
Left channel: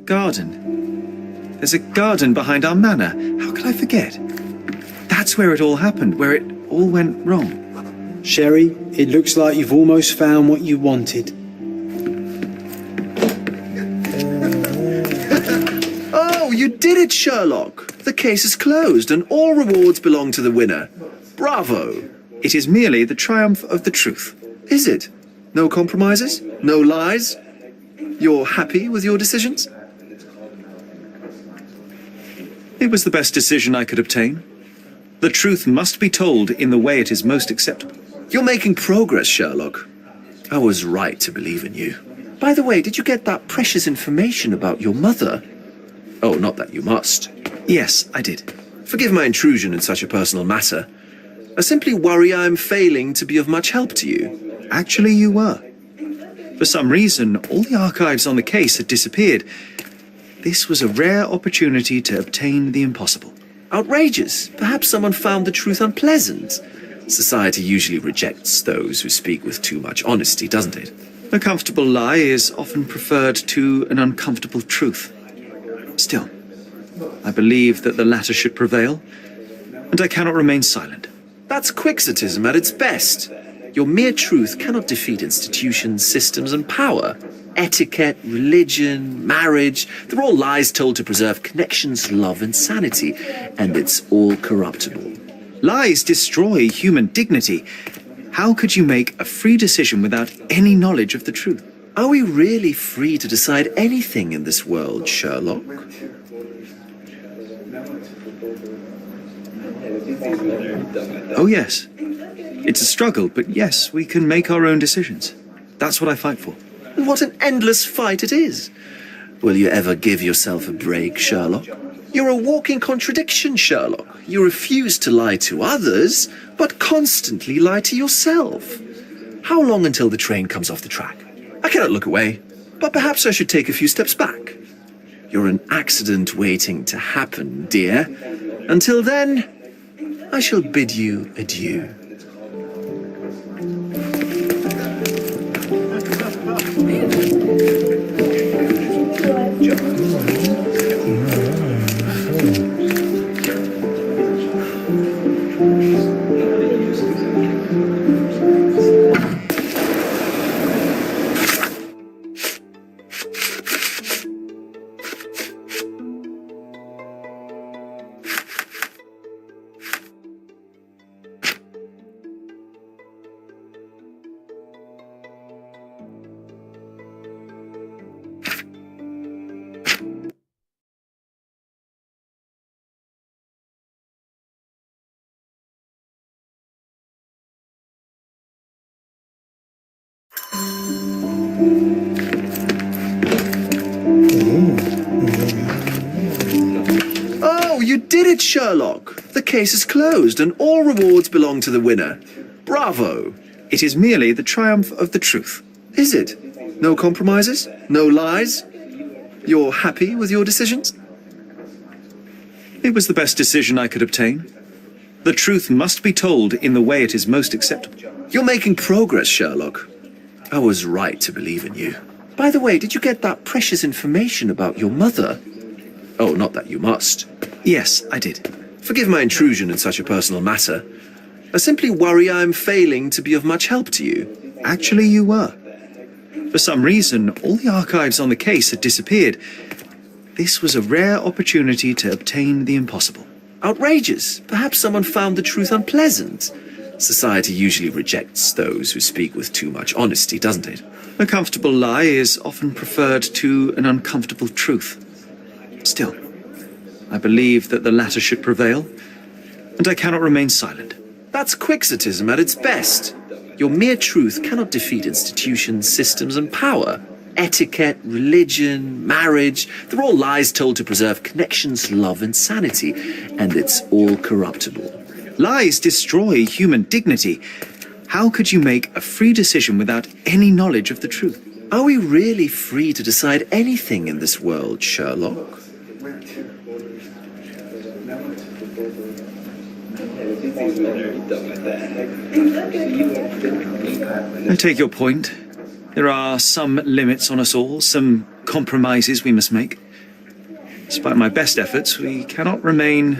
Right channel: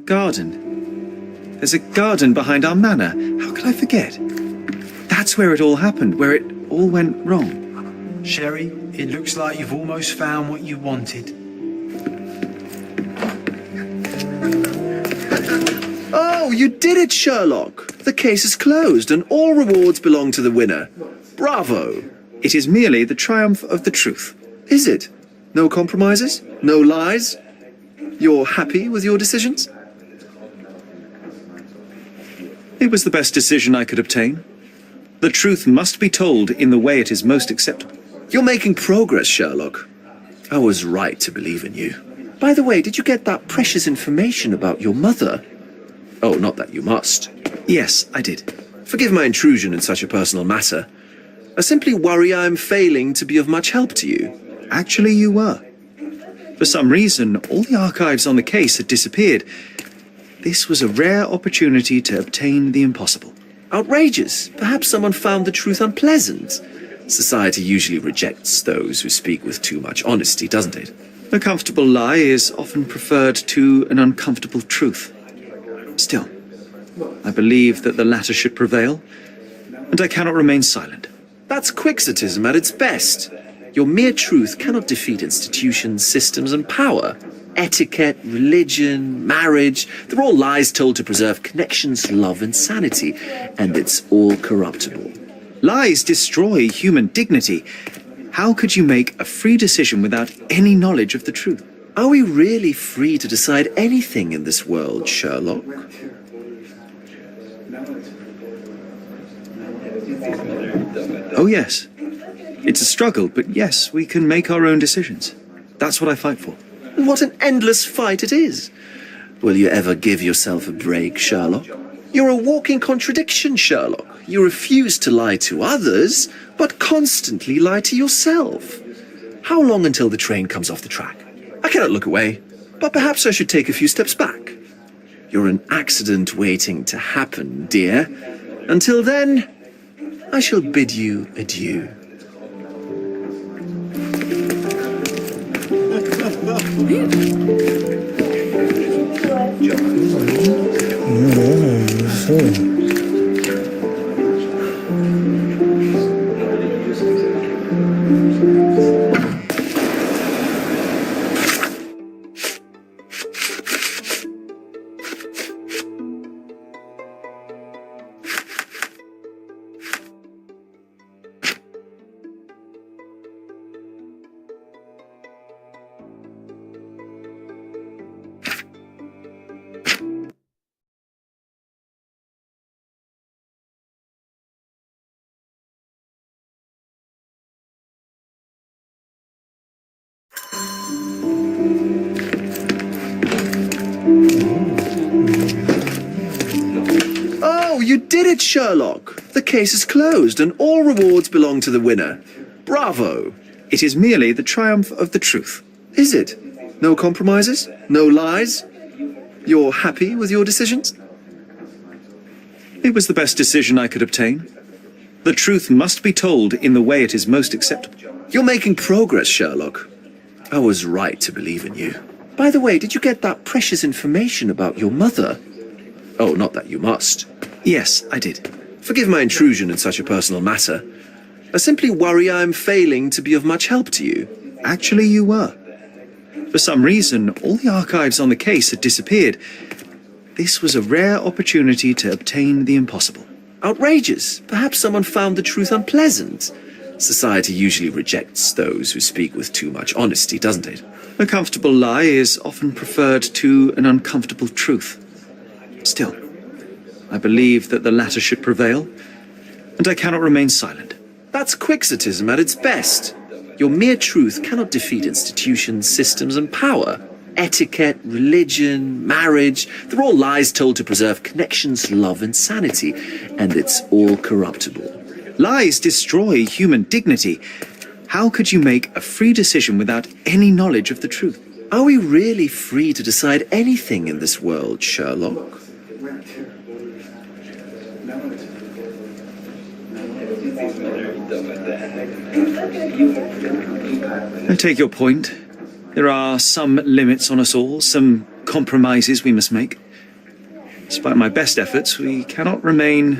garden. There's a garden behind our manor. How could I forget? That's where it all happened, where it all went wrong. Sherry, it looks like you've almost found what you wanted. Oh, you did it, Sherlock! The case is closed and all rewards belong to the winner. Bravo! It is merely the triumph of the truth. Is it? No compromises? No lies? You're happy with your decisions? It was the best decision I could obtain. The truth must be told in the way it is most acceptable. You're making progress, Sherlock. I was right to believe in you. By the way, did you get that precious information about your mother? Oh, not that you must. Yes, I did. Forgive my intrusion in such a personal matter. I simply worry I'm failing to be of much help to you. Actually, you were. For some reason, all the archives on the case had disappeared. This was a rare opportunity to obtain the impossible. Outrageous. Perhaps someone found the truth unpleasant. Society usually rejects those who speak with too much honesty, doesn't it? A comfortable lie is often preferred to an uncomfortable truth. Still, I believe that the latter should prevail, and I cannot remain silent. That's quixotism at its best. Your mere truth cannot defeat institutions, systems, and power. Etiquette, religion, marriage, they're all lies told to preserve connections, love, and sanity, and it's all corruptible. Lies destroy human dignity. How could you make a free decision without any knowledge of the truth? Are we really free to decide anything in this world, Sherlock? Oh, yes. It's a struggle, but yes, we can make our own decisions. That's what I fight for. And what an endless fight it is. Will you ever give yourself a break, Sherlock? You're a walking contradiction, Sherlock. You refuse to lie to others, but constantly lie to yourself. How long until the train comes off the track? I cannot look away, but perhaps I should take a few steps back. You're an accident waiting to happen, dear. Until then, I shall bid you adieu. Oh, you did it, Sherlock! The case is closed and all rewards belong to the winner. Bravo! It is merely the triumph of the truth. Is it? No compromises? No lies? You're happy with your decisions? It was the best decision I could obtain. The truth must be told in the way it is most acceptable. You're making progress, Sherlock. I was right to believe in you. By the way, did you get that precious information about your mother? Oh, not that you must. Yes, I did. Forgive my intrusion in such a personal matter. I simply worry I'm failing to be of much help to you. Actually, you were. For some reason, all the archives on the case had disappeared. This was a rare opportunity to obtain the impossible. Outrageous. Perhaps someone found the truth unpleasant. Society usually rejects those who speak with too much honesty, doesn't it? A comfortable lie is often preferred to an uncomfortable truth. Still, I believe that the latter should prevail, and I cannot remain silent. That's quixotism at its best. Your mere truth cannot defeat institutions, systems, and power. Etiquette, religion, marriage, they're all lies told to preserve connections, love, and sanity, and it's all corruptible. Lies destroy human dignity. How could you make a free decision without any knowledge of the truth? Are we really free to decide anything in this world, Sherlock? I take your point. There are some limits on us all, some compromises we must make. Despite my best efforts, we cannot remain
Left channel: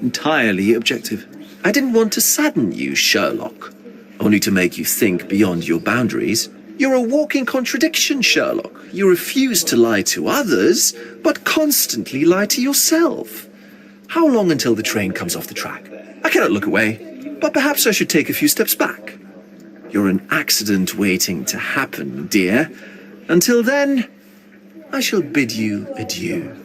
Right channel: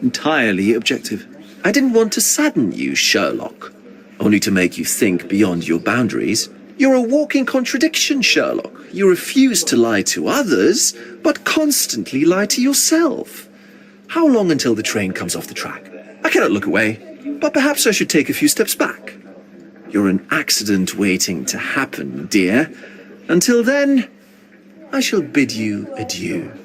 entirely objective. I didn't want to sadden you, Sherlock, only to make you think beyond your boundaries. You're a walking contradiction, Sherlock. You refuse to lie to others, but constantly lie to yourself. How long until the train comes off the track? I cannot look away, but perhaps I should take a few steps back. You're an accident waiting to happen, dear. Until then, I shall bid you adieu.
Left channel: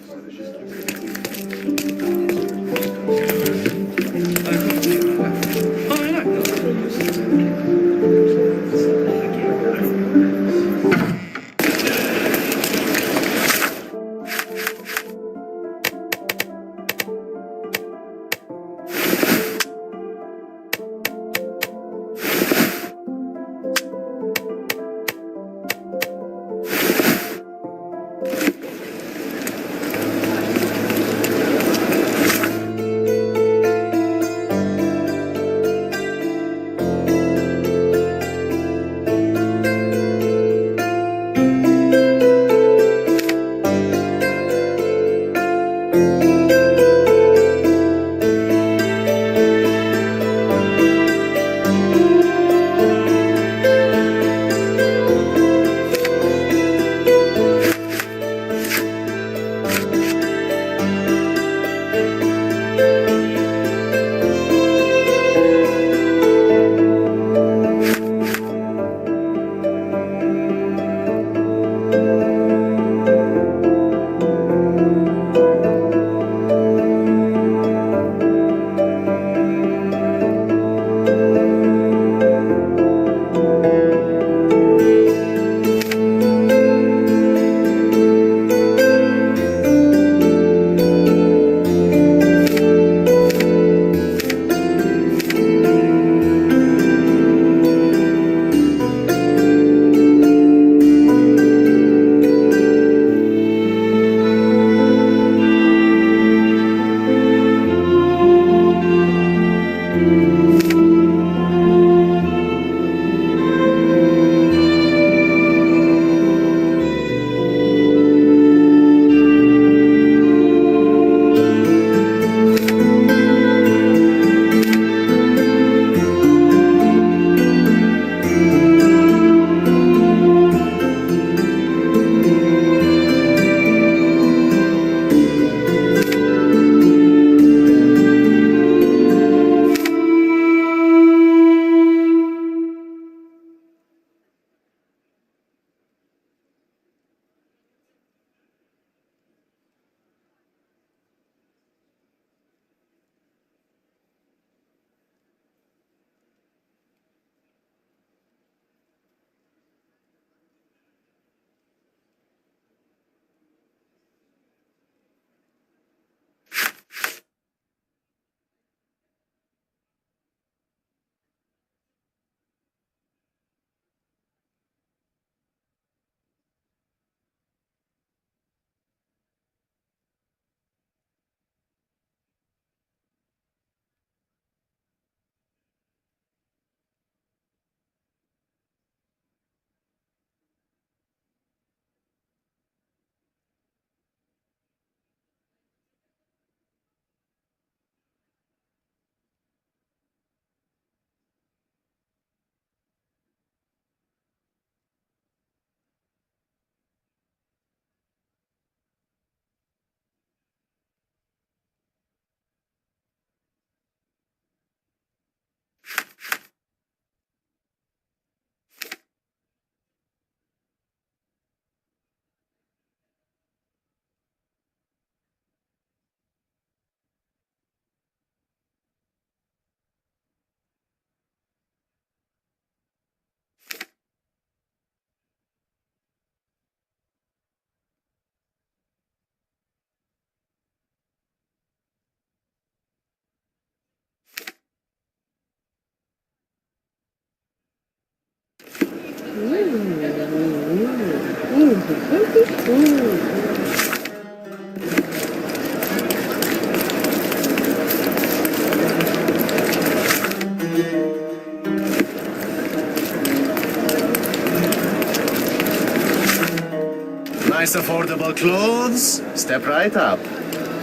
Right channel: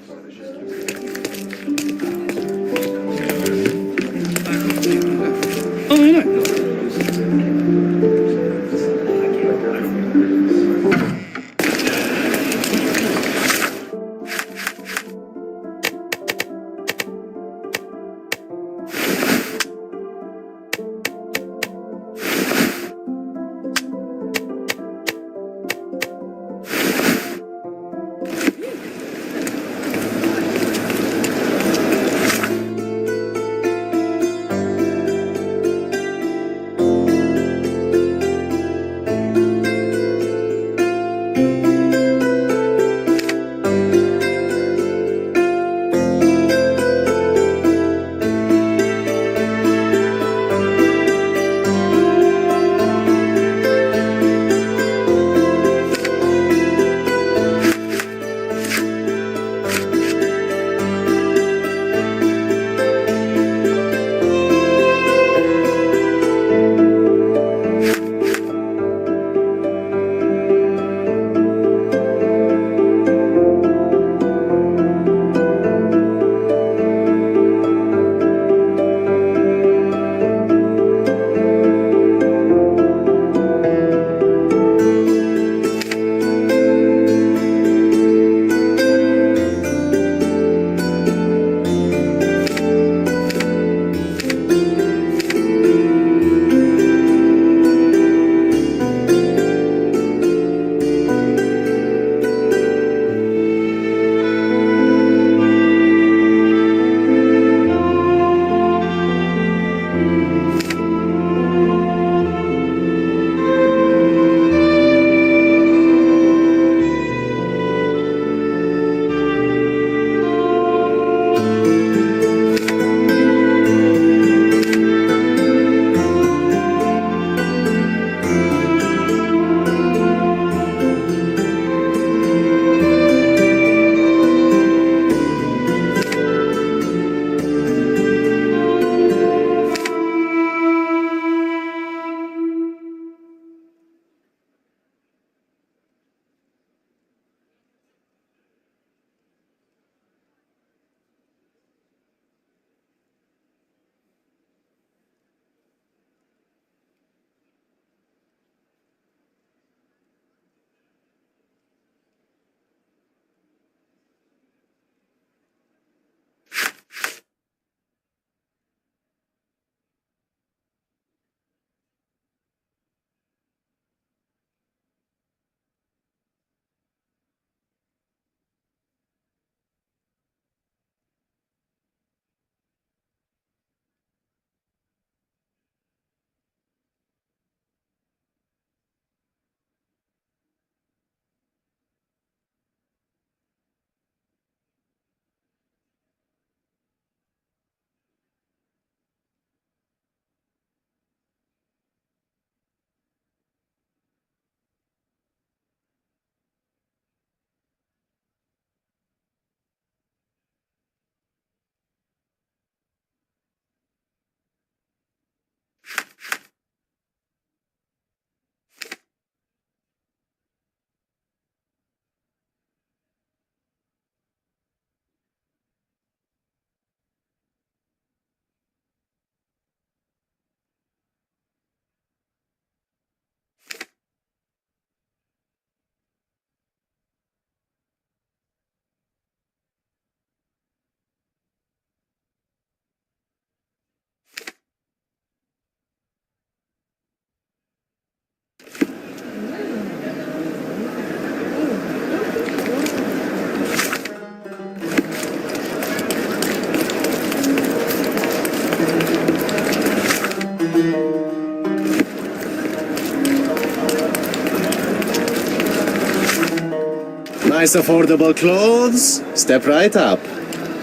Nice affordable clothes. Step right up.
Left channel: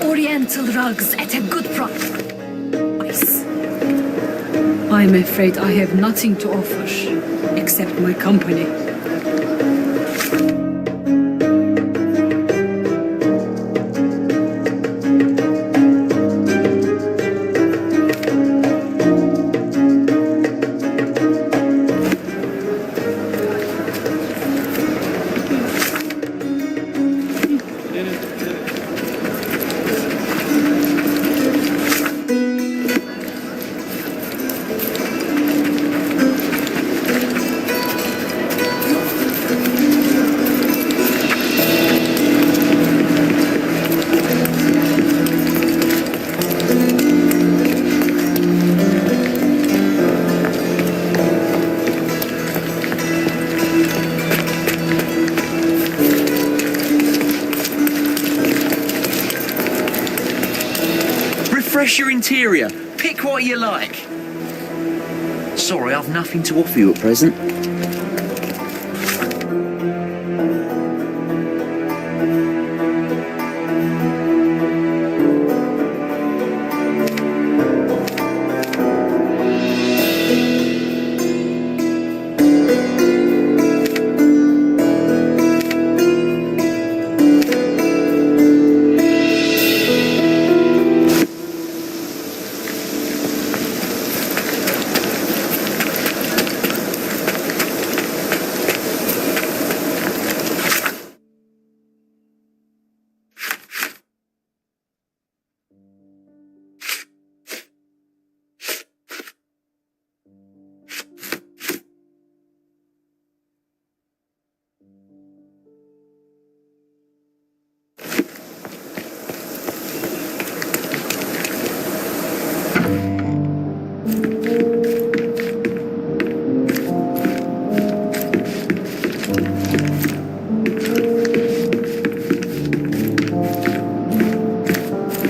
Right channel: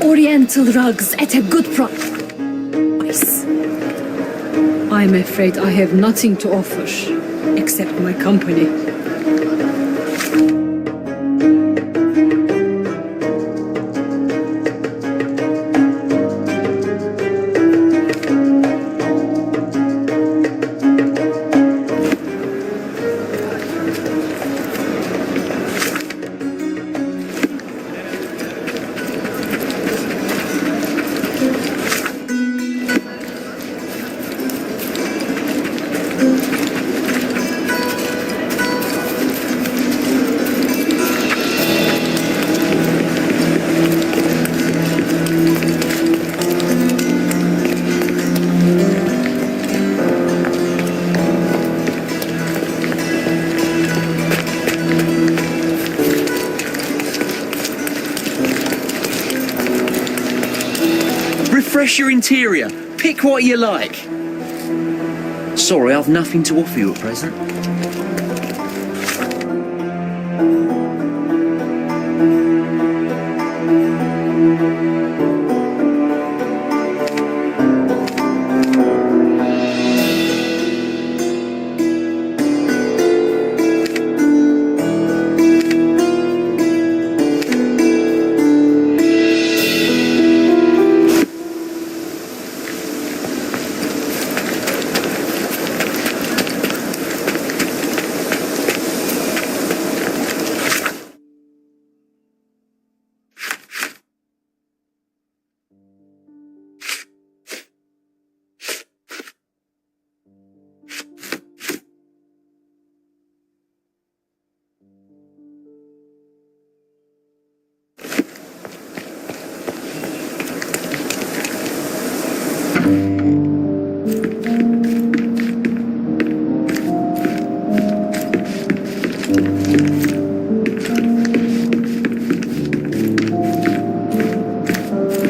Oriental rugs at a good price. I'm afraid I have nothing to offer, except my company. Refresh your interior. Pick what you like. Sorry, I've nothing to offer you at present.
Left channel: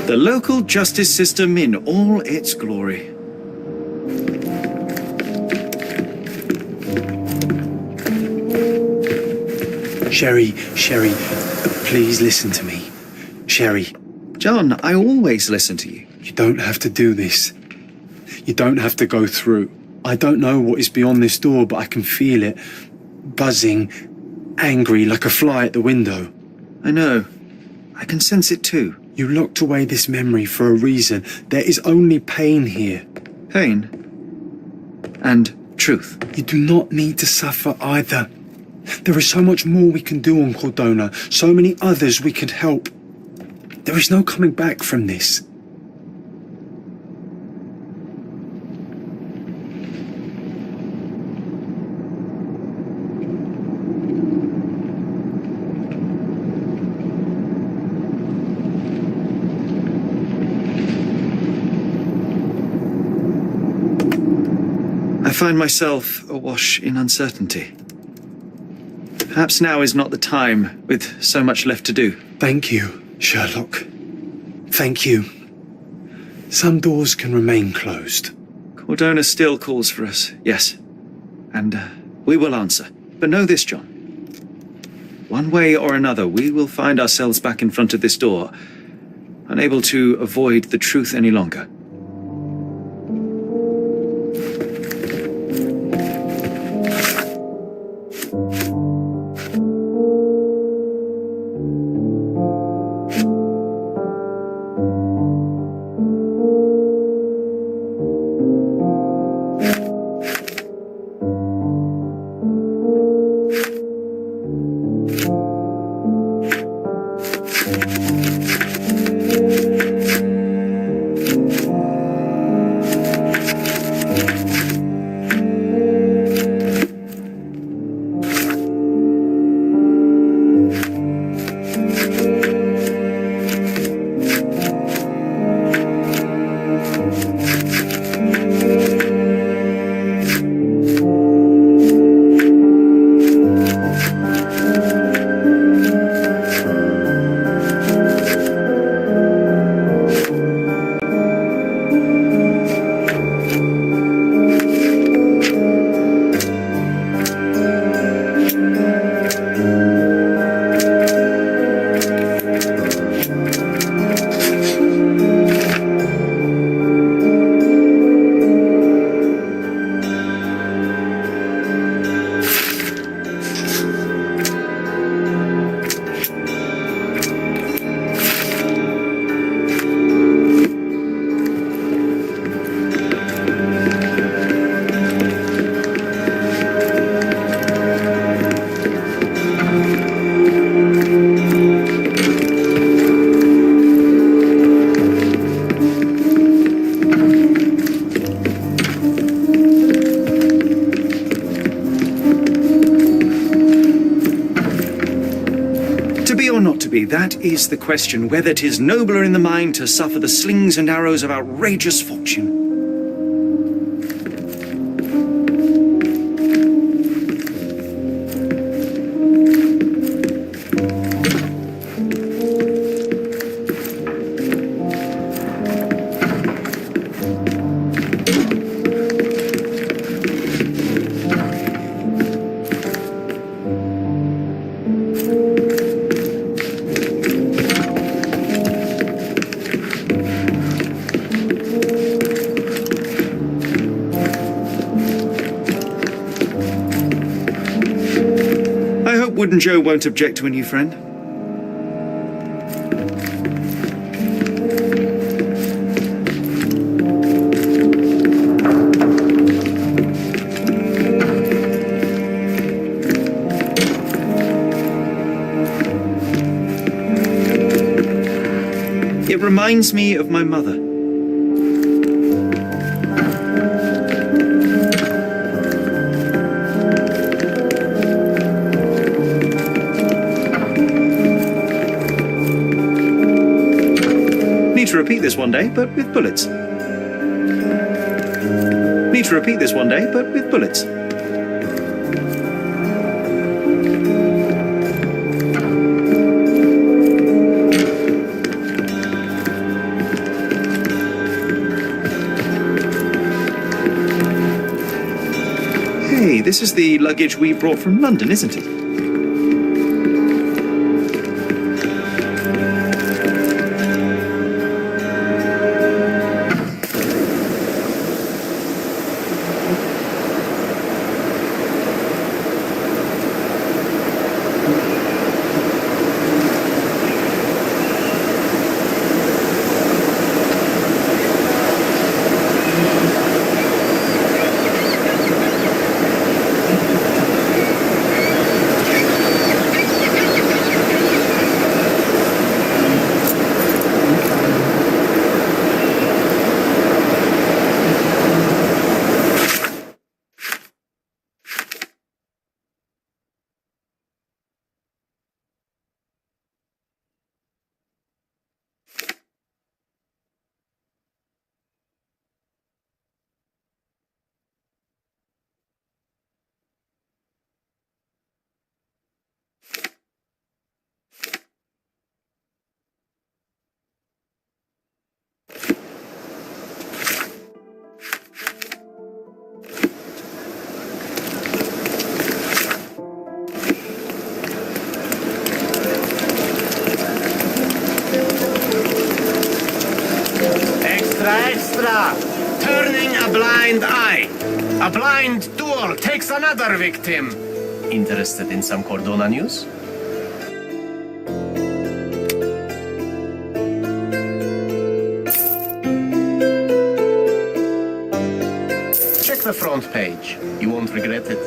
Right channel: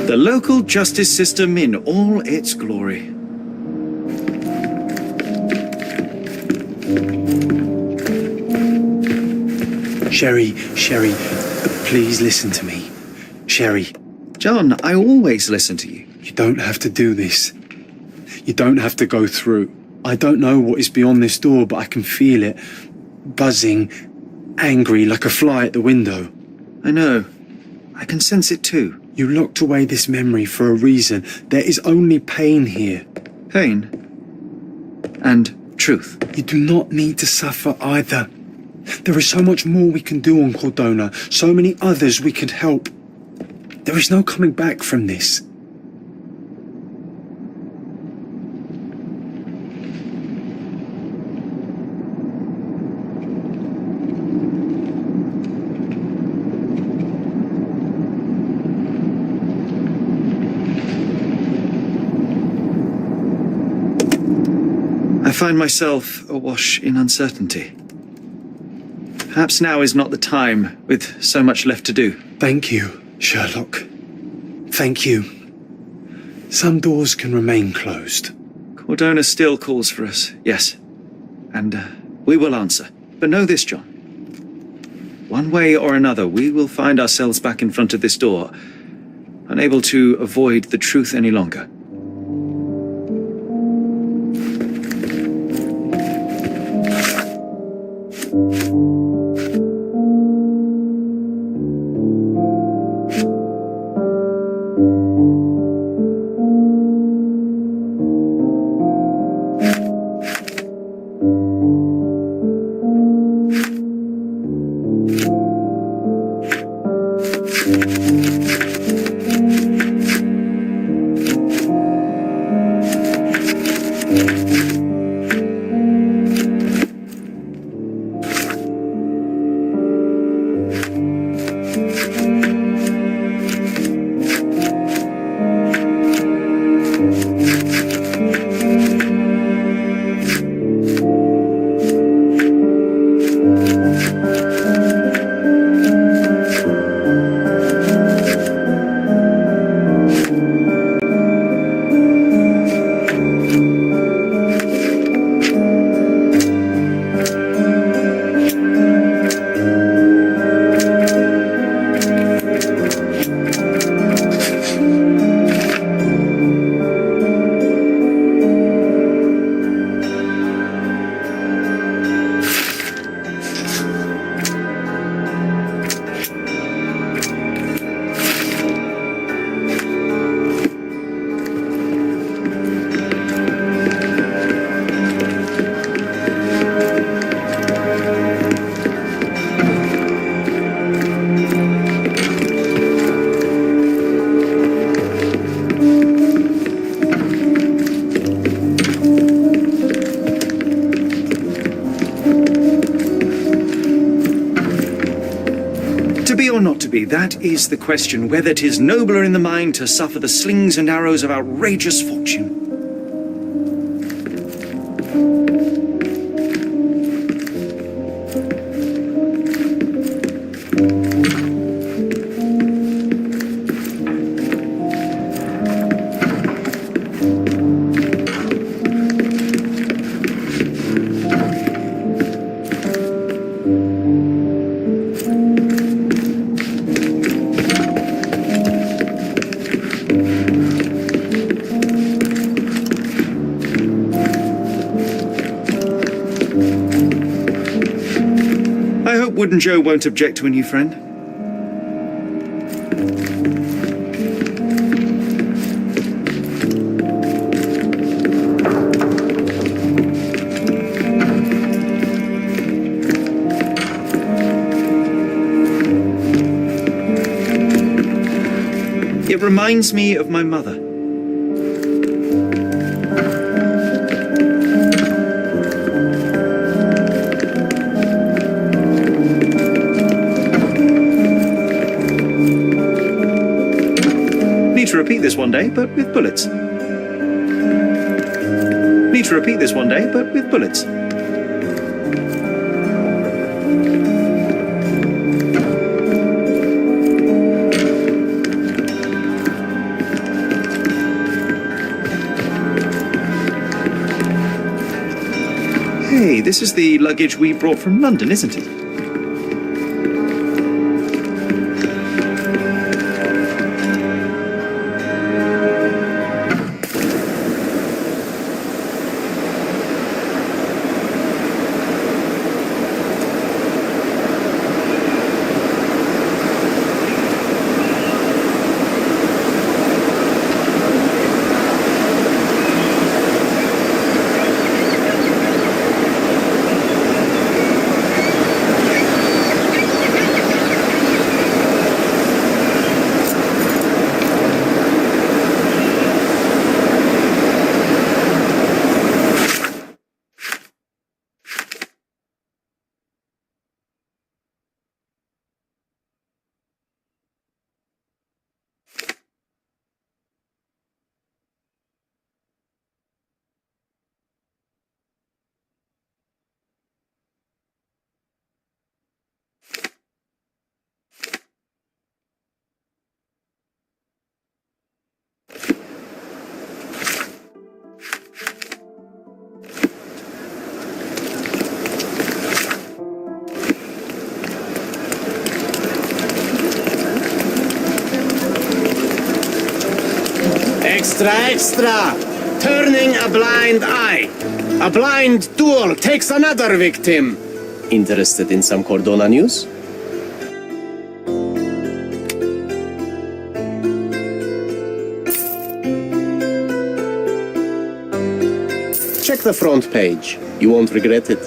The local justice system in all its glory. Sherry, please listen to me. Sherry. John, I always listen to you. You don't have to do this. You don't have to go through. I don't know what is beyond this door, but I can feel it. Buzzing, angry, like a fly at the window. I know. I can sense it too. You locked away this memory for a reason. There is only pain here. Pain. And truth. You do not need to suffer either. There is so much more we can do on Cordona, so many others we could help. There is no coming back from this. I find myself awash in uncertainty. Perhaps now is not the time, with so much left to do. Thank you, Sherlock. Thank you. Some doors can remain closed. Cordona still calls for us, yes. And we will answer. But know this, John. One way or another, we will find ourselves back in front of this door, unable to avoid the truth any longer. not to be, that is the question, whether 'tis nobler in the mind to suffer the slings and arrows of outrageous fortune. I hope Wooden Joe won't object to a new friend. It reminds me of my mother. Need to repeat this one day, but with bullets. Need to repeat this one day, but with bullets. Hey, this is the luggage we brought from London, isn't it? Extra! Turning a blind eye. A blind duel takes another victim. Interested in some Cordona news? Check the front page. You won't regret it.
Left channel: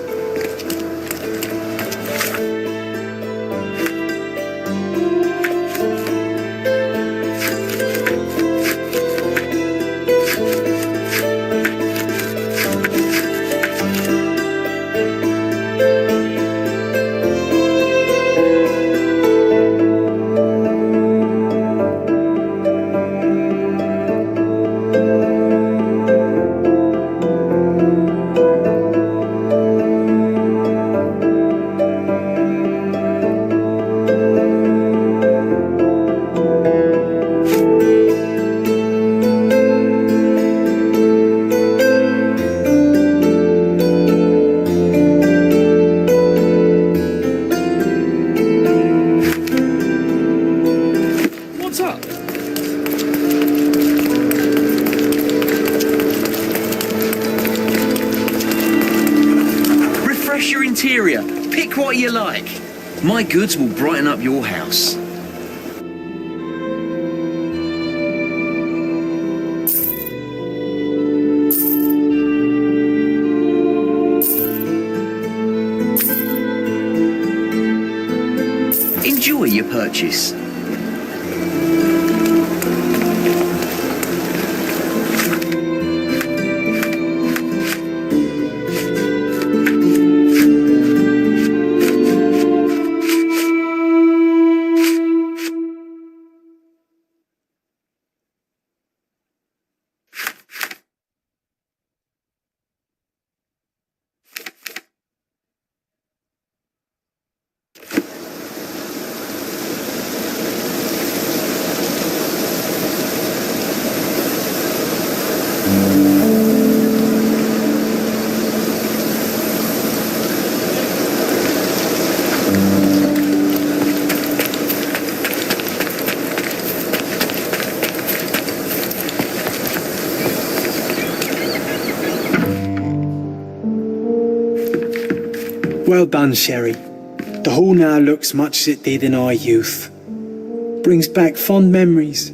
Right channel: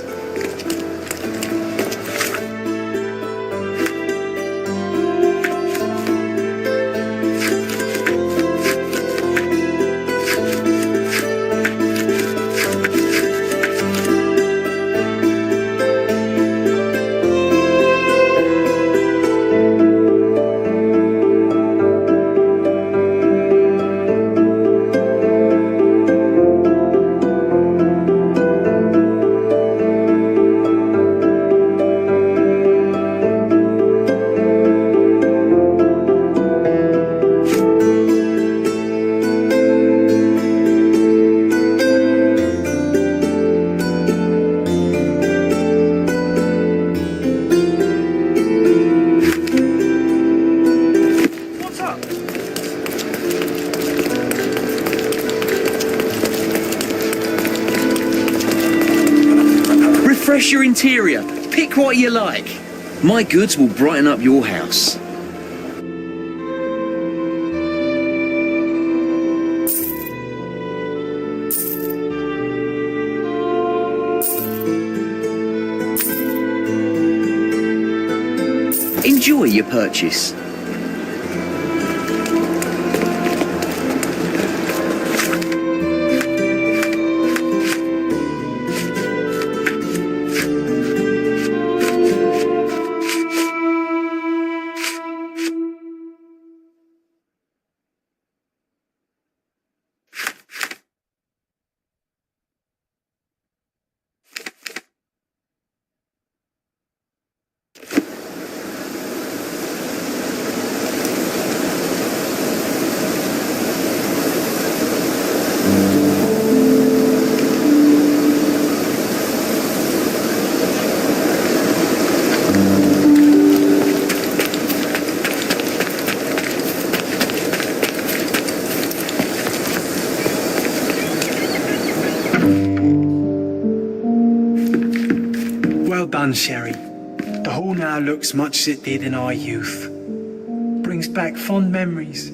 Refresh your interior. Pick what you like. My goods will brighten up your house. Enjoy your purchase. Well done, Sherry. The hall now looks much as it did in our youth. Brings back fond memories.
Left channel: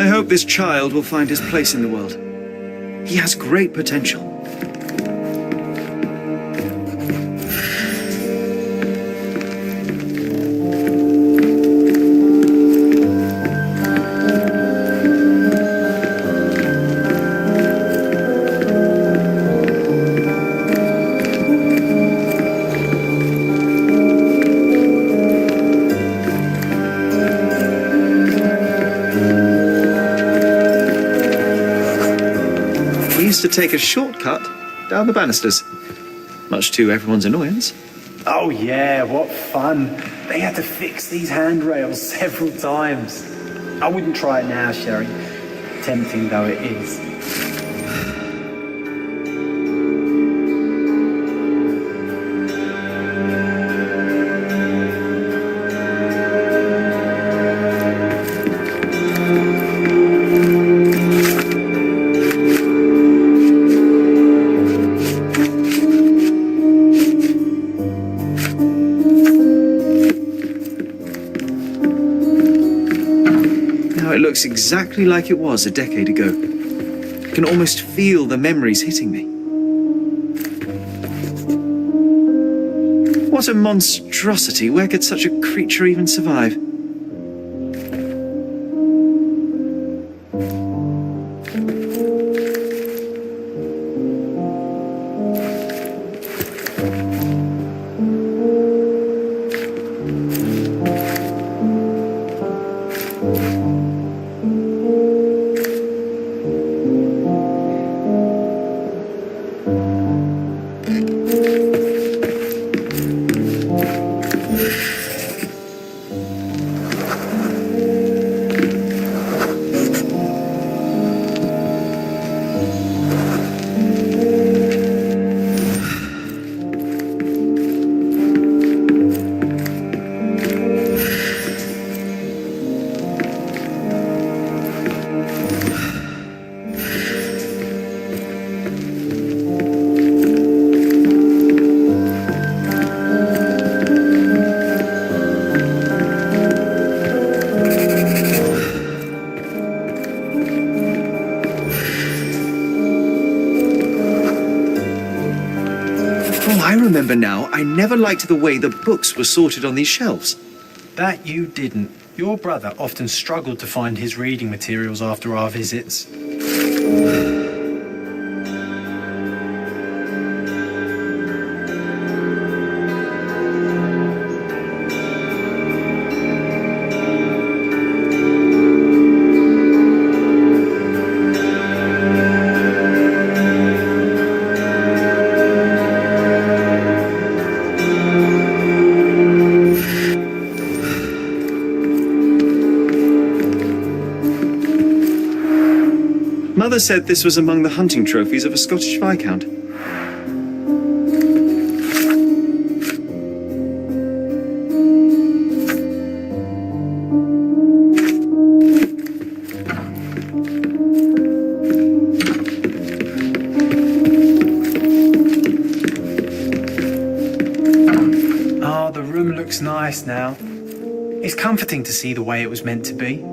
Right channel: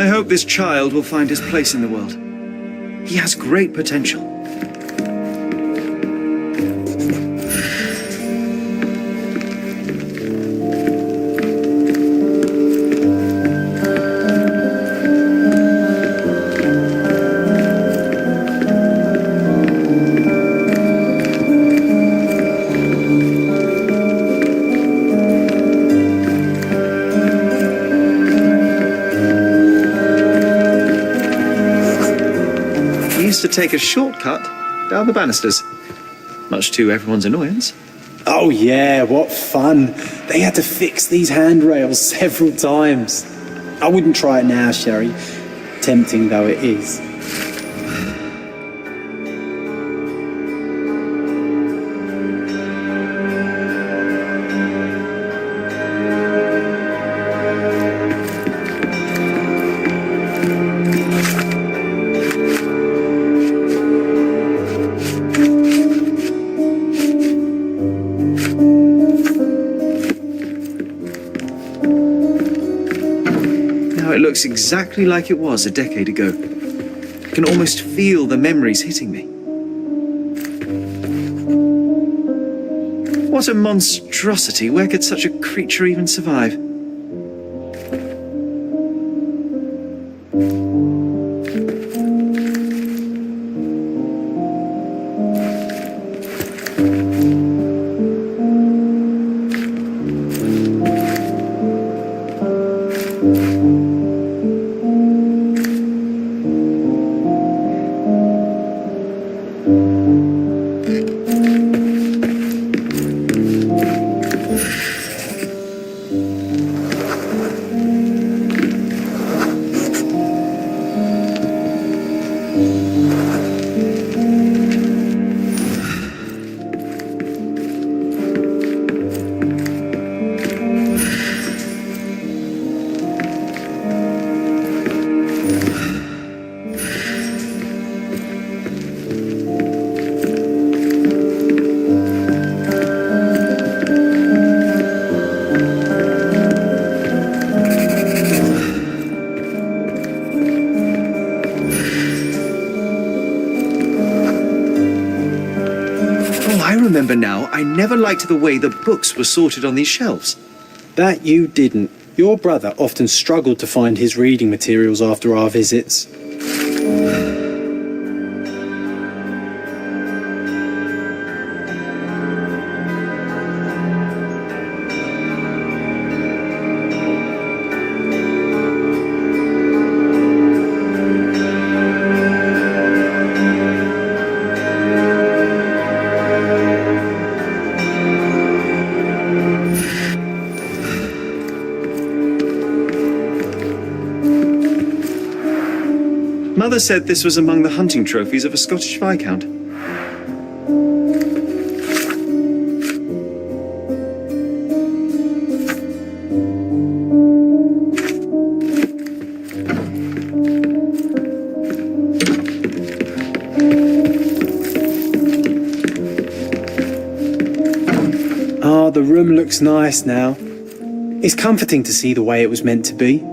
I hope this child will find his place in the world. He has great potential. We used to take a shortcut down the banisters, much to everyone's annoyance. Oh yeah, what fun. They had to fix these handrails several times. I wouldn't try it now, Sherry, tempting though it is. Now it looks exactly like it was a decade ago. I can almost feel the memories hitting me. What a monstrosity! Where could such a creature even survive? Oh, I remember now. I never liked the way the books were sorted on these shelves. That you didn't. Your brother often struggled to find his reading materials after our visits. Mother said this was among the hunting trophies of a Scottish Viscount. Ah, the room looks nice now. It's comforting to see the way it was meant to be.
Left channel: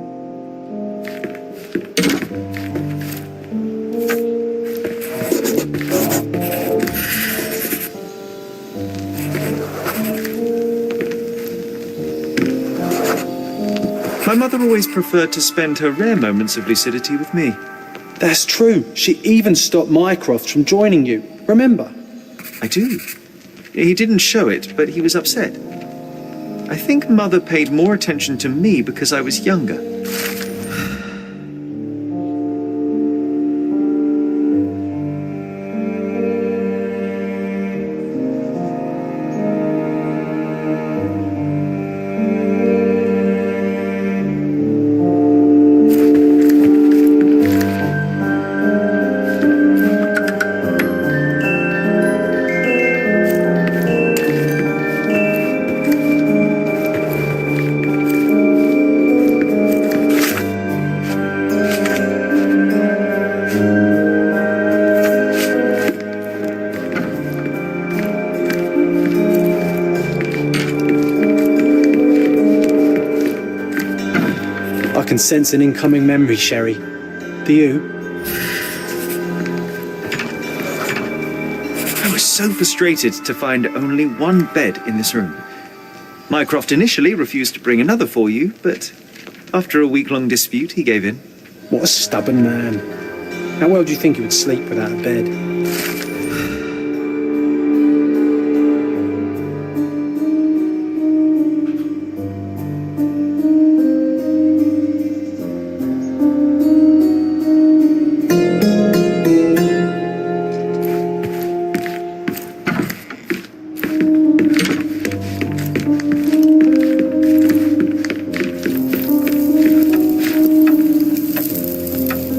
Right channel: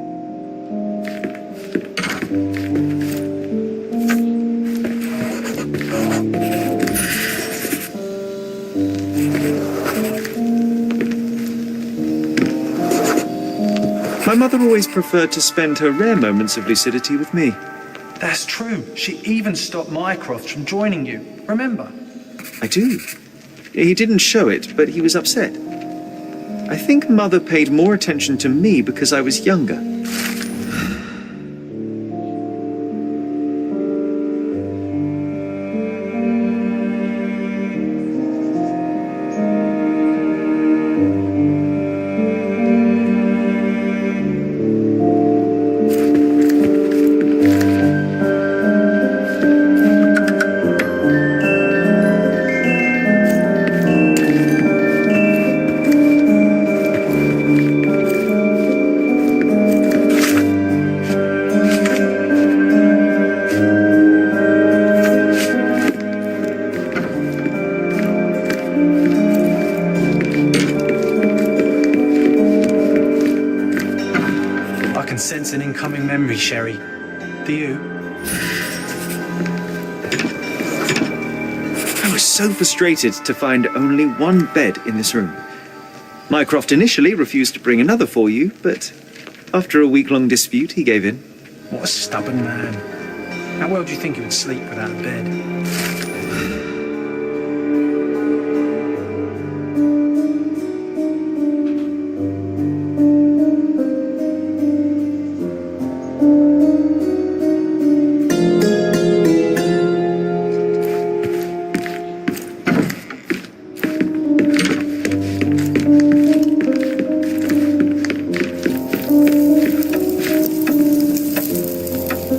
My mother always preferred to spend her rare moments of lucidity with me. That's true. She even stopped Mycroft from joining you. Remember? I do. He didn't show it, but he was upset. I think Mother paid more attention to me because I was younger. can sense an incoming memory, Sherry. Do you? I was so frustrated to find only one bed in this room. Mycroft initially refused to bring another for you, but after a week-long dispute, he gave in. What a stubborn man. How well do you think he would sleep without a bed?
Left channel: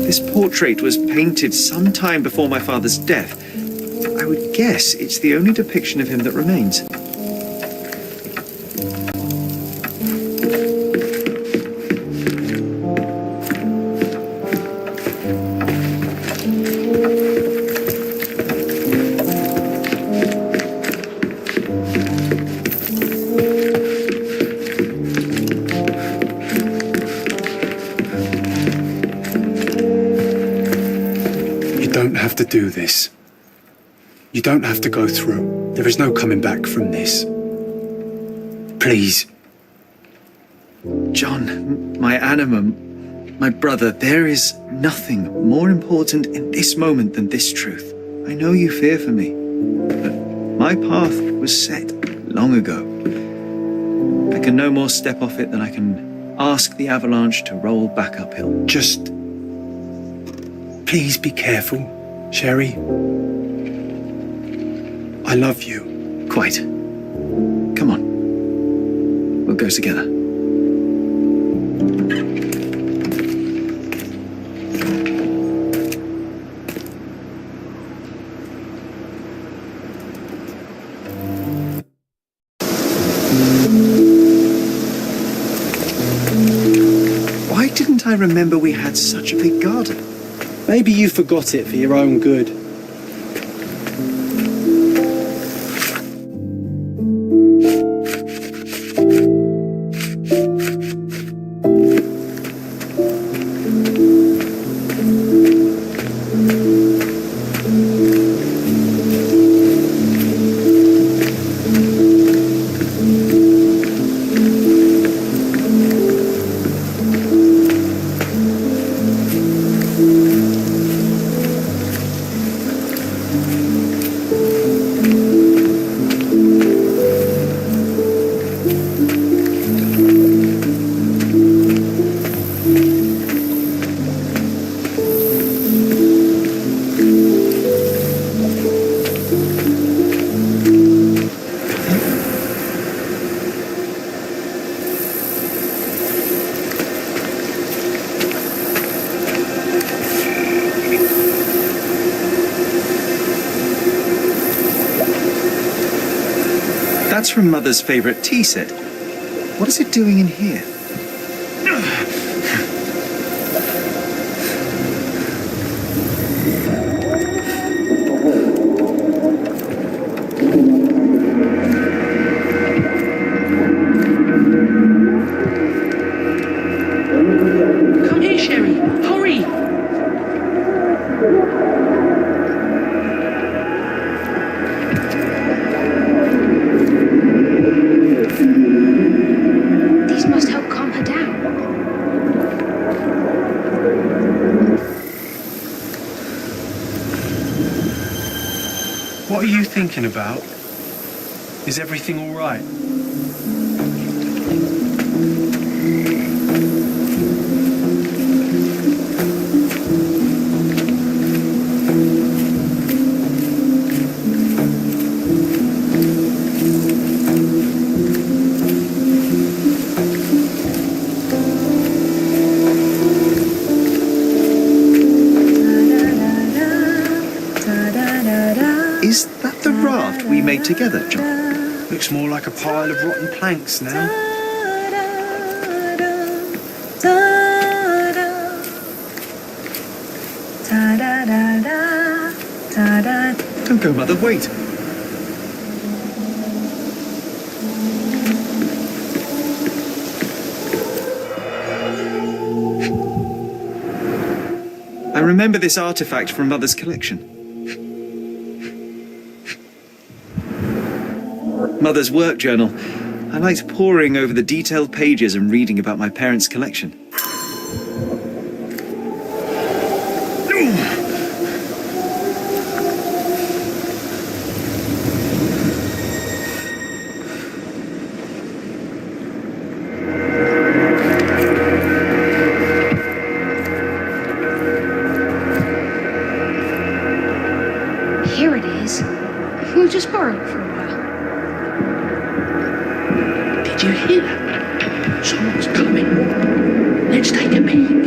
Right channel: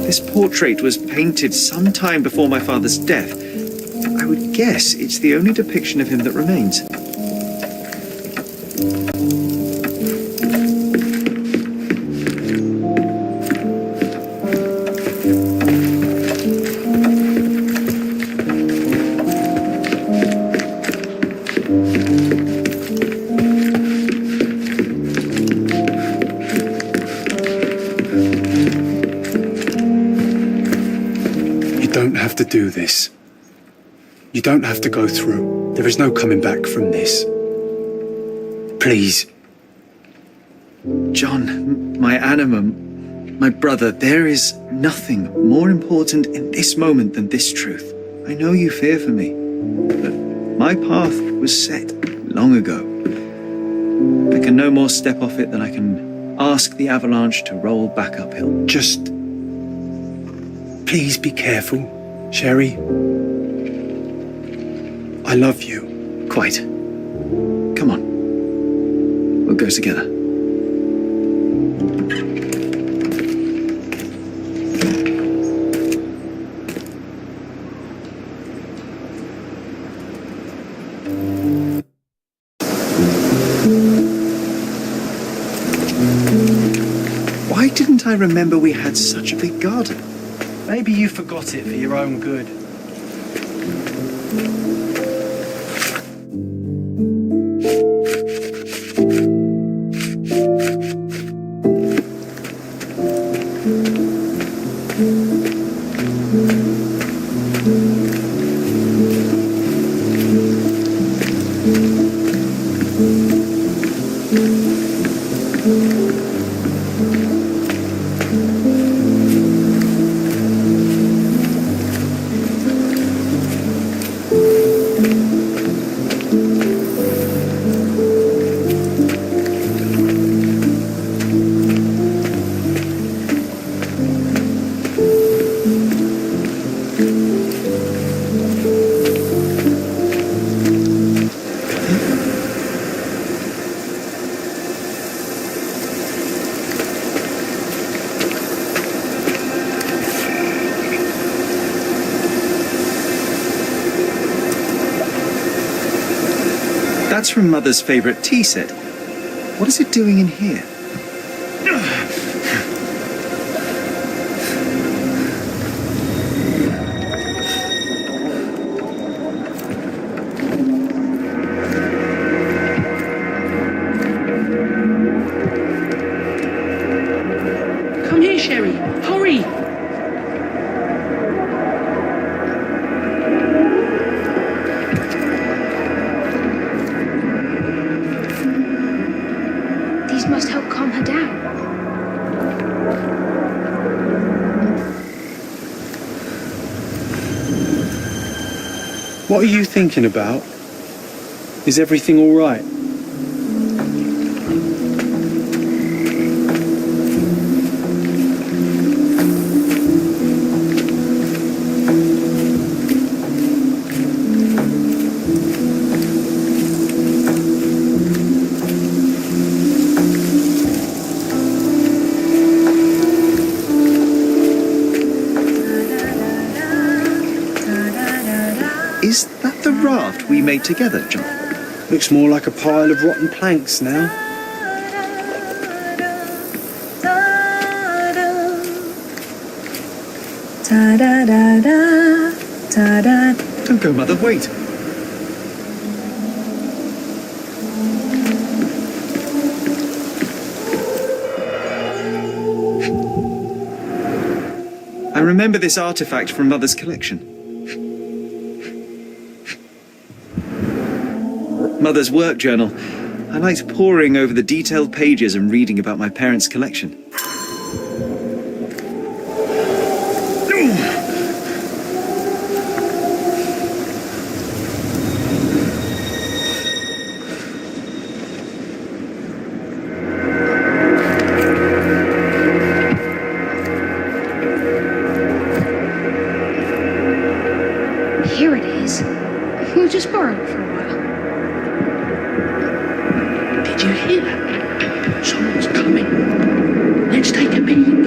This portrait was painted some time before my father's death. I would guess it's the only depiction of him that remains. You don't have to do this. You don't have to go through. There is no coming back from this. Please. John, my animum, my brother, there is nothing more important in this moment than this truth. I know you fear for me, but my path was set long ago. I can no more step off it than I can ask the avalanche to roll back uphill. Just please be careful, Sherry. I love you. Quite. Come on. We'll go together. Why didn't I remember we had such a big garden? Maybe you forgot it for your own good. That's from Mother's favorite tea set. What is it doing in here? Come here, Sherry. Hurry! These must help calm her down. What are you thinking about? Is everything all right? Is that the raft we made together, John? Looks more like a pile of rotten planks now. Don't go, Mother, wait. I remember this artifact from Mother's collection. Mother's work journal. I liked poring over the detailed pages and reading about my parents' collection. Here it is. We'll just borrow it for a while. Did you hear that? Someone's coming. Let's take a peek.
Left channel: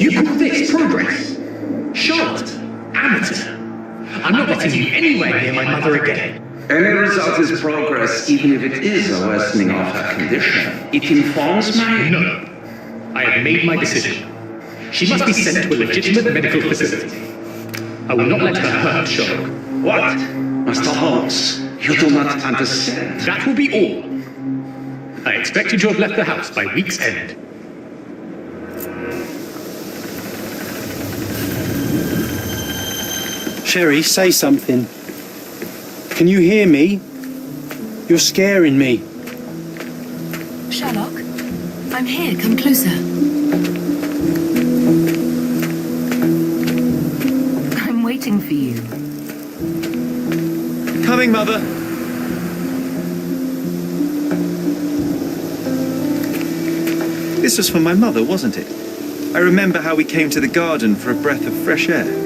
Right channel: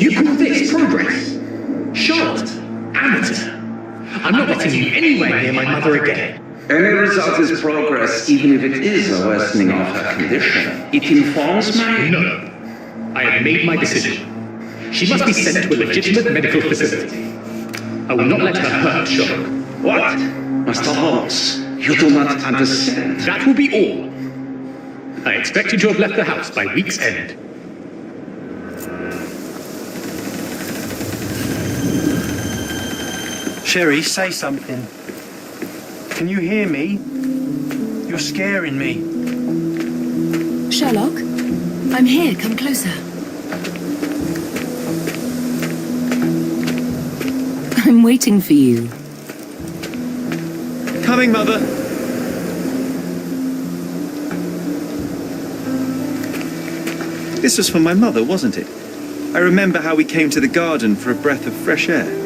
You call this progress? Charlotte, amateur. I'm not letting you anywhere near my mother again. Any result is progress, even if it is a worsening of her condition. It informs my... No. I have made my decision. She must be sent to a legitimate medical facility. I will not let her hurt Sherlock. What? Master Holmes, you do not understand. That will be all. I expect you to have left the house by week's end. Sherry, say something. Can you hear me? You're scaring me. Sherlock, I'm here. Come closer. I'm waiting for you. Coming, Mother. This was for my mother, wasn't it? I remember how we came to the garden for a breath of fresh air.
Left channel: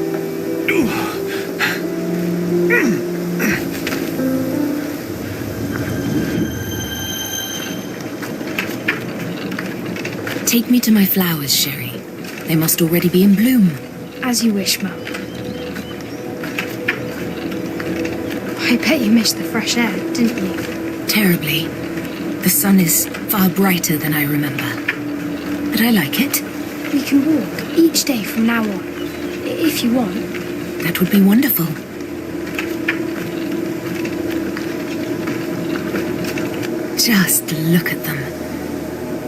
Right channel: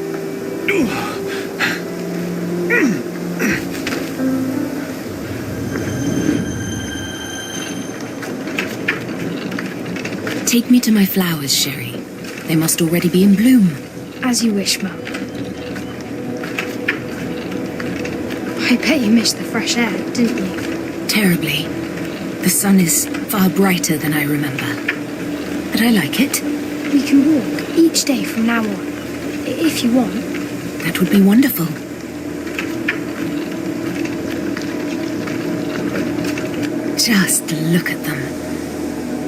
Take me to my flowers, Sherry. They must already be in bloom. As you wish, Mum. I bet you missed the fresh air, didn't you? Terribly. The sun is far brighter than I remember. But I like it. We can walk each day from now on, if you want. That would be wonderful. Just look at them.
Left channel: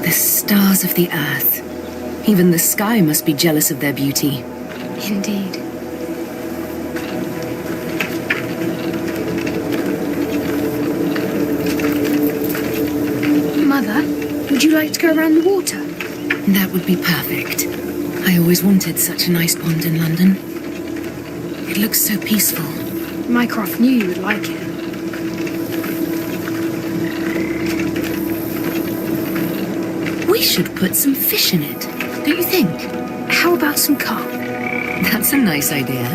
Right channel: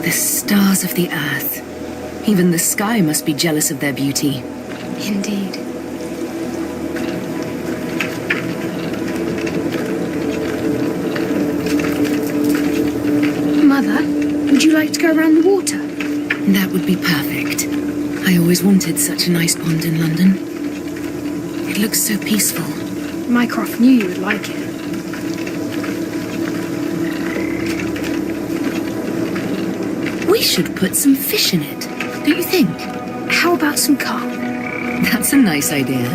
The stars of the earth. Even the sky must be jealous of their beauty. Indeed. Mother, would you like to go around the water? That would be perfect. I always wanted such a nice pond in London. It looks so peaceful. Mycroft knew you would like it. We should put some fish in it, don't you think? How about some carp? That's a nice idea.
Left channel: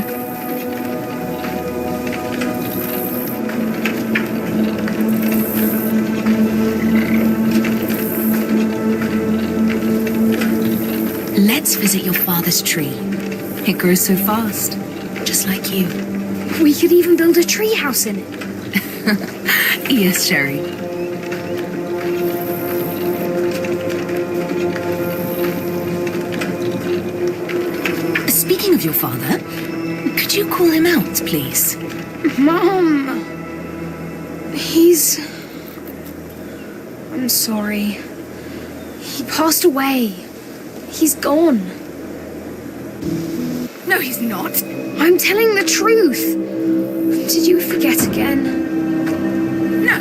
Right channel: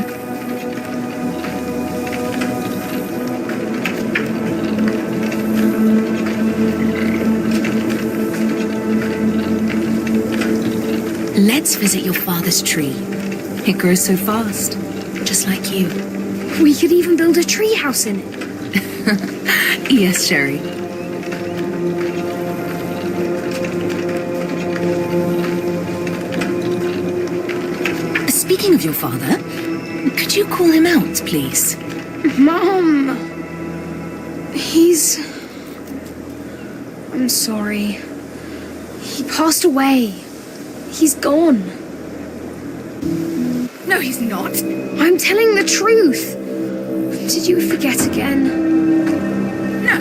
Let's visit your father's tree. It grows so fast, just like you. We could even build a tree house in it. Yes, Sherry. Speaking of your father, could you call him out, please? Mom! I'm sorry. He passed away. He's gone. No, he's not. I'm telling the truth. Did you forget again? No,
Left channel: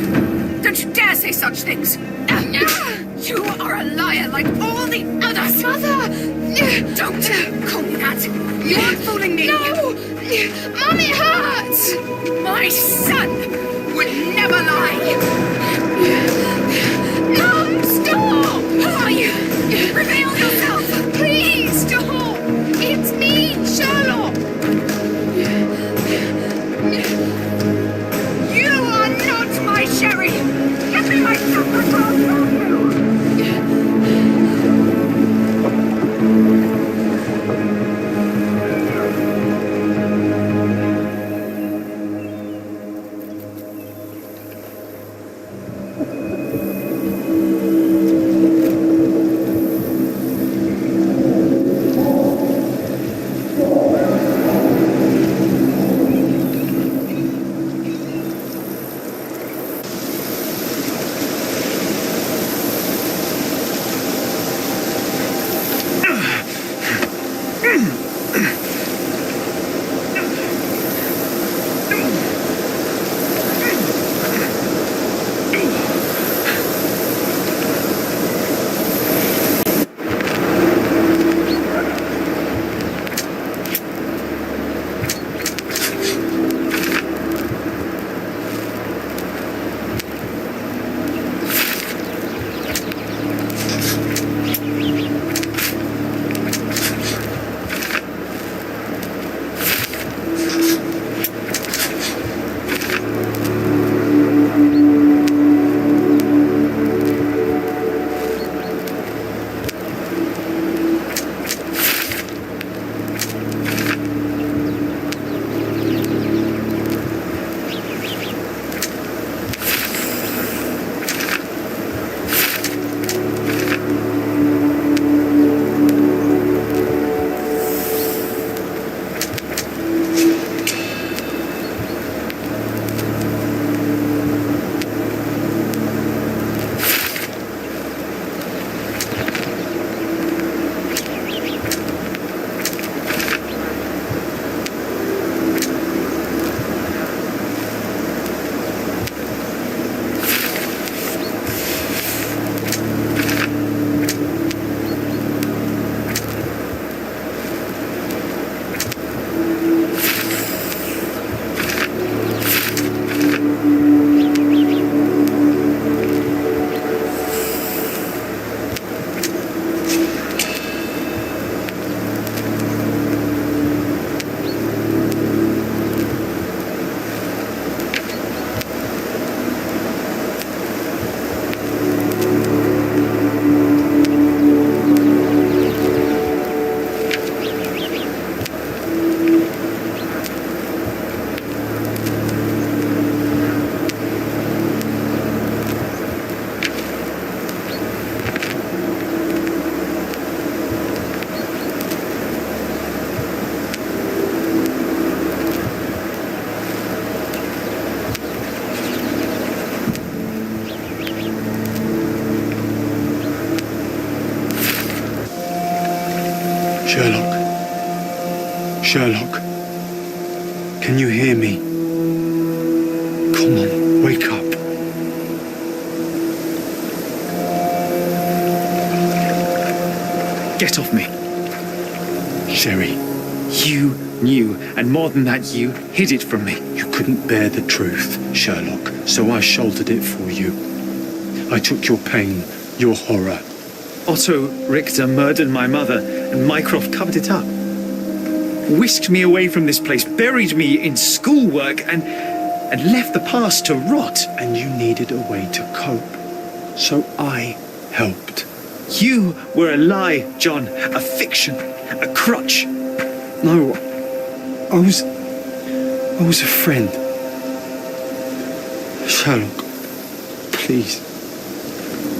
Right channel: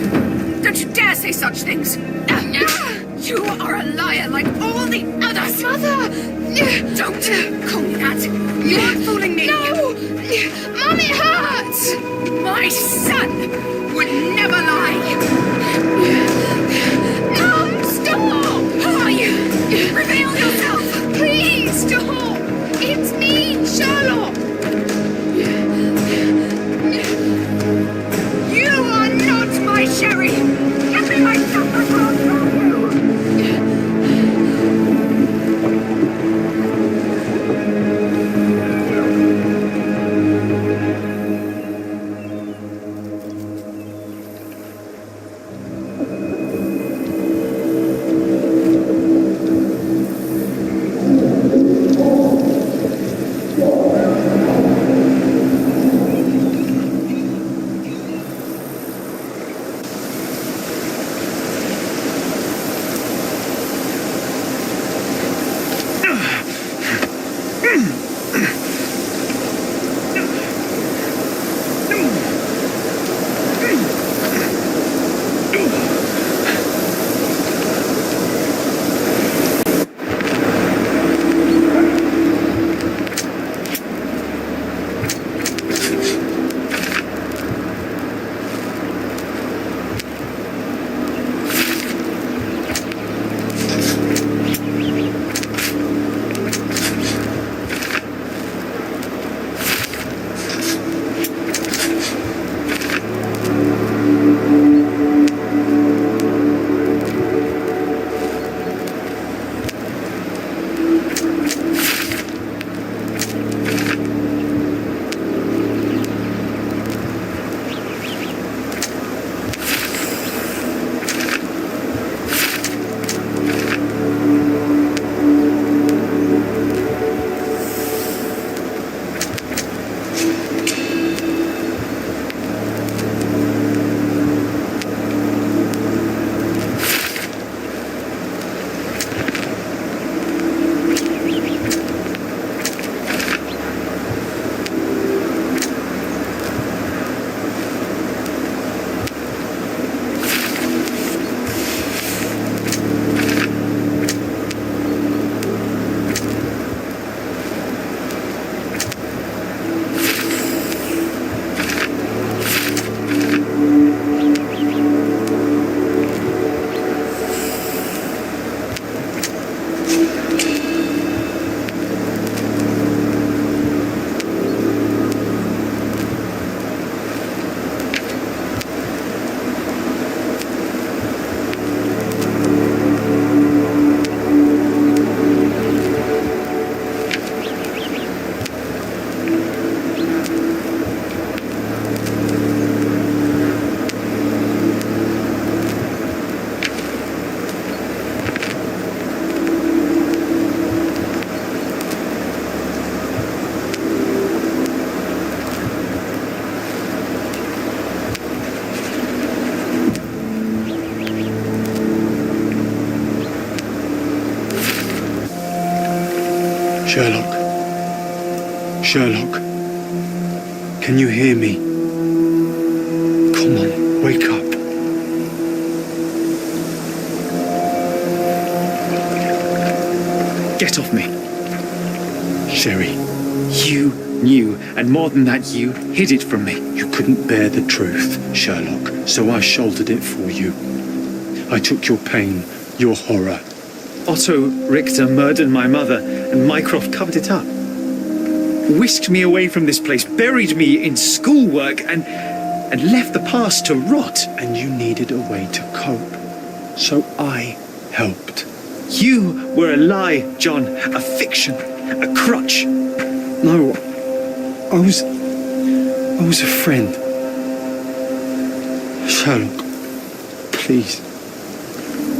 don't you dare say such things. You are a liar like all the others. Mother! Don't call me that. You're fooling me. No! Mum, it hurts! My son would never lie. Mum, stop! Who are you? Reveal yourself. Please, stop! It's me, Sherlock! You are not my Sherry. Give me my son before I'll stop you. Sherlock. Sherlock. Can you hear me? Come on, wake up. Get off me. Sherry, You knew, and more than that, you hid it from me. you couldn't bear the truth, Sherlock, so I shouldered it for you. I took your pain, your horror. Otto Richter murdered my mother, and Mycroft covered it up. Whisked me away from this place, buried me in schoolwork, and left the past to rot. And you needed a way to cope, so I helped. You were a lie, John, a fiction, a crutch. No, I was a friend. Sherlock, please.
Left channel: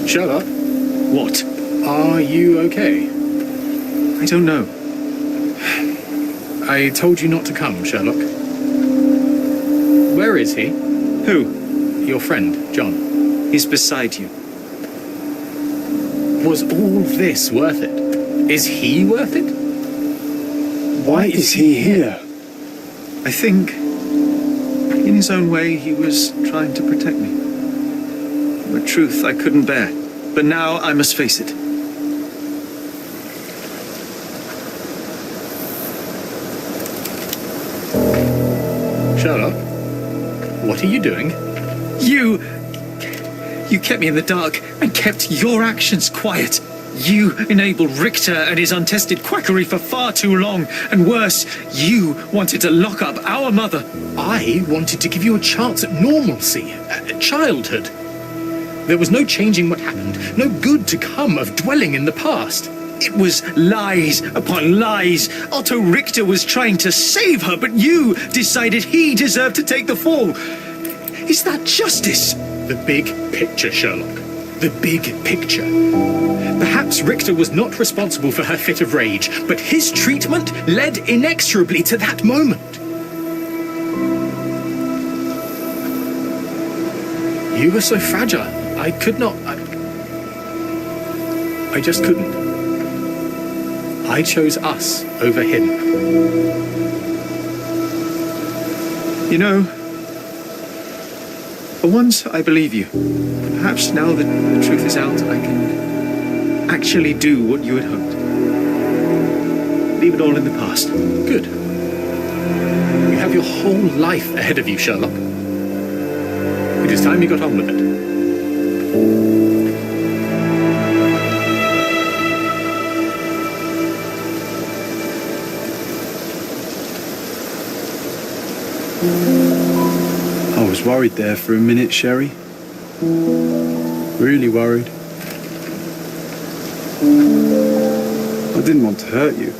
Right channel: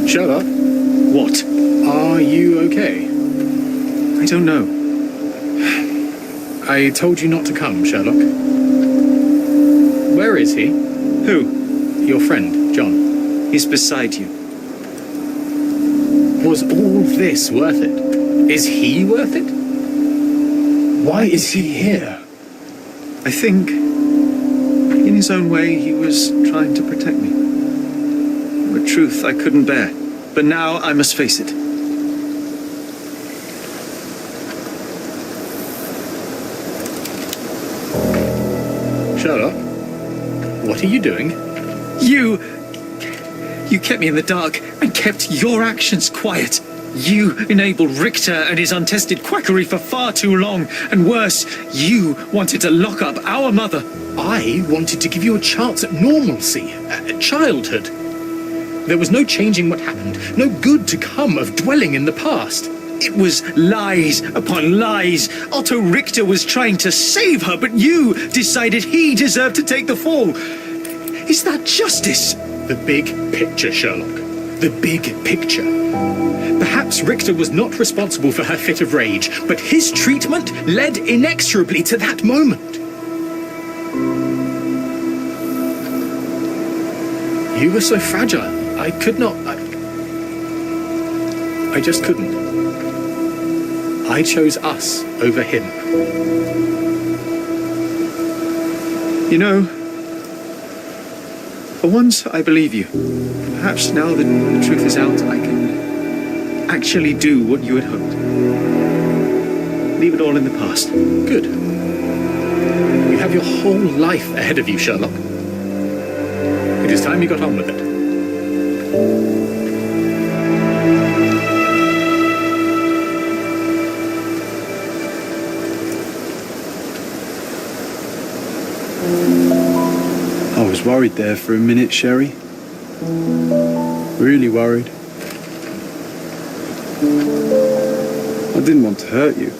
Sherlock, What? are you okay? I don't know. I told you not to come, Sherlock. Where is he? Who? Your friend, John. He's beside you. Was all this worth it? Is he worth it? Why is he here? I think, in his own way, he was trying to protect me. A truth I couldn't bear. But now I must face it. Sherlock, what are you doing? You kept me in the dark and kept your actions quiet. You enabled Richter and his untested quackery for far too long. And worse, you wanted to lock up our mother. I wanted to give you a chance at normalcy, childhood. There was no changing what happened, no good to come of dwelling in the past. It was lies upon lies. Otto Richter was trying to save her, but you decided he deserved to take the fall. Is that justice? The big picture, Sherlock. The big picture. Perhaps Richter was not responsible for her fit of rage, but his treatment led inexorably to that moment. You were so fragile. I could not. I just couldn't. I chose us over him. You know, for once I believe you. Perhaps now that the truth is out, I can actually do what you had hoped. Leave it all in the past. Good. You have your whole life ahead of you, Sherlock. It is time you got on with it. I was worried there for a minute, Sherry. Really worried. I didn't want to hurt you.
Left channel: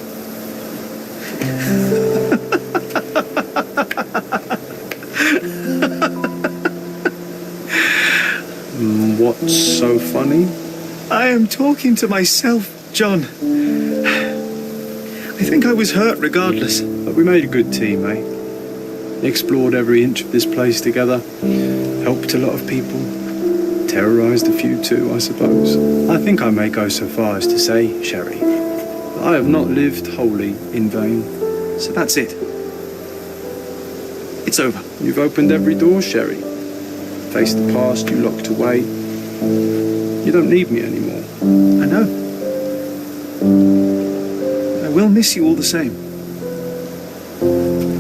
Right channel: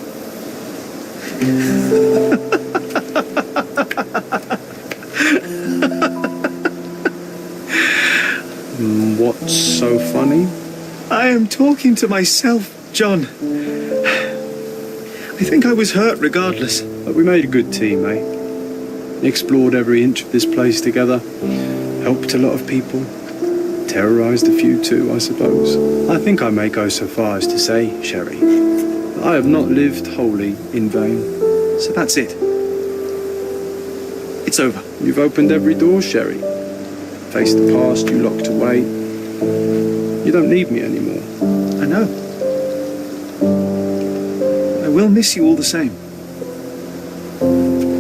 What's so funny? I am talking to myself, John. I think I was hurt regardless. But we made a good team, eh? Explored every inch of this place together. Helped a lot of people. Terrorized a few too, I suppose. I think I may go so far as to say, Sherry, that I have not lived wholly in vain. So that's it. It's over. You've opened every door, Sherry. Faced the past you locked away. You don't need me anymore. I know. I will miss you all the same.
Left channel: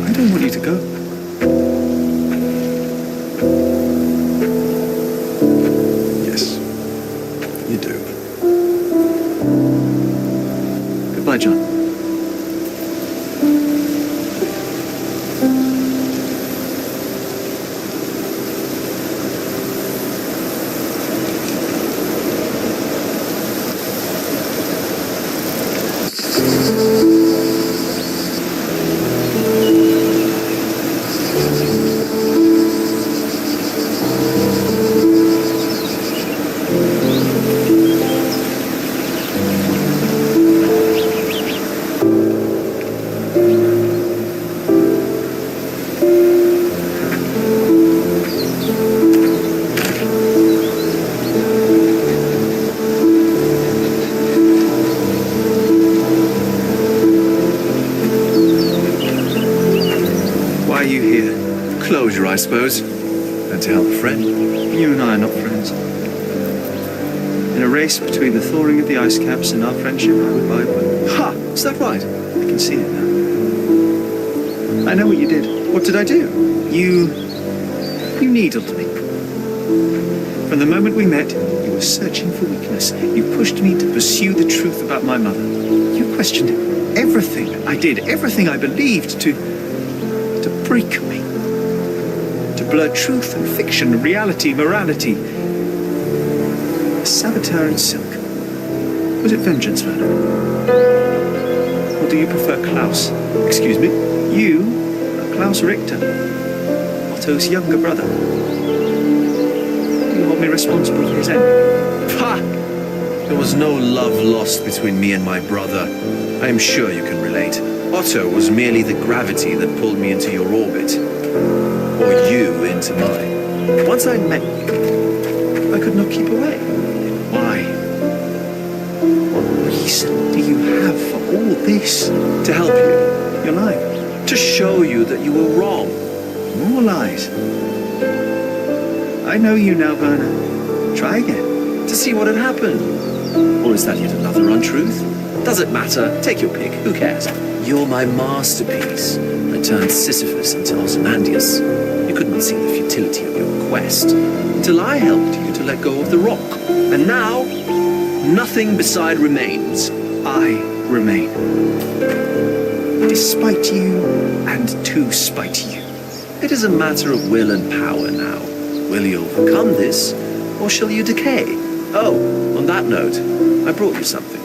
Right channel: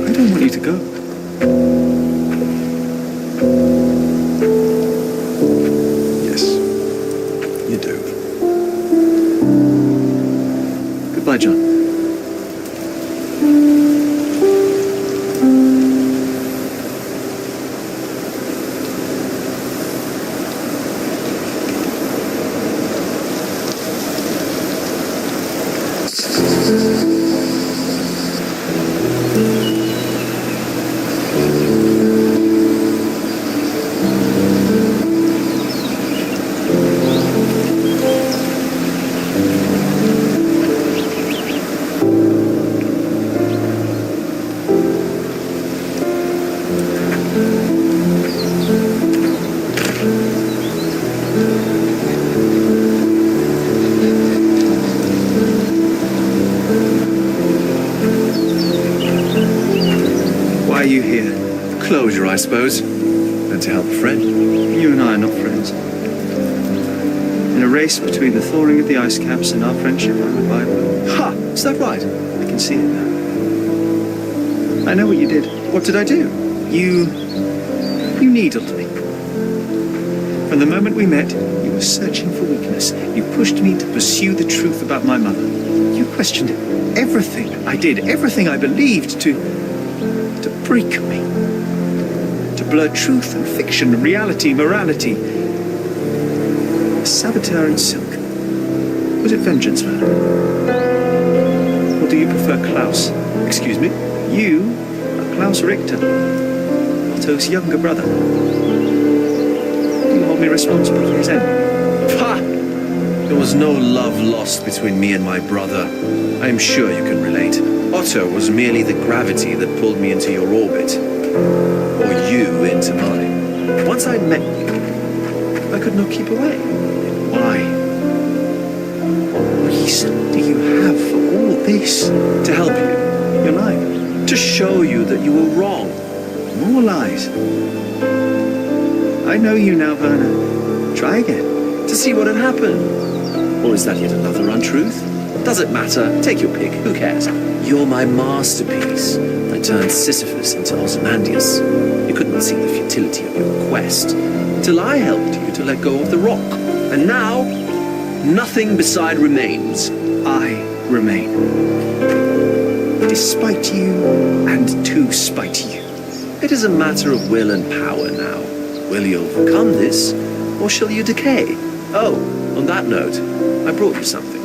I don't want you to go. Yes, you do. Goodbye, John. Why are you here? Closure, I suppose. And to help a friend. You and I are not friends. In a race between the thawing of the ice caps and our friendship, I would buy both. Ha! Is that right? I can see it now. I know what you did. What did I do? You needled me. From the moment we met, you were searching for weakness. You pushed me to pursue the truth about my mother. You questioned everything I did, everything I believed to break me. To blur truth and fiction, reality, morality. A saboteur in silk. Was it vengeance, Werner? Or do you prefer Klaus? Excuse me? You are Klaus Richter, Otto's younger brother. Do you hold me responsible for his end? Ha! There was no love lost between me and my brother. I am sure you can relate. Otto was merely the gravity that pulled me into your orbit. Or you into mine. Once I met you, I could not keep away. Then why? What reason do you have for all this? To help you. You're lying. To show you that you were wrong. More lies. I know you now, Werner. Try again. To see what had happened. Or is that yet another untruth? Does it matter? Take your pick. Who cares? You're my masterpiece. I turned Sisyphus into Ozymandias. You could not see the futility of your quest until I helped you to let go of the rock. And now, nothing beside remains. I remain. Despite you and to spite you. It is a matter of will and power now. Will you overcome this, or shall you decay? Oh, on that note, I brought you something.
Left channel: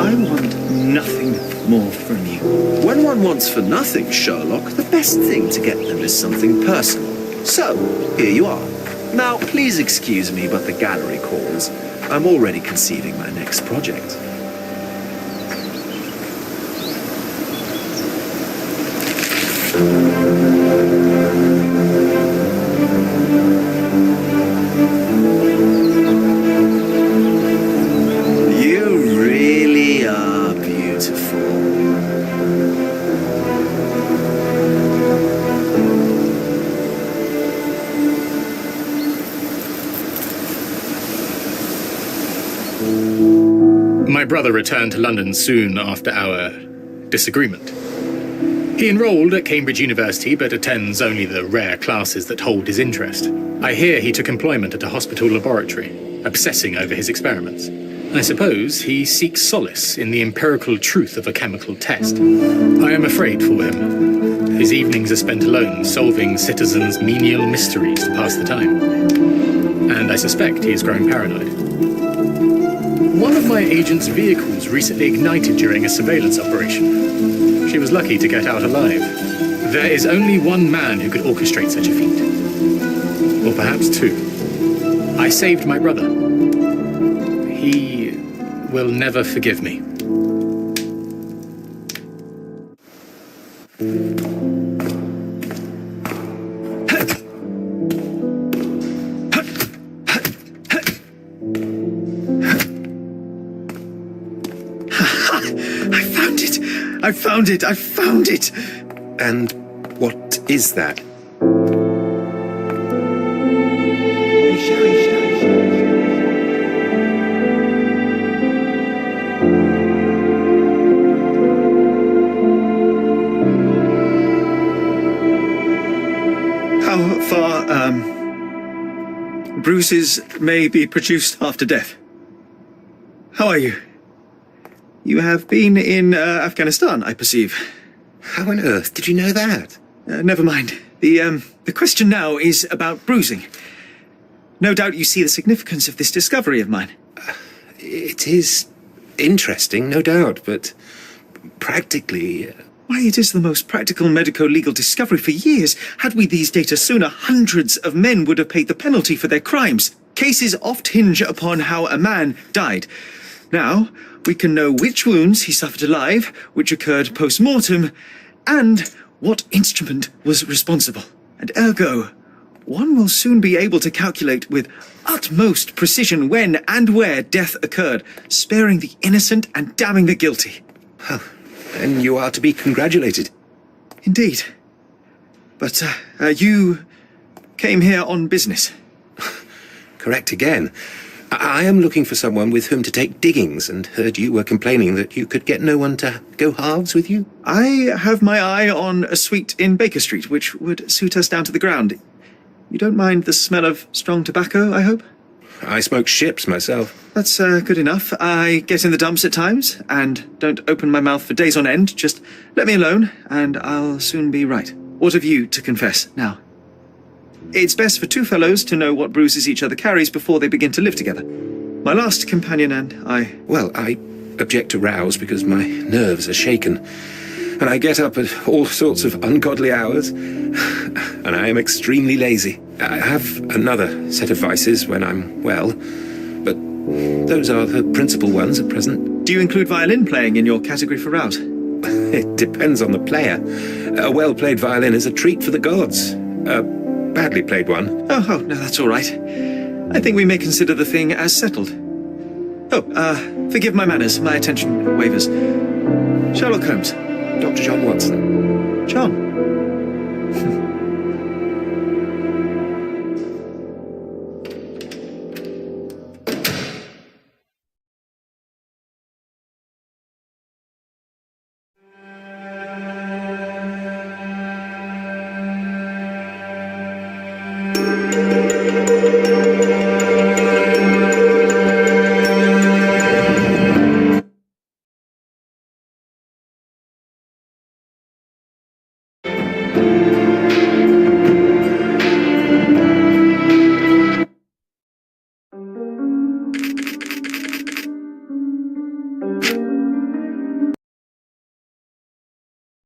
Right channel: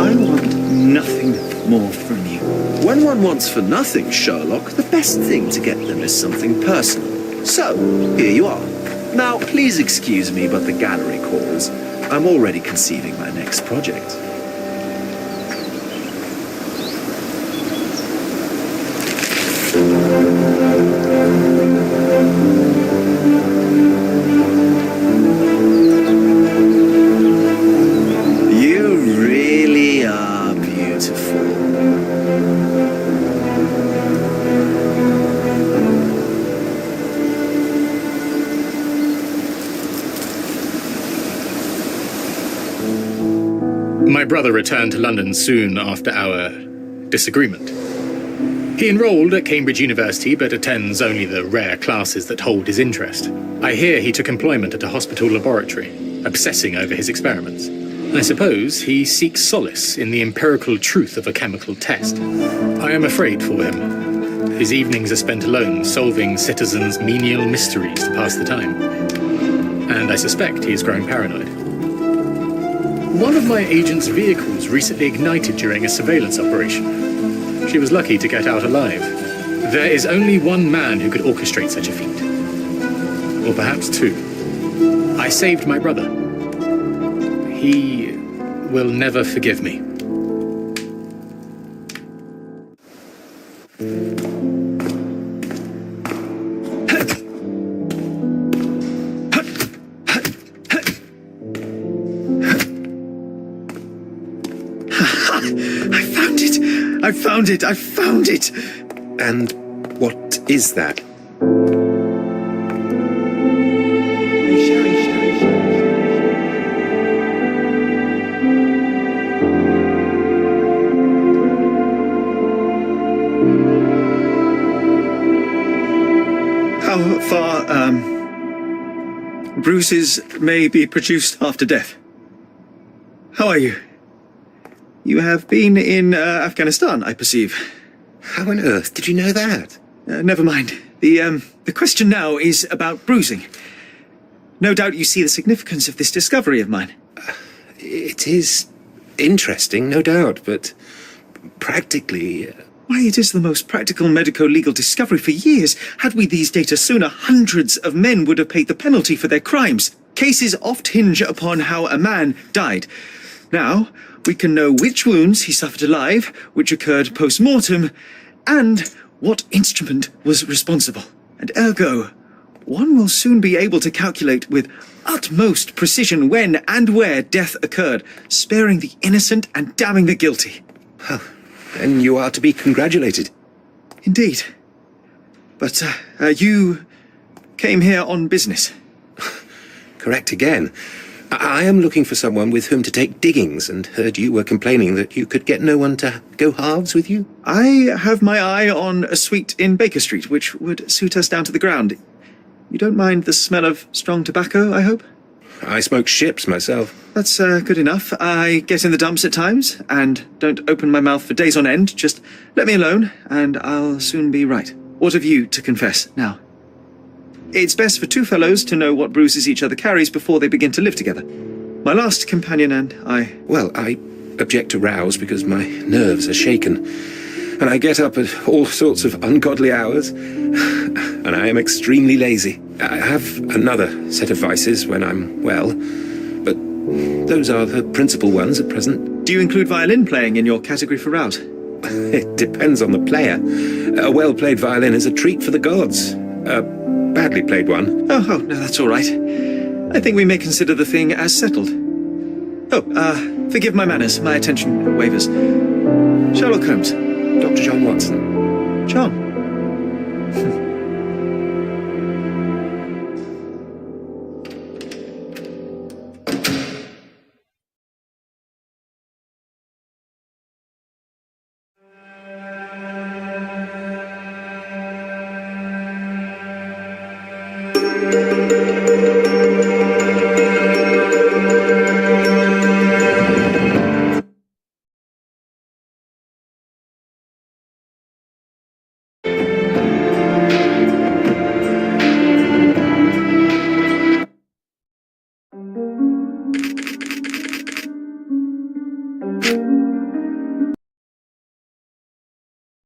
I want nothing more from you. When one wants for nothing, Sherlock, the best thing to get them is something personal. So, here you are. Now, please excuse me, but the gallery calls. I'm already conceiving my next project. You really are beautiful. My brother returned to London soon after our disagreement. He enrolled at Cambridge University, but attends only the rare classes that hold his interest. I hear he took employment at a hospital laboratory, obsessing over his experiments. I suppose he seeks solace in the empirical truth of a chemical test. I am afraid for him. His evenings are spent alone, solving citizens' menial mysteries to pass the time. And I suspect he is growing paranoid. One of my agent's vehicles recently ignited during a surveillance operation. She was lucky to get out alive. There is only one man who could orchestrate such a feat. Or perhaps two. I saved my brother. He will never forgive me. I found it! And what is that? How far, bruises may be produced after death? How are you? You have been in Afghanistan, I perceive. How on earth did you know that? Never mind. The question now is about bruising. No doubt you see the significance of this discovery of mine. It is interesting, no doubt, but practically... Why, it is the most practical medico-legal discovery for years. Had we these data sooner, hundreds of men would have paid the penalty for their crimes. Cases oft hinge upon how a man died. Now, we can know which wounds he suffered alive, which occurred post-mortem, and what instrument was responsible. And ergo, one will soon be able to calculate with utmost precision when and where death occurred, sparing the innocent and damning the guilty. Well, then you are to be congratulated. Indeed. But, you came here on business. Correct again. I am looking for someone with whom to take diggings, and heard you were complaining that you could get no one to go halves with you. I have my eye on a suite in Baker Street, which would suit us down to the ground. You don't mind the smell of strong tobacco, I hope? I smoke ships myself. That's good enough. I get in the dumps at times, and don't open my mouth for days on end. Just let me alone, and I'll soon be right. What have you to confess now? It's best for two fellows to know what bruises each other carries before they begin to live together. My last companion and I... Well, I object to rows because my nerves are shaken. And I get up at all sorts of ungodly hours. And I am extremely lazy. I have another set of vices when I'm well. But those are the principal ones at present. Do you include violin playing in your category for rouse? It depends on the player. A well-played violin is a treat for the gods. A badly played one. Oh, no, that's all right. I think we may consider the thing as settled. Oh, forgive my manners. My attention wavers. Sherlock Holmes. Dr. John Watson. John.